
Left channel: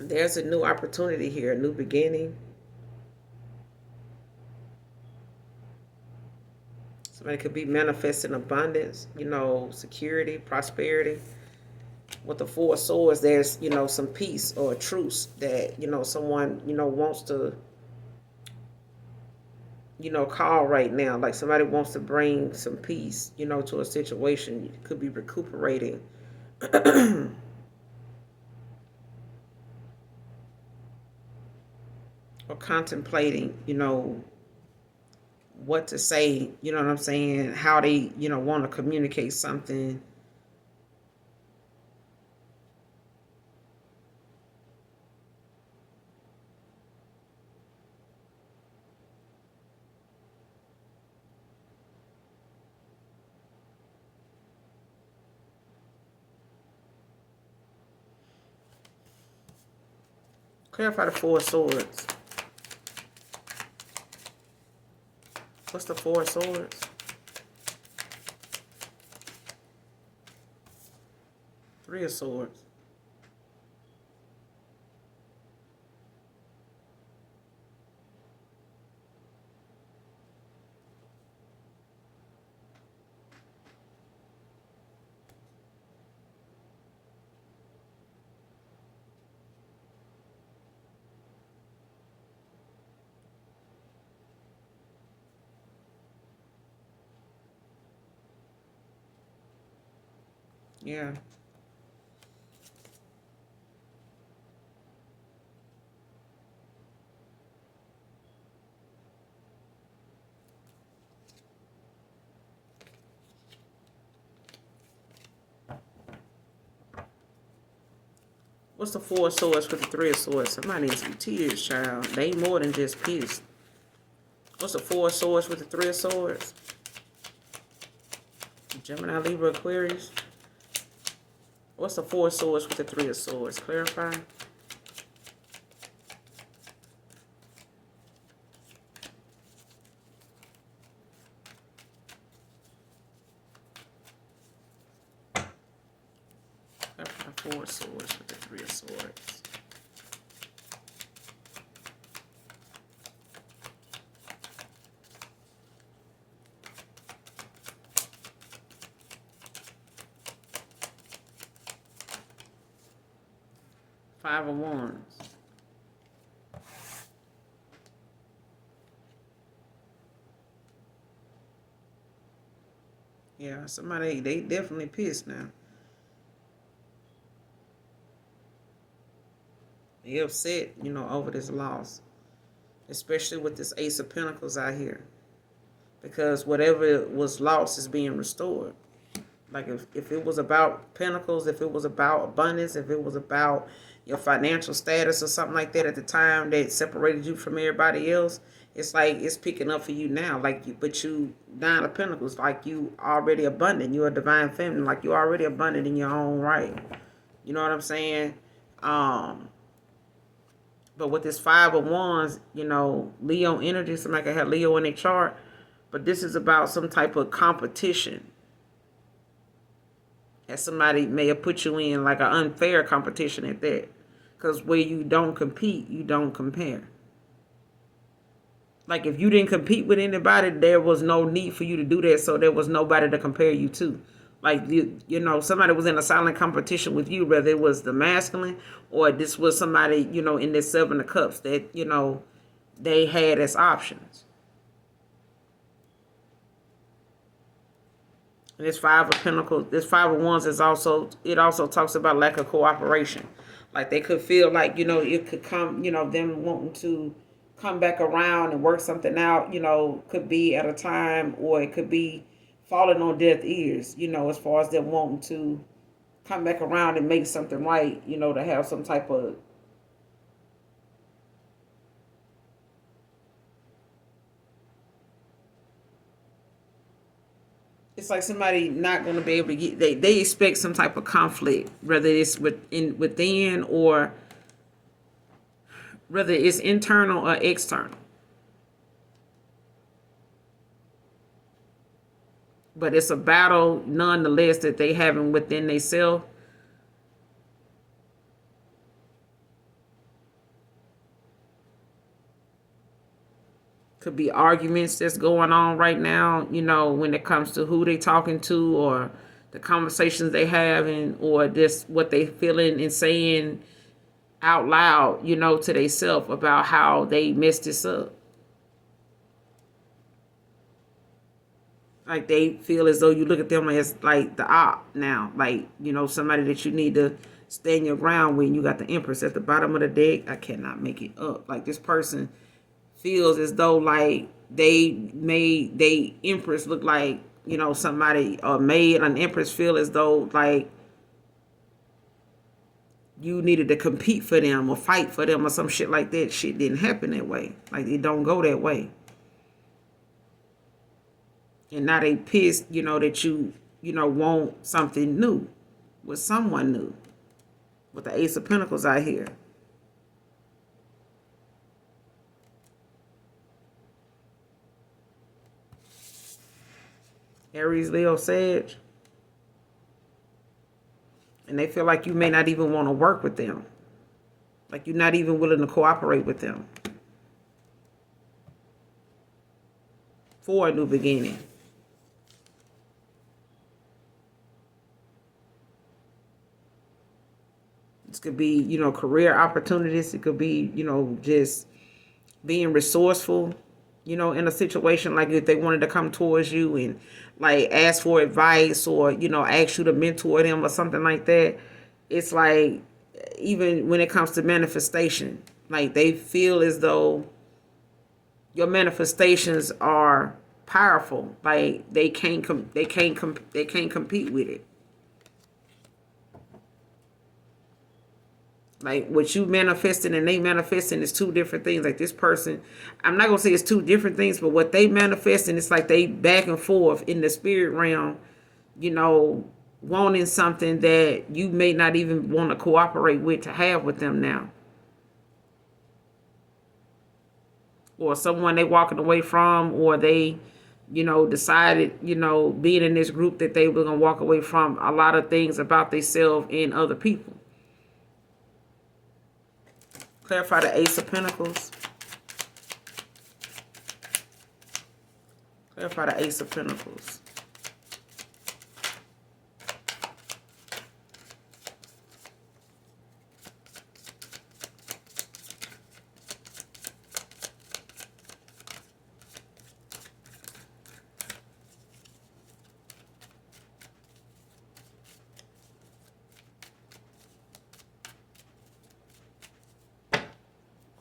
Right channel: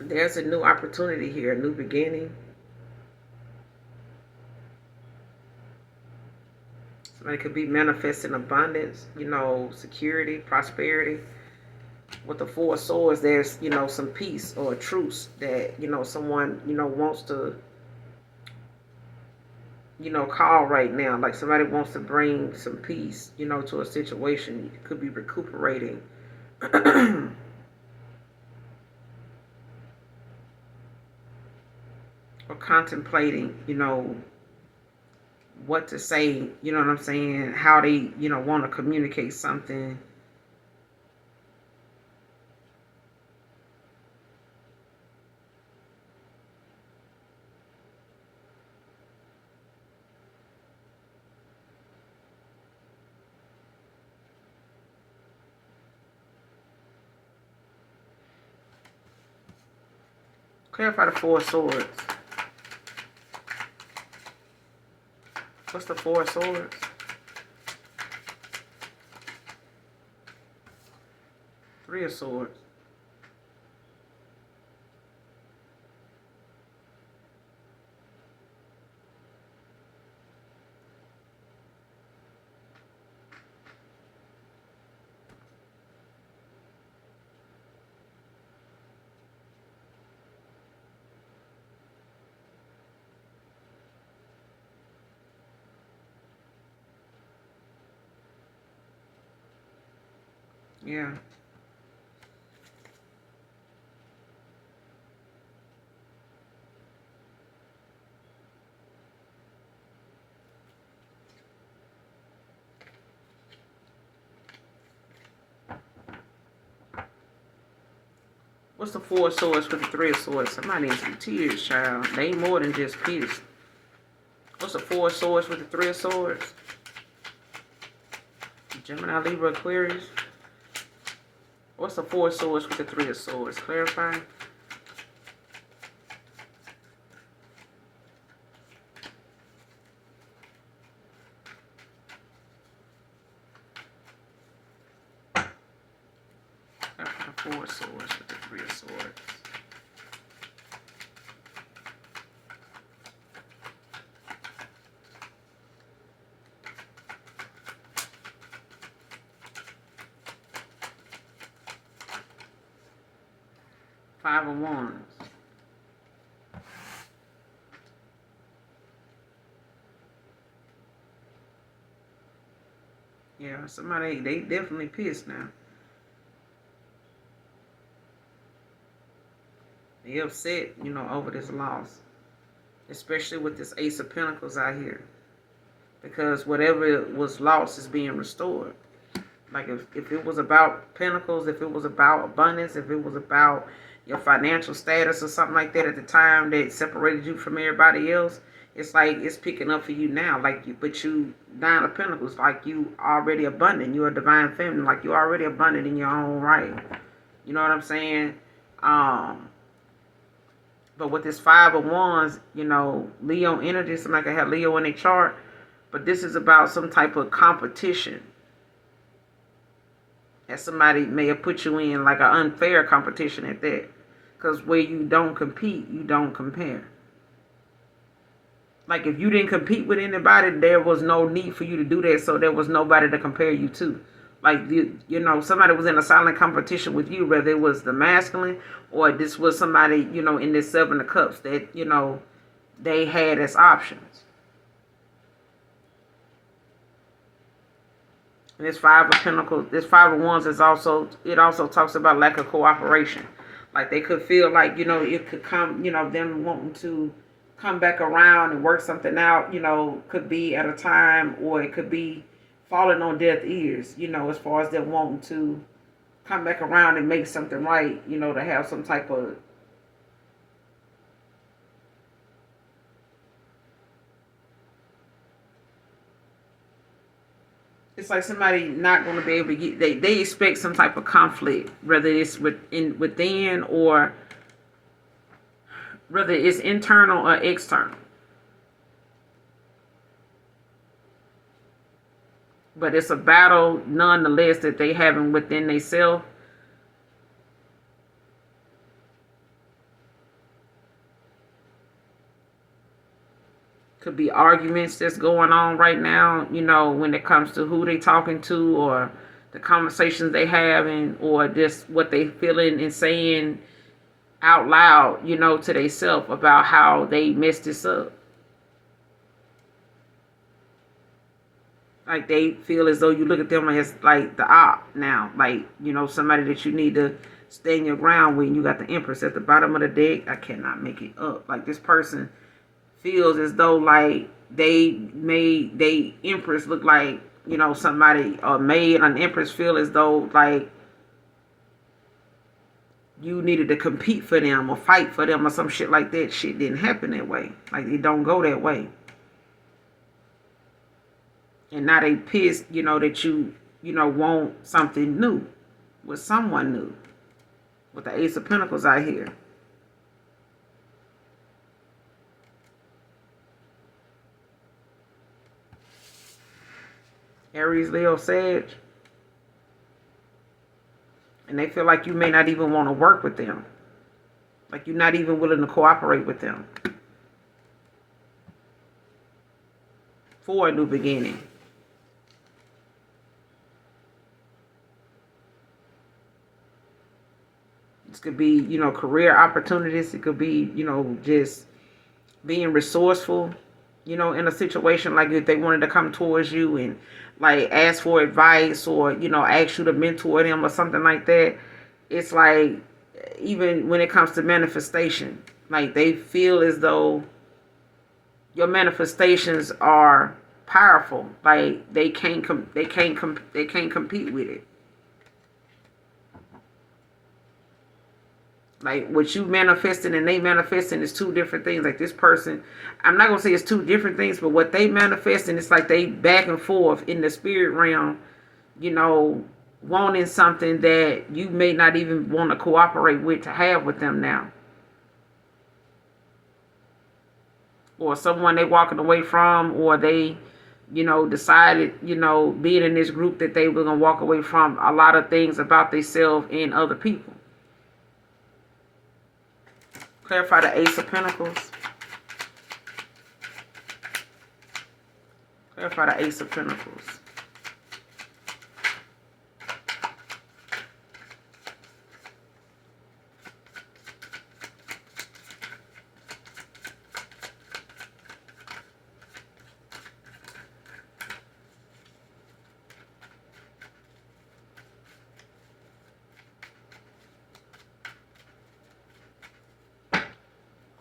There's a new opportunity here, a new beginning. Somebody could be manifesting abundance, security, prosperity. With the Four Swords, there's, some peace or a truce that, someone, wants to, call right now. Like somebody wants to bring some peace, to a situation. You could be recuperating. Or contemplating, what to say, you know what I'm saying? How they, want to communicate something. Clarify the Four Swords. What's the Four Swords? Three of Swords. Yeah. What's the Four of Swords with the Three of Swords? Somebody needs some tears, child. They ain't more than just pissed. What's the Four of Swords with the Three of Swords? Gemini, Libra, Aquarius. What's the Four of Swords with the Three of Swords? Clarify. Four of Swords with the Three of Swords. Five of Wands. Yeah, somebody, they definitely pissed now. They upset, you know, over this loss. Especially with this Ace of Pentacles out here. Because whatever was lost is being restored. Like if it was about Pentacles, if it was about abundance, if it was about your financial status or something like that at the time that separated you from everybody else, it's like it's picking up for you now. Like but you Nine of Pentacles, like you already abundant. You're a divine feminine, like you're already abundant in your own right. You know what I'm saying? But with this Five of Wands, you know, Leo energy, somebody can have Leo in their chart, but this is about some type of competition that somebody may have put you in, like an unfair competition at that. Because where you don't compete, you don't compare. Like if you didn't compete with anybody, there was no need for you to do that, so there was nobody to compare you to. Like, you know, somebody was in a silent competition with you, whether it was the masculine or this was somebody, you know, in this Seven of Cups that, you know, they had as options. And this Five of Pentacles, this Five of Wands is also, it also talks about lack of cooperation. Like they could feel like, you know, it could come, you know, them wanting to come back around and work something out, you know, could be at a time, or it could be falling on deaf ears, you know, as far as them wanting to come back around and make something right, you know, to have some type of it's like somebody not going to be able to get, they expect some type of conflict, whether it's within or whether it's internal or external. But it's a battle nonetheless that they having within themselves. Could be arguments that's going on right now, you know, when it comes to who they talking to or the conversations they having or just what they feeling and saying out loud, you know, to themselves about how they messed this up. Like they feel as though you look at them as like the op now, like, you know, somebody that you need to stand your ground with. You got the Empress at the bottom of the deck. I cannot make it up. Like this person feels as though like they made they Empress look like, you know, somebody made an Empress feel as though like you needed to compete for them or fight for them or some shit like that. Shit didn't happen that way. Like it don't go that way. And now they pissed, you know, that you know, want something new with someone new. With the Ace of Pentacles out here. Aries, Leo, Sag. And they feel like you may not even want to work with them. Like you're not even willing to cooperate with them. For a new beginning. This could be, you know, career opportunities. It could be, you know, just being resourceful, you know, in a situation like if they wanted to come towards you and like ask for advice or, you know, ask you to mentor them or something like that. It's like, even when it comes to manifestation, like they feel as though your manifestations are powerful. Like they can't compete with it. Like what you manifesting and they manifesting is two different things. Like this person, I'm not gonna say it's two different things, but what they manifesting, it's like they back and forth in the spirit realm, you know, wanting something that you may not even want to cooperate with to have with them now. Or someone they walking away from, or they, decided, being in this group that they were gonna walk away from a lot of things about themselves and other people. Clarify the Ace of Pentacles. Clarify the Ace of Pentacles.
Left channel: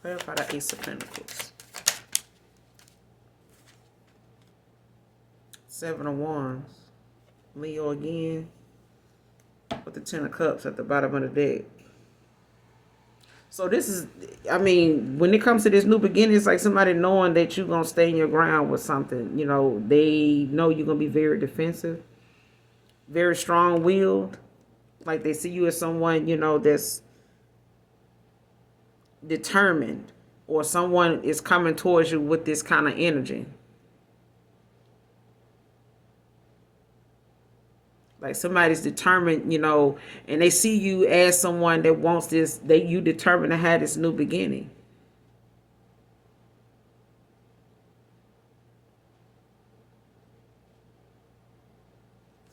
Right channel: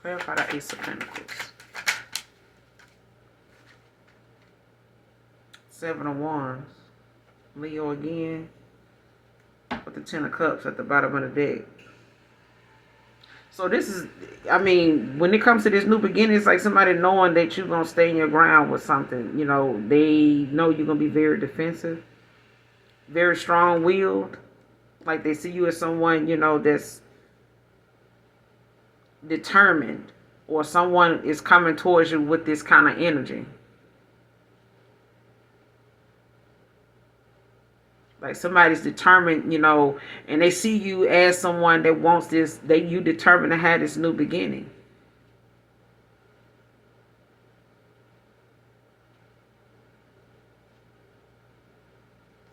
Clarify the Ace of Pentacles. Seven of Wands. Leo again. With the Ten of Cups at the bottom of the deck. So this is, I mean, when it comes to this new beginning, it's like somebody knowing that you're going to stay in your ground with something. They know you're going to be very defensive. Very strong-willed. Like they see you as someone, that's determined, or someone is coming towards you with this kind of energy. Like somebody's determined, and they see you as someone that wants this, you determined to have this new beginning.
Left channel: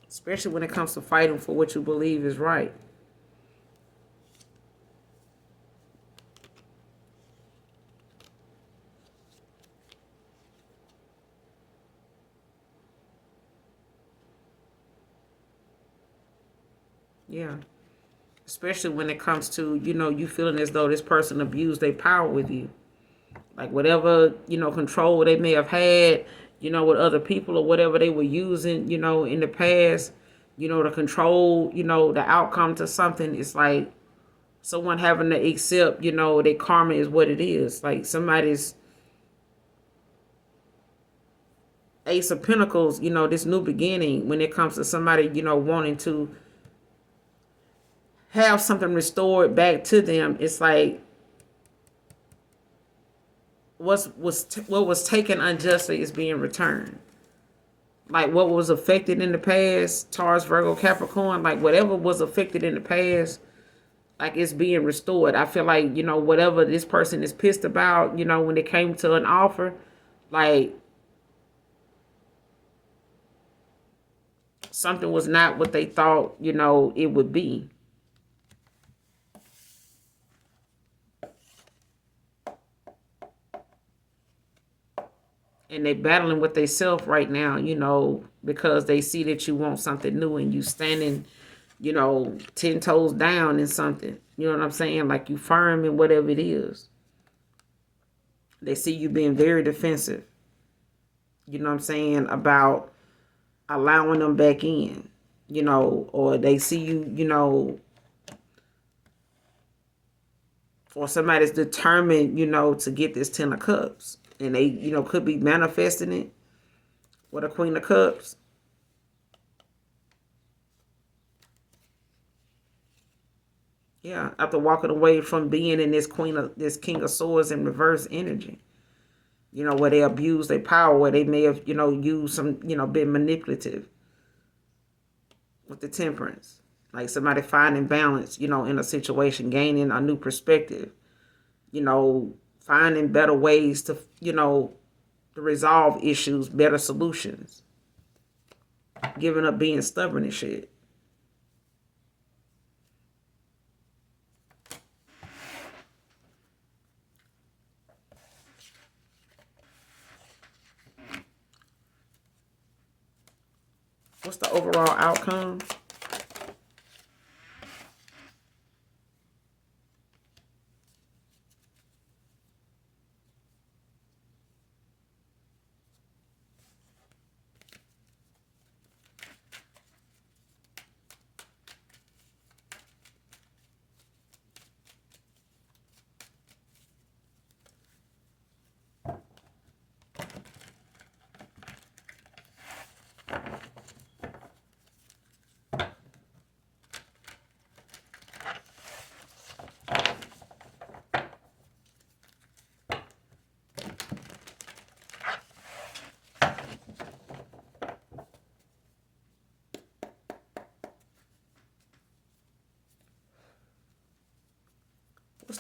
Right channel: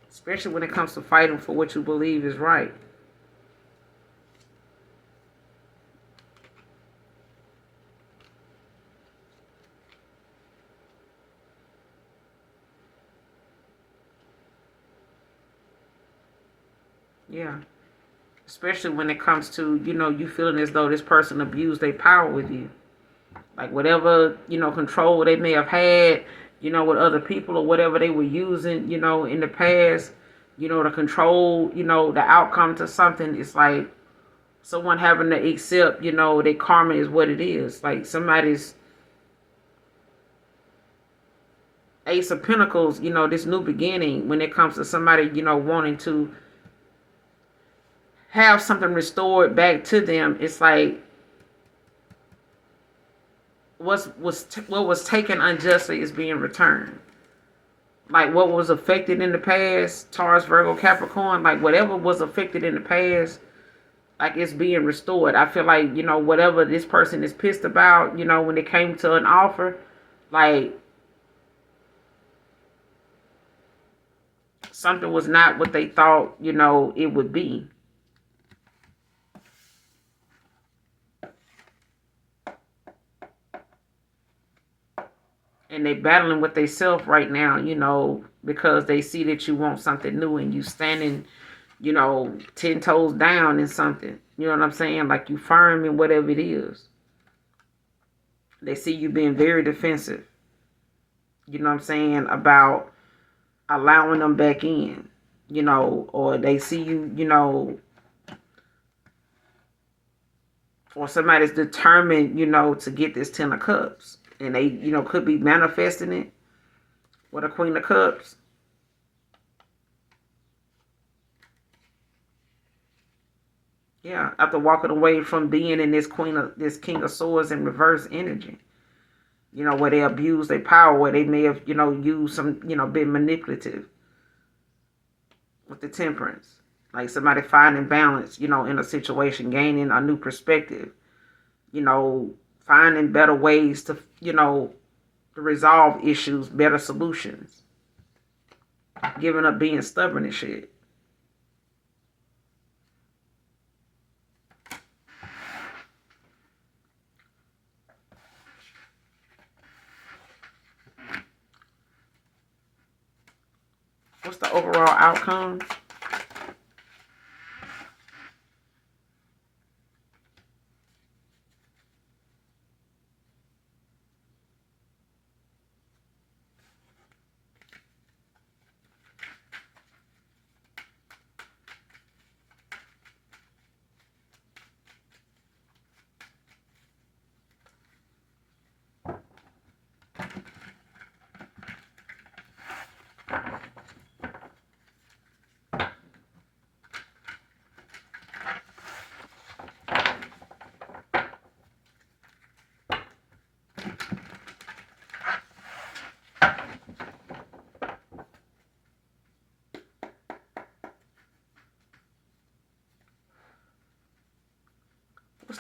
Especially when it comes to fighting for what you believe is right. Yeah. Especially when it comes to, you feeling as though this person abused their power with you. Like whatever, control they may have had, with other people or whatever they were using, in the past, to control, the outcome to something. It's like someone having to accept, their karma is what it is. Like somebody's Ace of Pentacles, this new beginning when it comes to somebody, wanting to have something restored back to them. It's like what was taken unjustly is being returned. Like what was affected in the past, Taurus, Virgo, Capricorn, like whatever was affected in the past, like it's being restored. I feel like, whatever this person is pissed about, when it came to an offer, like something was not what they thought, it would be. And they battling with themselves right now, because they see that you want something new and you standing, 10 toes down in something. You know what I'm saying? Like you firm in whatever it is. They see you being very defensive. You know what I'm saying? About allowing them back in, or they see you, or somebody's determined, to get this 10 of Cups. And they, could be manifesting it with a Queen of Cups. Yeah, after walking away from being in this King of Swords in reverse energy. Where they abuse their power, where they may have, used some, been manipulative with the Temperance. Like somebody finding balance, in a situation, gaining a new perspective, finding better ways to, to resolve issues, better solutions. Giving up being stubborn and shit. What's the overall outcome?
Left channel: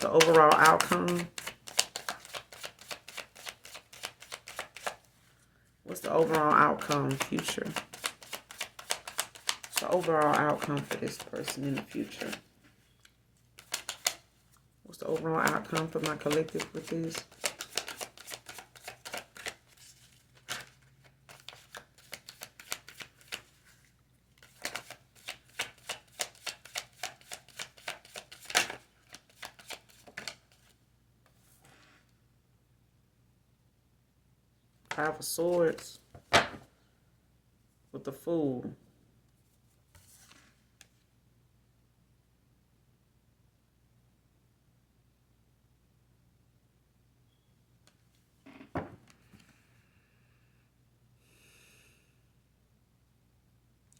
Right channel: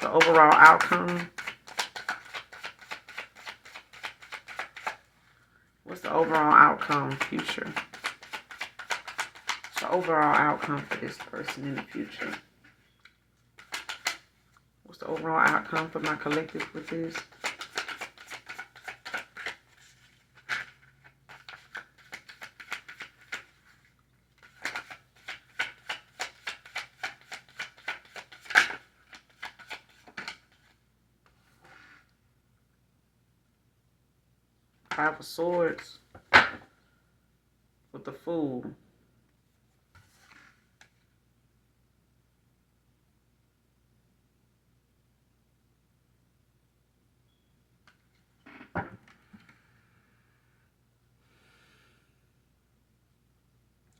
the overall outcome? What's the overall outcome, future? What's the overall outcome for this person in the future? What's the overall outcome for my collective with this? Five of Swords with the Fool.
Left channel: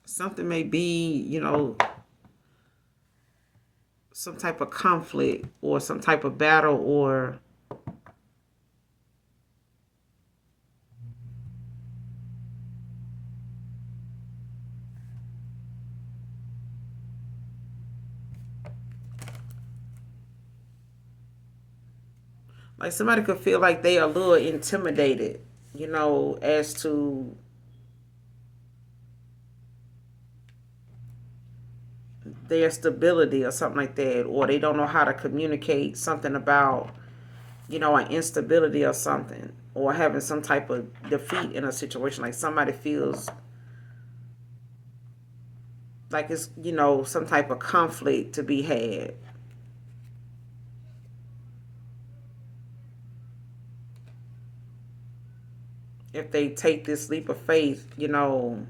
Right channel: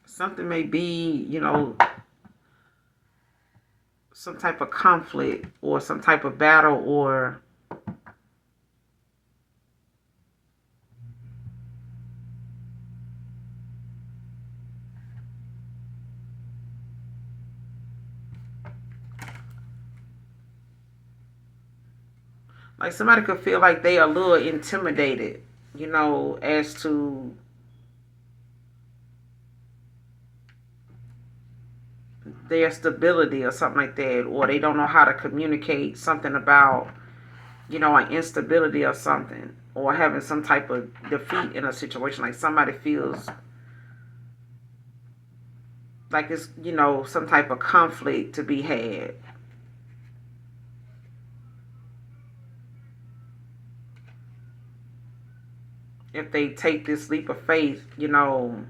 Something may be, you know, some type of conflict or some type of battle, or like somebody could feel like they are a little intimidated, you know, as to their stability or something like that, or they don't know how to communicate something about, you know, an instability or something, or having some type of defeat in a situation. Like somebody feels like it's, you know, some type of conflict to be had. If they take this leap of faith, you know,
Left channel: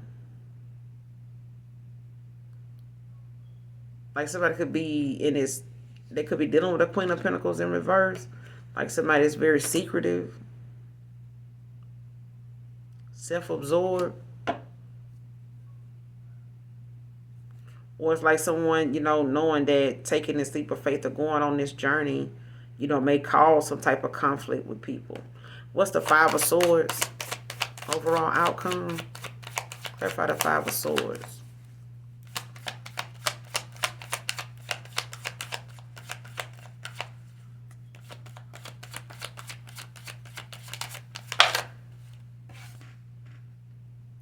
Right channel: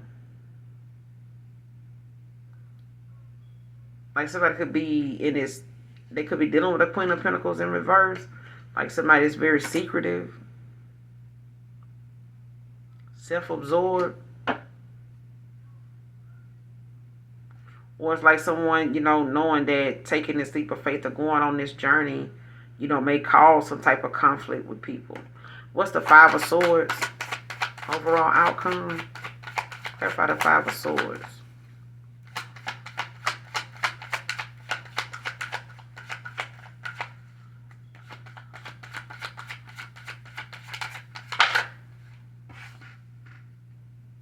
like somebody could be in this, they could be dealing with a Queen of Pentacles in reverse. Like somebody is very secretive, self-absorbed. Or it's like someone, you know, knowing that taking this leap of faith or going on this journey, you know, may cause some type of conflict with people. What's the Five of Swords? Overall outcome. Clarify the Five of Swords.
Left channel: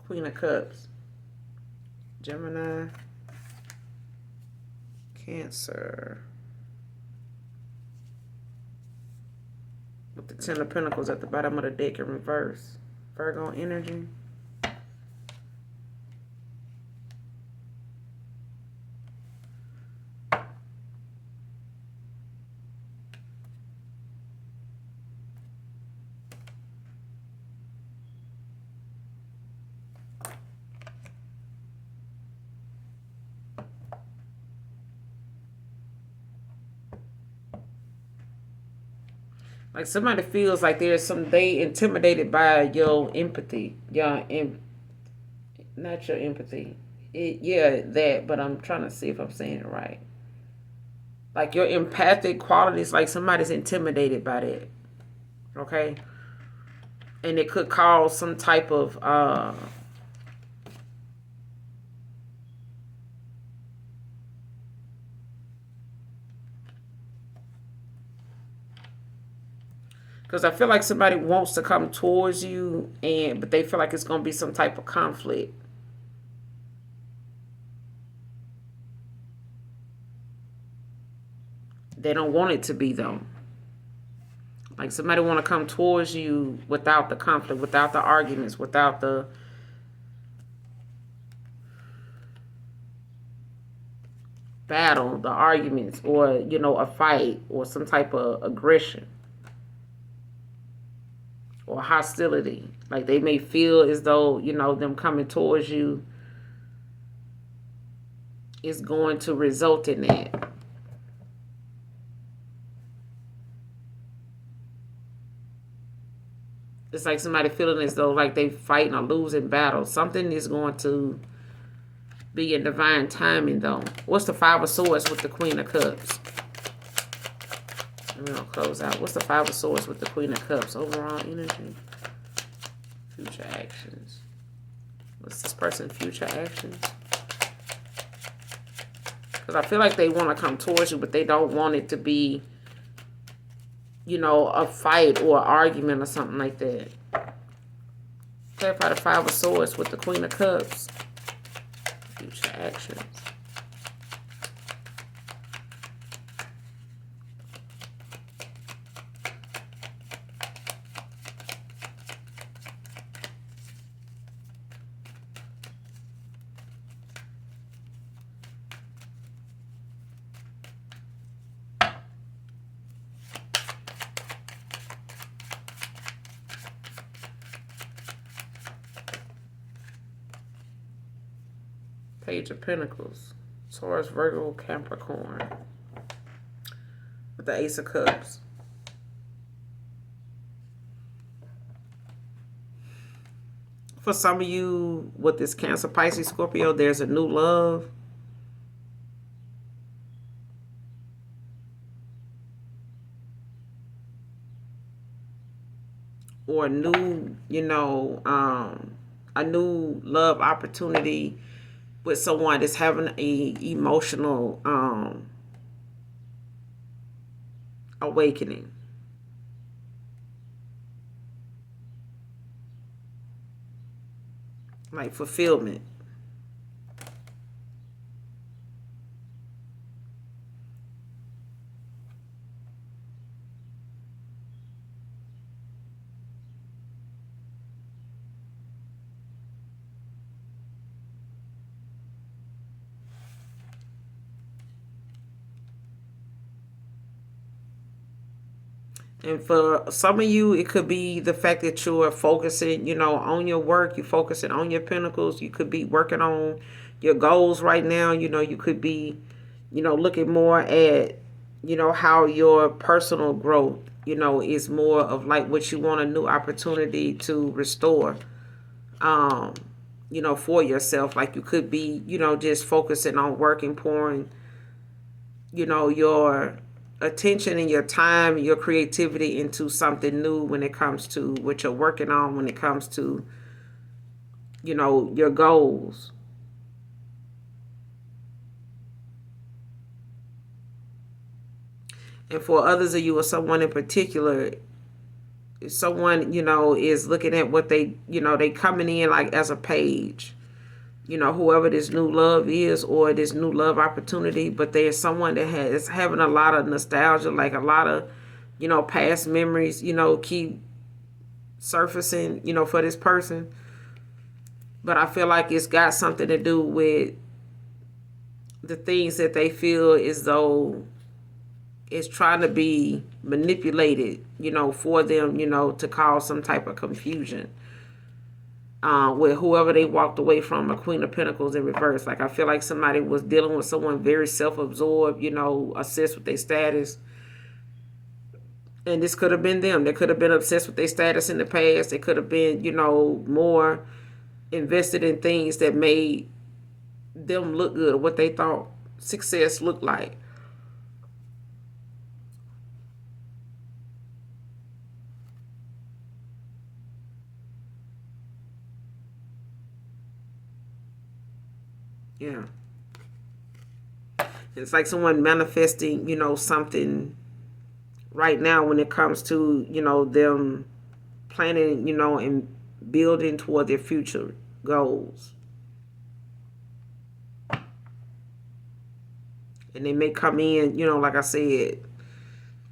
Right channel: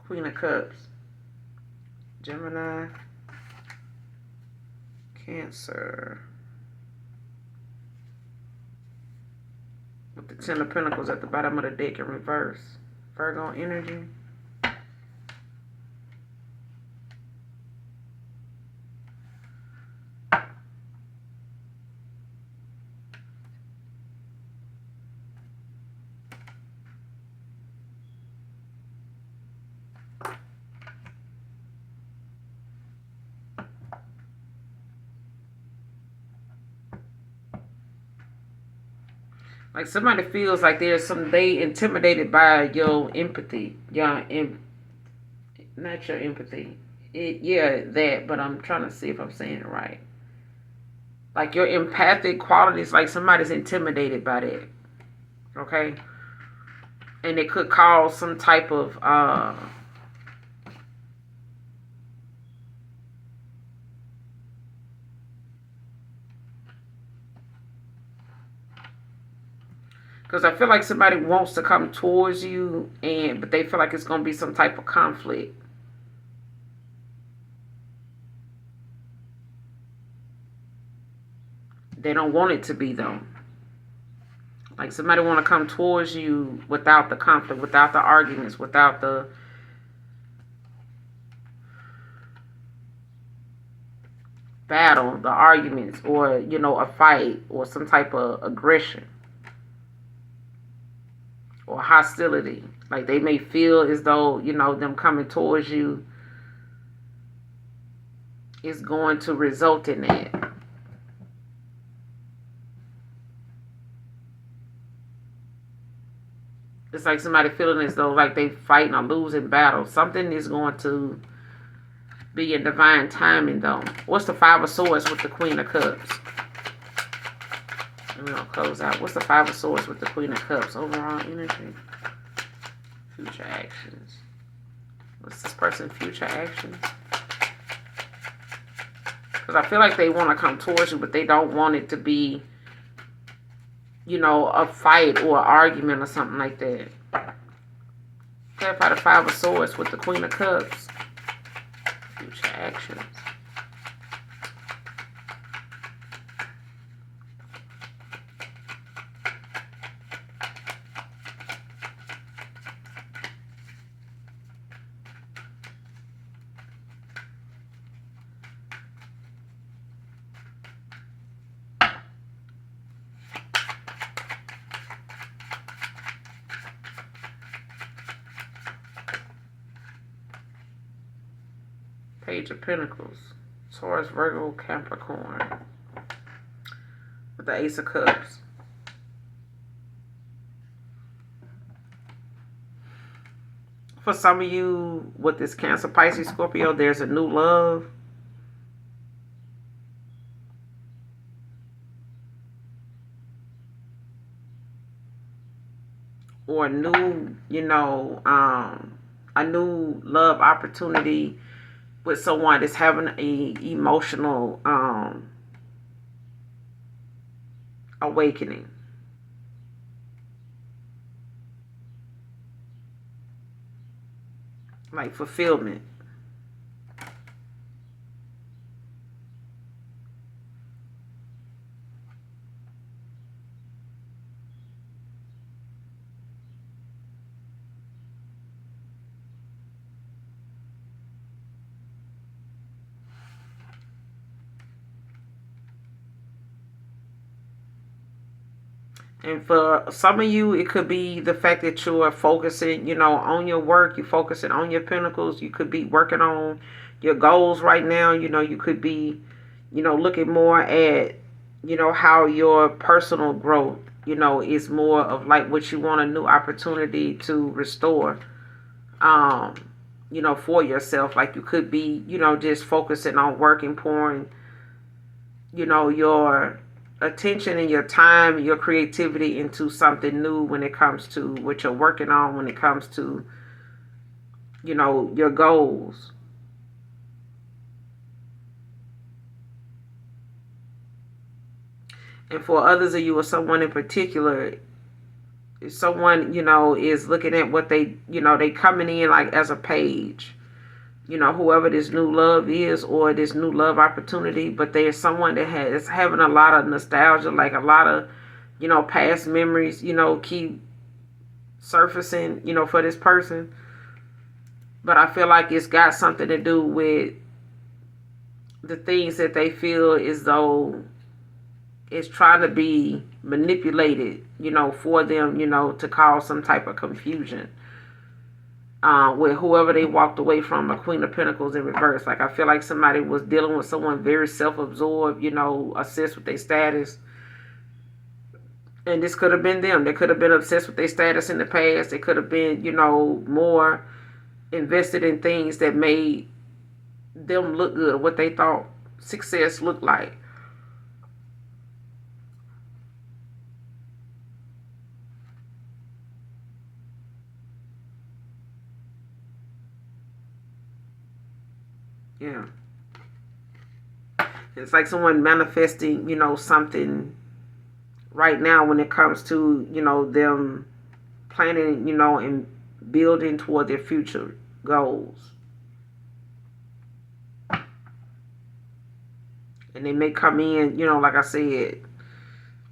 Queen of Cups. Gemini. Cancer. With the Ten of Pentacles at the bottom of the deck in reverse. Virgo energy. Like somebody feels like there's some, they intimidated by your empathy. Not your empathy. Yeah, that, but I'm trying to see if I'm saying it right. Like your empathic qualities, like somebody's intimidated by that. Okay? And it could cause some type of because I feel like somebody wants to come towards you, but they feel like it's going to be some type of conflict. They don't want it to be, though. Like somebody want to come towards you without the conflict, without the arguments, without the battle, the arguments, or, you know, a fight or some type of aggression or hostility. Like they may feel as though, you know, them coming towards you is going to result in that. It's like somebody feeling as though like they fighting or losing battle. Something is going to be in divine timing, though. What's the Five of Swords with the Queen of Cups? And we're going to close out. What's the Five of Swords with the Queen of Cups? Overall energy. Future actions. What's this person's future actions? Because I feel like they want to come towards you, but they don't want it to be a fight or argument or something like that. Clarify the Five of Swords with the Queen of Cups. Future actions. Page of Pentacles. Taurus, Virgo, Capricorn. With the Ace of Cups. For some of you with this Cancer, Pisces, Scorpio, there's a new love. Or a new, a new love opportunity with someone that's having a emotional awakening. Like fulfillment. And for some of you, it could be the fact that you are focusing, on your work. You're focusing on your pinnacles. You could be working on your goals right now. You could be, looking more at, how your personal growth, is more of like what you want a new opportunity to restore, um, for yourself. Like you could be, just focusing on working, pouring, your attention and your time and your creativity into something new when it comes to what you're working on, when it comes to, your goals. And for others of you or someone in particular, someone, is looking at what they coming in like as a page, whoever this new love is or this new love opportunity, but there's someone that is having a lot of nostalgia, like a lot of, past memories, keep surfacing, for this person. But I feel like it's got something to do with the things that they feel as though it's trying to be manipulated, for them, to cause some type of confusion. With whoever they walked away from, a Queen of Pentacles in reverse. Like I feel like somebody was dealing with someone very self-absorbed, obsessed with their status. And this could have been them. They could have been obsessed with their status in the past. They could have been, more invested in things that made them look good, or what they thought success looked like. Yeah. It's like someone manifesting, something right now when it comes to, them planning, and building toward their future goals. And they may come in, like I said,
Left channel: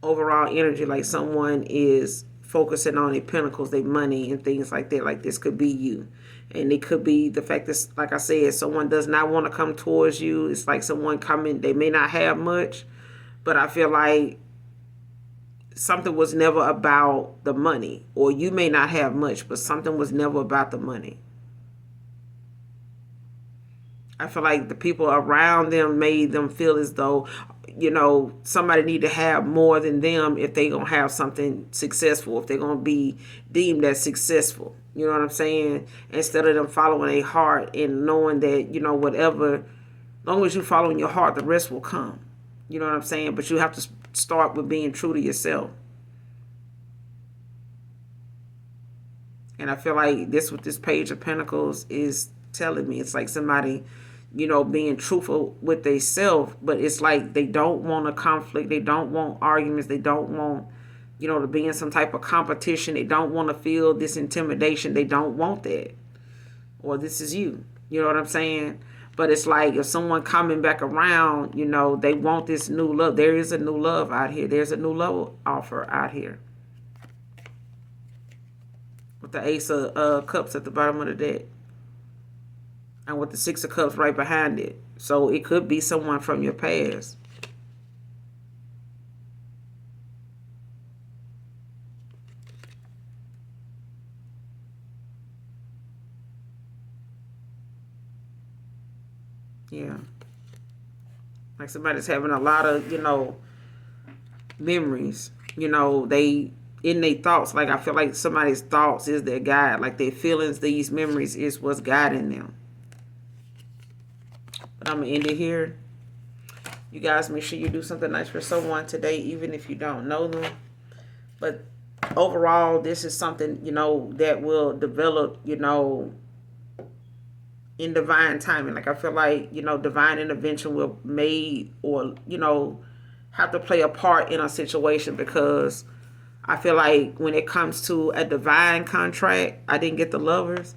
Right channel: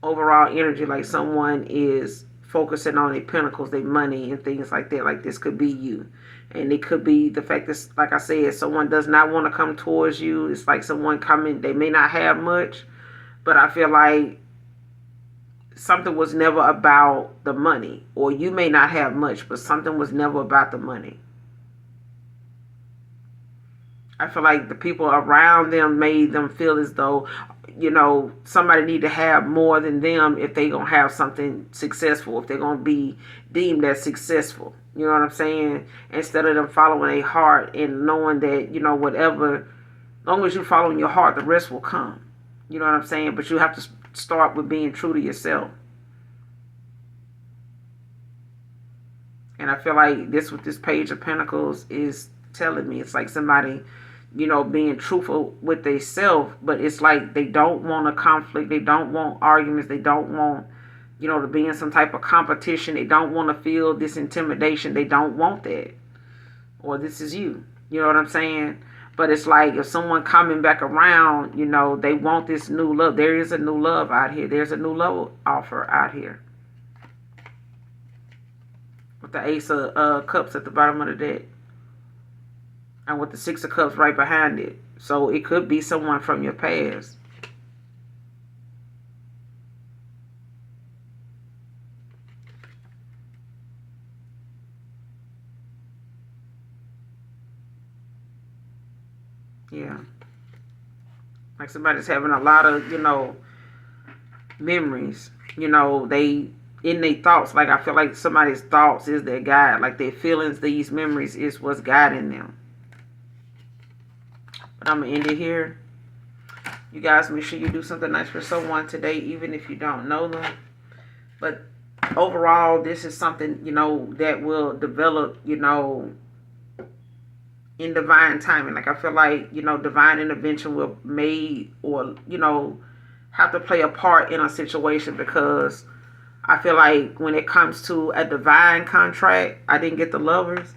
overall energy, like someone is focusing on their pentacles, their money, and things like that. Like this could be you. And it could be the fact that, like I said, someone does not want to come towards you. It's like someone coming, they may not have much, but I feel like something was never about the money. Or you may not have much, but something was never about the money. I feel like the people around them made them feel as though, somebody need to have more than them if they gonna have something successful, if they're gonna be deemed as successful. You know what I'm saying? Instead of them following their heart and knowing that, whatever, as long as you following your heart, the rest will come. You know what I'm saying? But you have to start with being true to yourself. And I feel like this, with this Page of Pentacles, is telling me it's like somebody, being truthful with themselves, but it's like they don't want a conflict, they don't want arguments, they don't want, you know, to be in some type of competition. They don't want to feel this intimidation. They don't want that. Or this is you. You know what I'm saying? But it's like if someone coming back around, you know, they want this new love. There is a new love out here. There's a new love offer out here. With the Ace of Cups at the bottom of the deck. And with the Six of Cups right behind it. So it could be someone from your past. Yeah. Like somebody's having a lot of, you know, memories. You know, they in their thoughts. Like I feel like somebody's thoughts is their guide. Like their feelings, these memories is what's guiding them. But I'm going to end it here. You guys make sure you do something nice for someone today, even if you don't know them. But overall, this is something, you know, that will develop, you know, in divine timing. Like I feel like, you know, divine intervention will made or, you know, have to play a part in a situation, because I feel like when it comes to a divine contract, I didn't get the Lovers,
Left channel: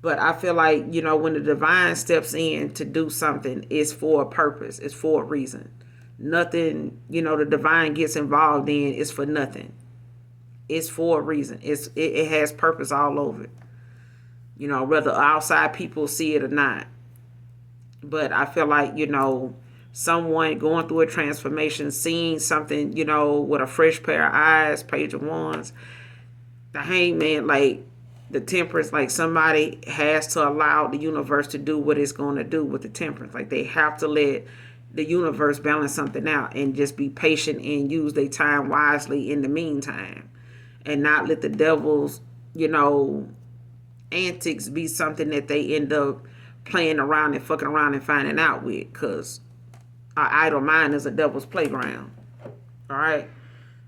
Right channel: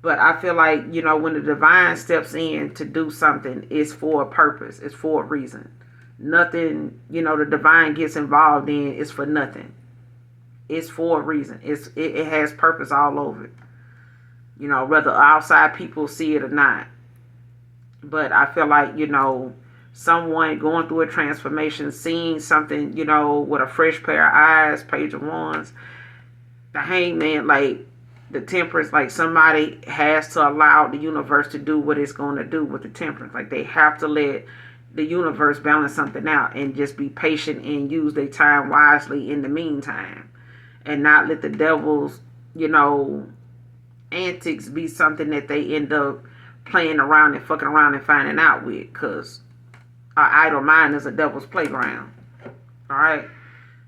but I feel like, you know, when the divine steps in to do something, it's for a purpose. It's for a reason. Nothing, you know, the divine gets involved in is for nothing. It's for a reason. It has purpose all over it. You know, whether outside people see it or not. But I feel like, you know, someone going through a transformation, seeing something, you know, with a fresh pair of eyes, Page of Wands, the Hangman, like the Temperance, like somebody has to allow the universe to do what it's going to do with the Temperance. Like they have to let the universe balance something out and just be patient and use their time wisely in the meantime, and not let the devil's, you know, antics be something that they end up playing around and fucking around and finding out with, because our idle mind is a devil's playground. All right.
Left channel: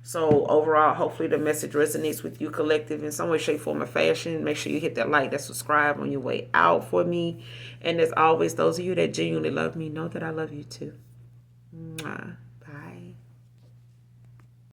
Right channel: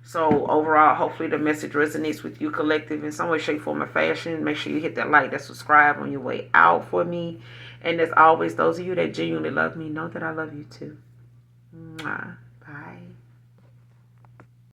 So overall, hopefully the message resonates with you, collective, in some way, shape, form, or fashion. Make sure you hit that like, that subscribe on your way out for me. And as always, those of you that genuinely love me, know that I love you too. Mwah.